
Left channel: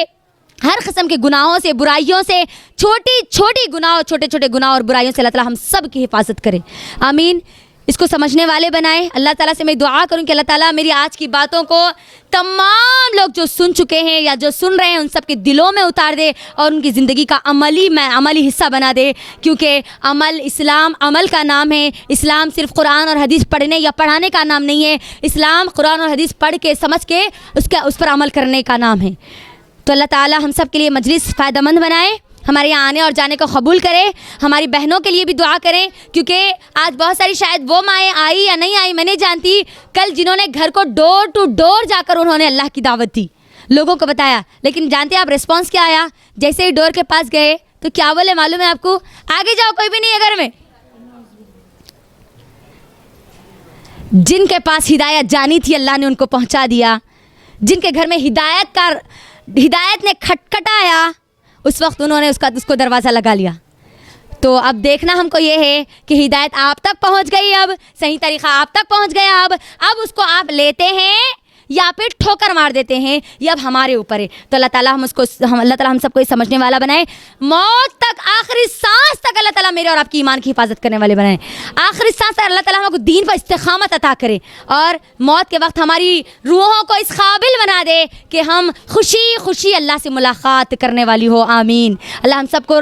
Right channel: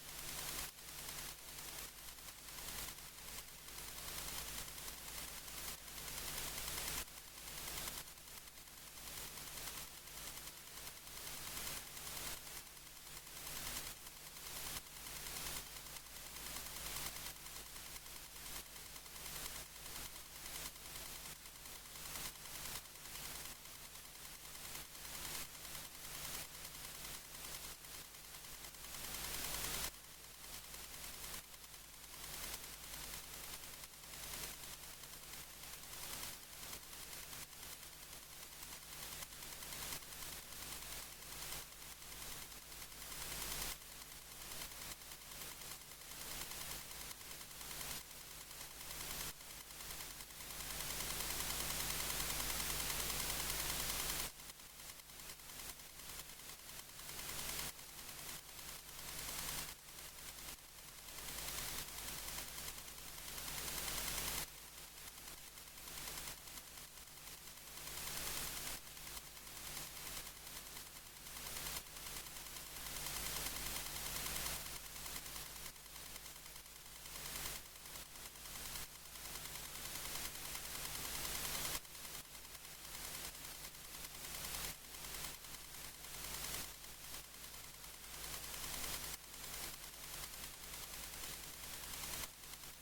हर किस्म के गुनाहों से, बुराइयों से, छोटे छोटे गुनाह और बुराइयों से अल्लाह ताला हम सब की हिफाजत करे। आमीन। इसको समझने वाले बनाए। अल्लाह ताला से मैं दुआ करूं कि अल्लाह ताला मेरी आज की बातों को तमाम लोग जो सुन चुके हैं या जो सुन रहे हैं उन सब के दिलों में उतार दे और उनकी ज़िंदगी का अमली हिस्सा बना दे। क्योंकि इस्लाम अमल का नाम है। इस्लाम सिर्फ कुरान और हदीस पढ़ने या पढ़ाने का नाम नहीं है। इस्लाम कुरान और हदीस पढ़ के समझ के उस पर अमल करने का नाम है। तो अल्लाह ताला हम सब के लिए मजलिस फ़ायदेमंद बनाए, हमारे यहाँ आने और जाने को कबूल करे। हमारी बहनों के लिए भी दुआ करें क्योंकि आज बहुत सारी शायद वो माएँ आई या नहीं आई मैं नहीं जानती, कल जिन्होंने घर को डोर टू डोर जाकर उन्होंने अल्लाह की दावत दी, लोगों को बताया, लेकिन जानते हैं आप रिस्पॉन्स क्या आया? जैसे ही डोर के पास गए तो क्या बोले मालूम है आपको? आगे जाओ, कोई भी नहीं है घर में। जिनके पास हिदायत जानी थी अल्लाह ने उनको पहुँचा दिया। जिनके घर में हिदायत ने खटखटाया उस वक्त उन्होंने उसको दरवाज़ा लगा लिया। तो अब देखना हमको ये है कि हिदायत आप तक पहुंच गई, अब सही तरीक़ा आप तक पहुंच गया। अब उसको आप लेते हैं या फिर ठोकर मार देते हैं, ये अब हमारे ऊपर है। तो अल्लाह ताला अल्लाह ताला हम सबको ये समझने वाला बनाए, मौत तक, आखिरी सांस तक अल्लाह ताला मेरे और आपकी ईमान की हिफाजत करने वाले बनाए। आखिरी सांस तक अल्लाह ताला हमको दीन पर इस्तिकामत अता करे और मौत के वक्त हमारी रूहों को इस काबिल बना दे कि हम खुशी खुशी अल्लाह से मुलाकात करने वाली हो। आमीन। अल्लाह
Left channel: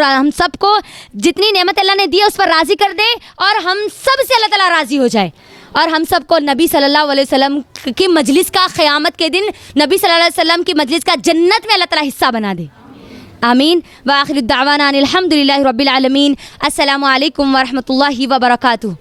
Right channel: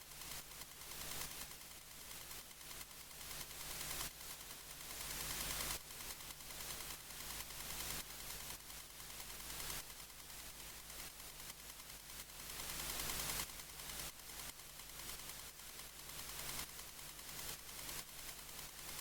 हम सबको जितनी नेमत अल्लाह ने दी है उस पर राज़ी कर दे और हम सब से अल्लाह ताला राज़ी हो जाए और हम सबको नबी सल्लल्लाहु अलैहि वसल्लम की मजलिस का, क़यामत के दिन नबी सल्लल्लाहु अलैहि वसल्लम की मजलिस का जन्नत में अल्लाह ताला हिस्सा बना दे। आमीन। व आखिरु दावाना अनिल हम्दुलिल्लाहि रब्बिल आलमीन। अस्सलामु अलैकुम व रहमतुल्लाहि व बरकातुहू।